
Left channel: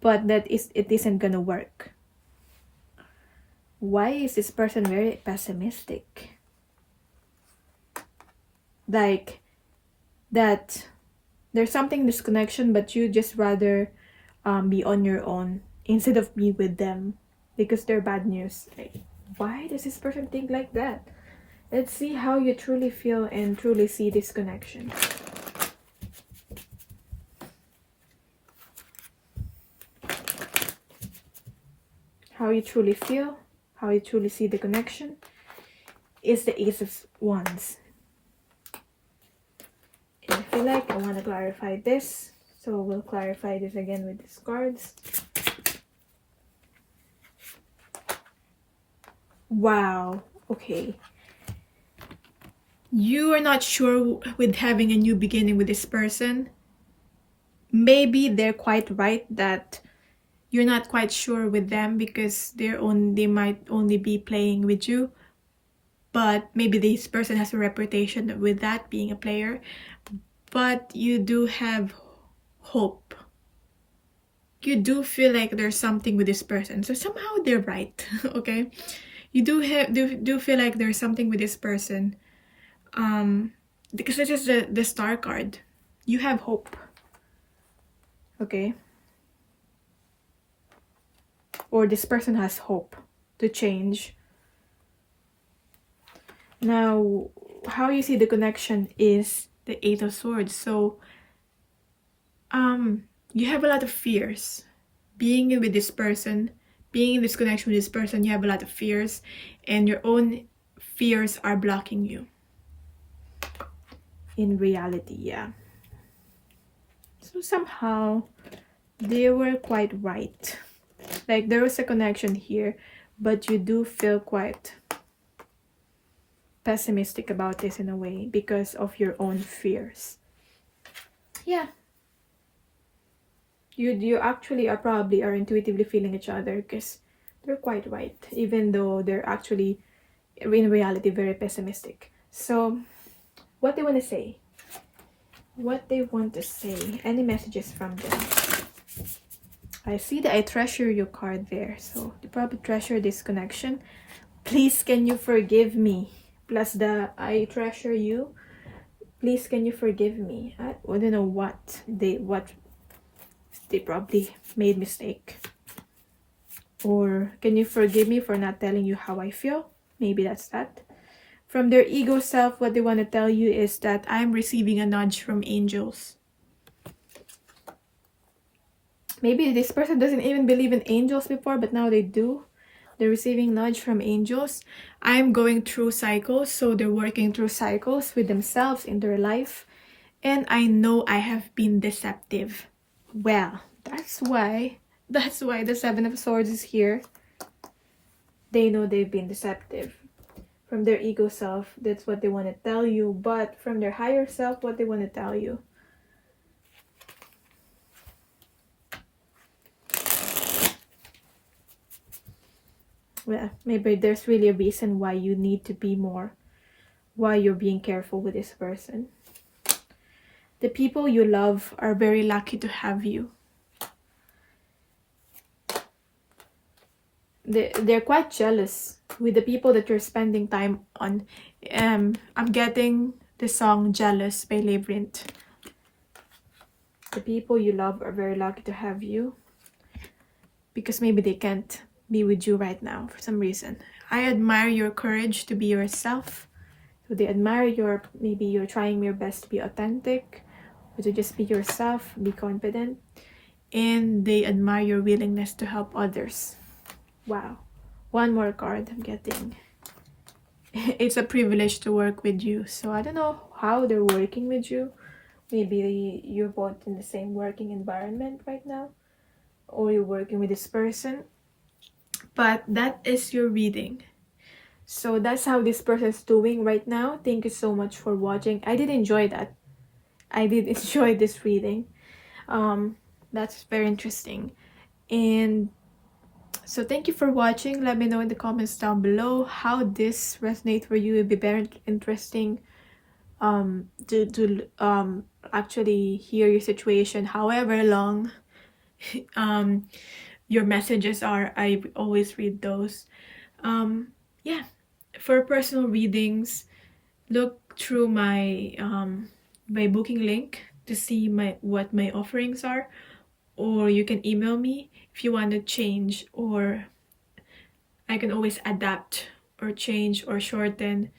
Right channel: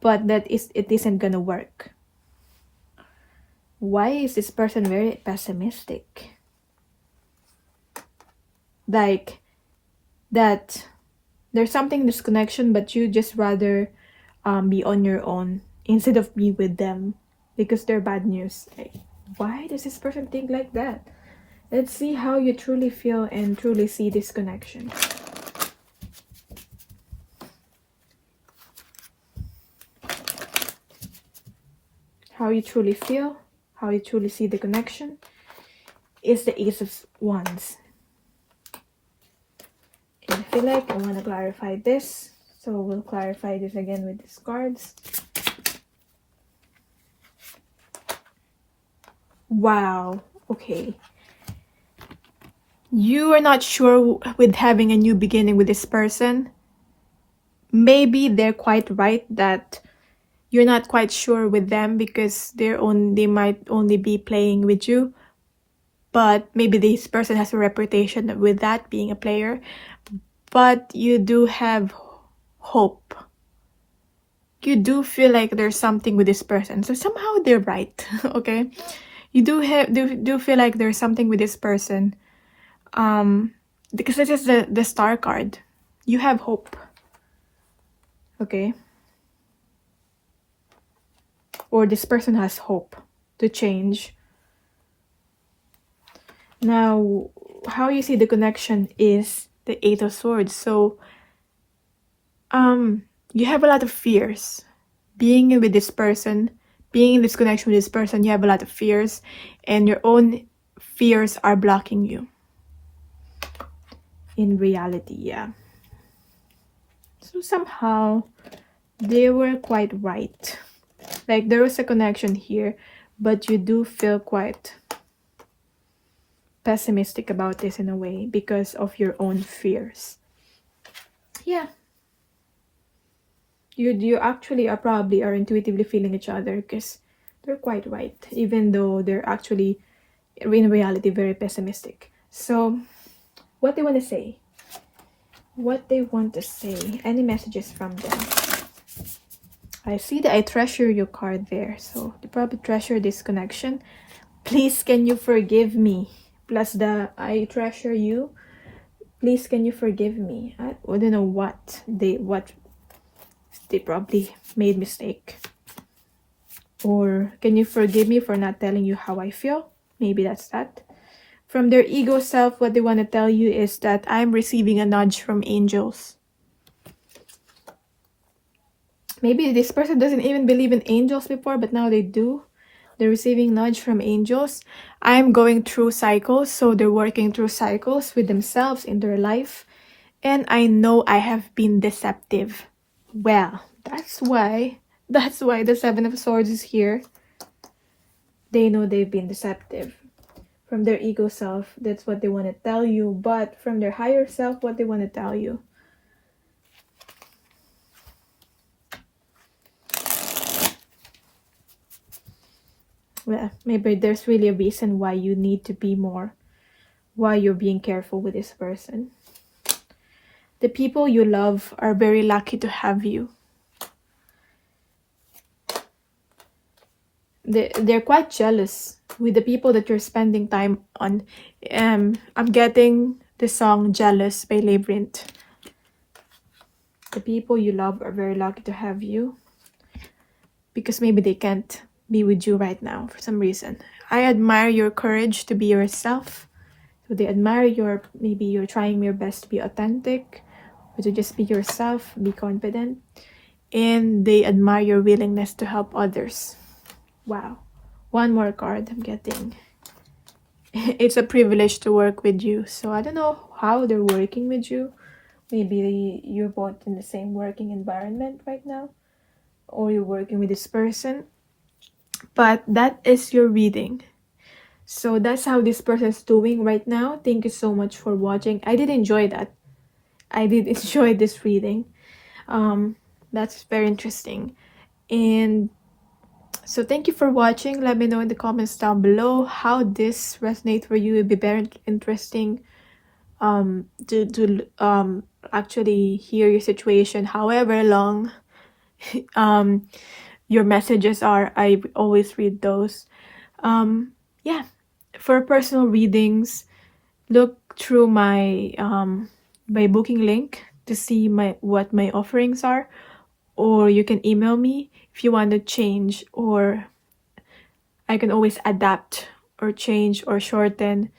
but it isn't gonna work. Why is this person very pessimistic? Like that there's something in this connection, but you just rather be on your own instead of be with them because they're bad news. Like, why does this person think like that? Let's see how you truly feel and truly see this connection. How you truly feel, how you truly see the connection is the Ace of Wands. And I feel like I want to clarify this, so we'll clarify this again with these cards. Wow, okay. You are not sure with having a new beginning with this person. Maybe they're quite right that you're not quite sure with them because they might only be playing with you. but maybe this person has a reputation with that, being a player, but you do have hope. You do feel like there's something with this person, so somehow they're right. Okay, you do feel like there's something with this person, because this is the star card. You have hope. Okay, or this person has hope to change. Now, how you see the connection is the Eight of Swords. So you have a lot of fears being with this person, being in this connection with this person. You have a lot of fears, and your own fears are blocking you in reality. Yeah, so somehow they were quite right. Like, there was a connection here, but you do feel quite pessimistic about this in a way because of your own fears. Yeah, you actually are probably intuitively feeling each other, because they're quite right, even though they're actually in reality very pessimistic. So what they want to say, any messages from them. I see the I treasure you card there, so they probably treasure this connection. Please, can you forgive me? Plus the I treasure you. Please, can you forgive me? I don't know what they probably made mistake. Or can you forgive me for not telling you how I feel? Maybe that's that. From their ego self, what they want to tell you is that I'm receiving a nudge from angels. Maybe this person doesn't even believe in angels before, but now they do. They're receiving nudge from angels. I'm going through cycles, so they're working through cycles with themselves in their life. And I know I have been deceptive. Well, that's why the Seven of Swords is here. They know they've been deceptive. From their ego self, that's what they want to tell you. But from their higher self, what they want to tell you. Well, maybe there's really a reason why you need to be more, why you're being careful with this person. The people you love are very lucky to have you. They're quite jealous with the people that you're spending time on. I'm getting the song Jealous by Labyrinth. The people you love are very lucky to have you, because maybe they can't be with you right now for some reason. I admire your courage to be yourself. So they admire maybe you're trying your best to be authentic, or to just be yourself, be confident. And they admire your willingness to help others. Wow. One more card I'm getting. It's a privilege to work with you. So I don't know how they're working with you. Maybe you're both in the same working environment right now, or you're working with this person. But that is your reading. So that's how this person is doing right now. Thank you so much for watching. I did enjoy that. I did enjoy this reading. That's very interesting. And so thank you for watching. Let me know in the comments down below how this resonates for you. It would be very interesting to actually hear your situation, however long your messages are. I always read those. Yeah, for personal readings, look through my my booking link to see what my offerings are, or you can email me if you want to change, or I can always adapt or change or shorten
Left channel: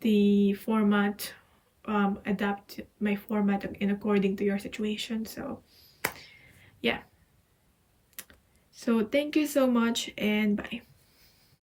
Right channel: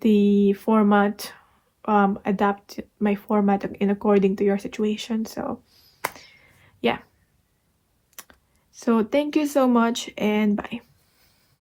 the format, adapt my format in according to your situation. So yeah, so thank you so much, and bye.